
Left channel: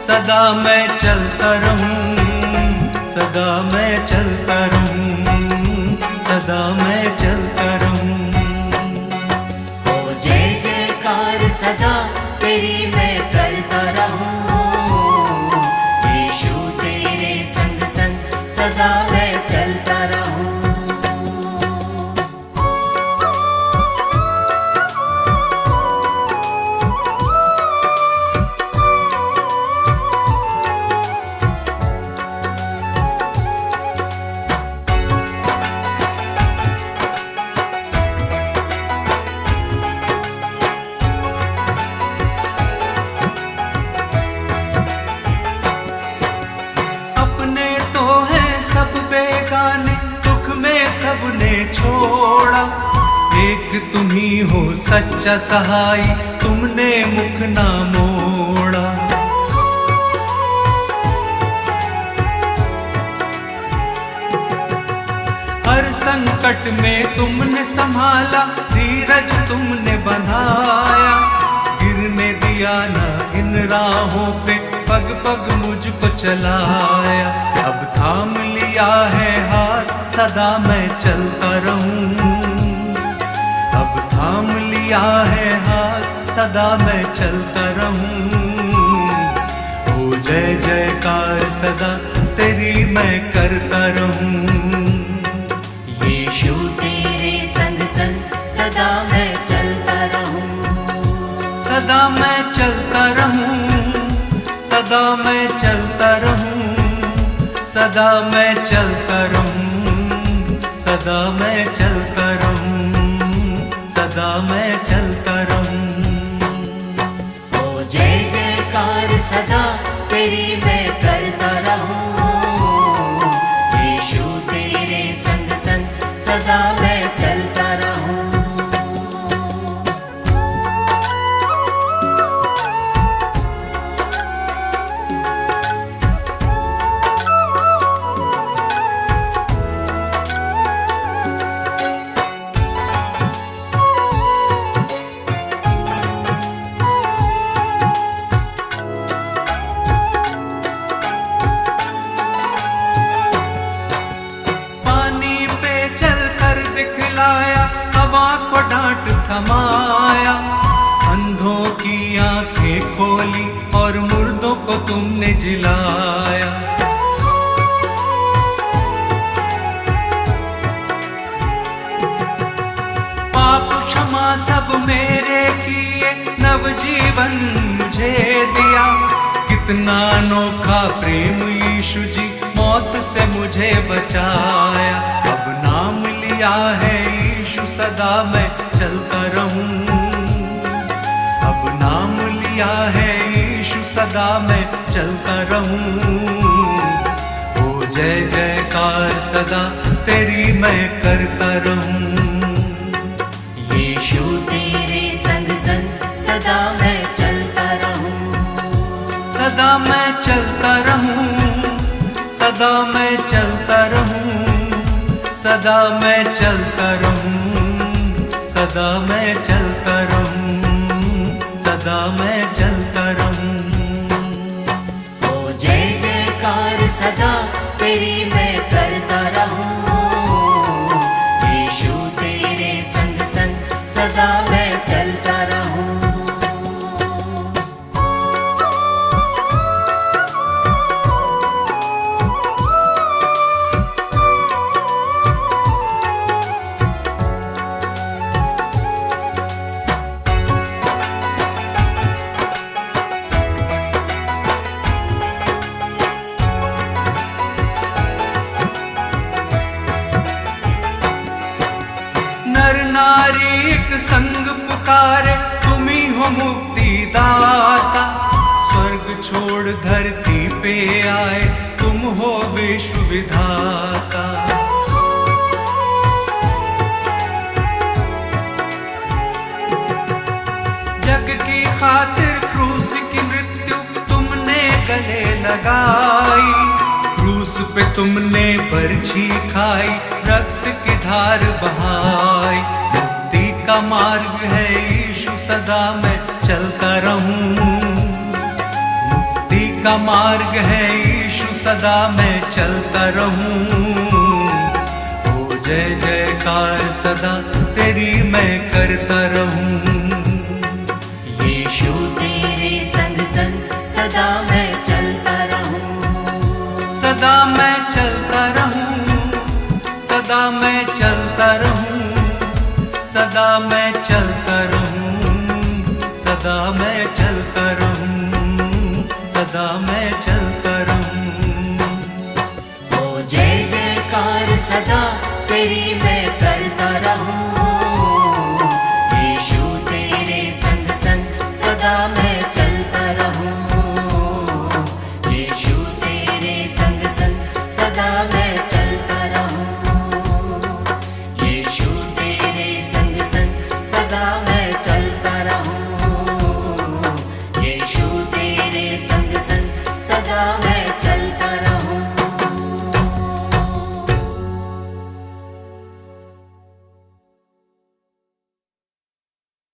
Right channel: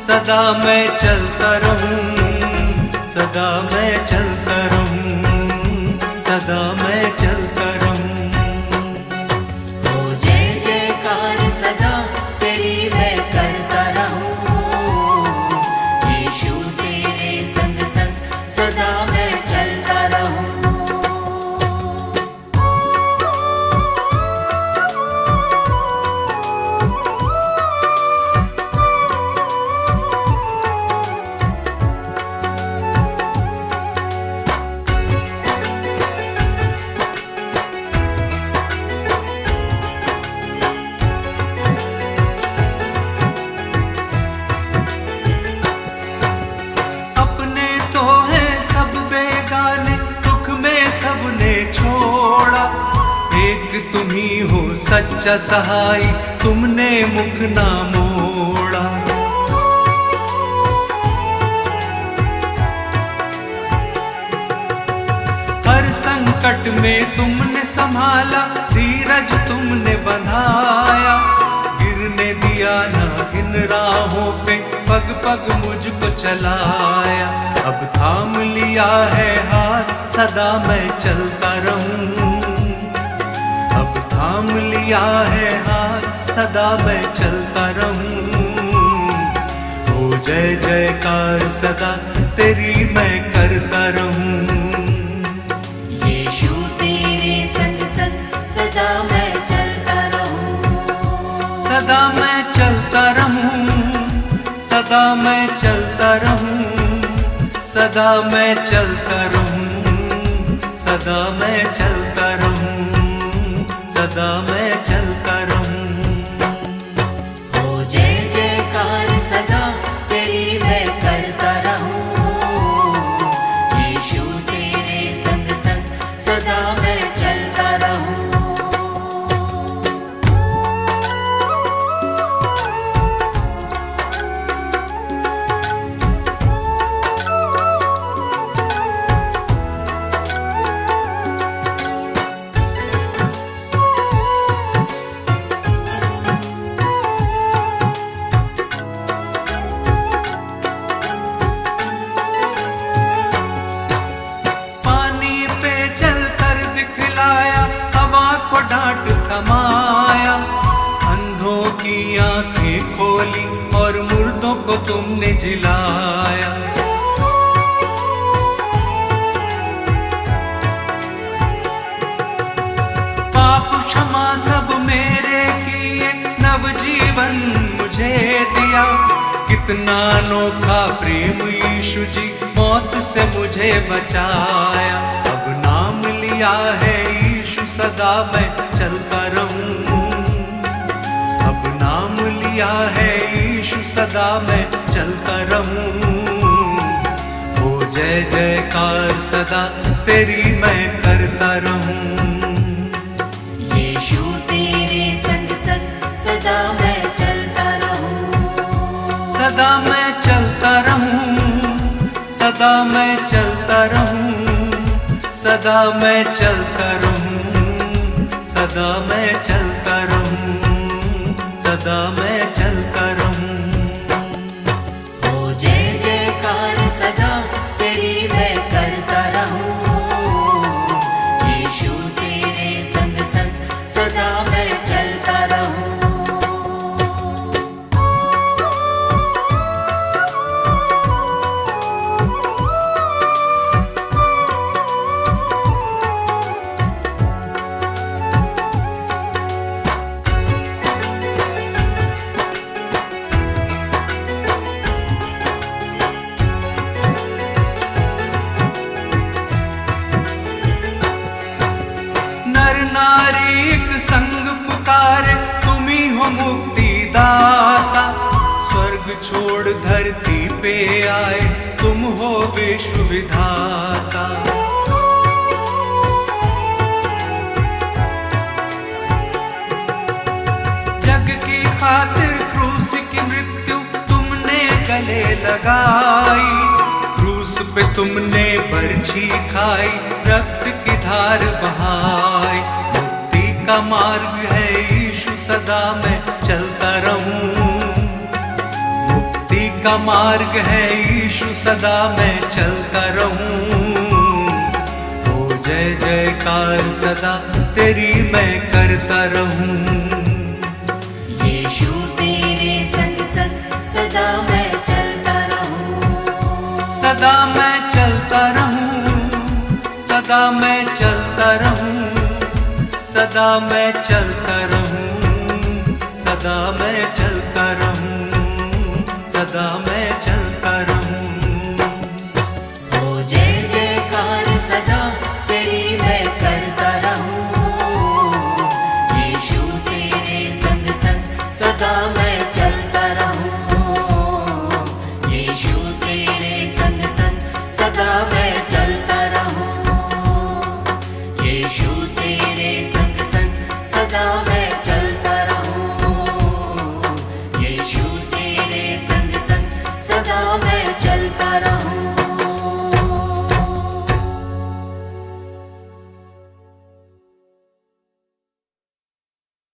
सदा मैं चलता रहूं, सदा मैं चलता रहूं, सदा मैं चलता रहूं। ओ जय जयकार सदा तेरी मैं करता रहूं। यीशु तेरे संग संग सदा मैं चलता रहूं। सबने छोड़ा, एक तुम ही हो सच्चा सहाय, तुमने मुख ना मोड़ा। हर संकट में तुमने संभाला, धीरज तुमने बंधाया, गिरने दिया ना इन राहों पे, पग पग मुझको चलाया। अब थाम लिया है हाथ, सदा मैं चलता रहूं। अब थाम लिया है हाथ, सदा मैं चलता रहूं। हो जय जयकार सदा तेरी मैं करता रहूं। यीशु तेरे संग संग सदा मैं चलता रहूं। सदा मैं चलता रहूं, सदा मैं चलता रहूं, सदा मैं चलता रहूं, सदा मैं चलता रहूं, सदा मैं चलता रहूं। ओ जय जयकार सदा तेरी मैं करता रहूं। यीशु तेरे संग संग सदा मैं चलता रहूं। हवा को डांट थमाया, अंधों की आंखें खोली और मुर्दों को तुमने जिलाया। पाप क्षमा सब मेरे किए, नवजीवन मुझे दिया। कितना अनोखा प्रेम यीशु जी, मौत से मुझे बचाया। अब नाम लिया है यीशु, सदा मैं चलता रहूं। अब नाम लिया है यीशु, सदा मैं चलता रहूं। हो जय जयकार सदा तेरी मैं करता रहूं। यीशु तेरे संग संग सदा मैं चलता रहूं। सदा मैं चलता रहूं, सदा मैं चलता रहूं, सदा मैं चलता रहूं, सदा मैं चलता रहूं, सदा मैं चलता रहूं। ओ जय जयकार सदा तेरी मैं करता रहूं। यीशु तेरे संग संग सदा मैं चलता रहूं। नर नारी एक संग पुकारे, तुम ही हो मुक्ति दाता। स्वर्ग छोड़ धरती पे आए, तुम हो विश्व विधाता। जग की खातिर क्रूस की मृत्यु तुमने गले लगाई। क्रूस पे तुमने बरछी खाई, रक्त की धार बहाई। मुक्ति का मार्ग है यीशु, सदा मैं चलता रहूं। मुक्ति का मार्ग है यीशु, सदा मैं चलता रहूं। हो जय जयकार सदा तेरी मैं करता रहूं। यीशु तेरे संग संग सदा मैं चलता रहूं। सदा मैं चलता रहूं, सदा मैं चलता रहूं, सदा मैं चलता रहूं, सदा मैं चलता रहूं, सदा मैं चलता रहूं।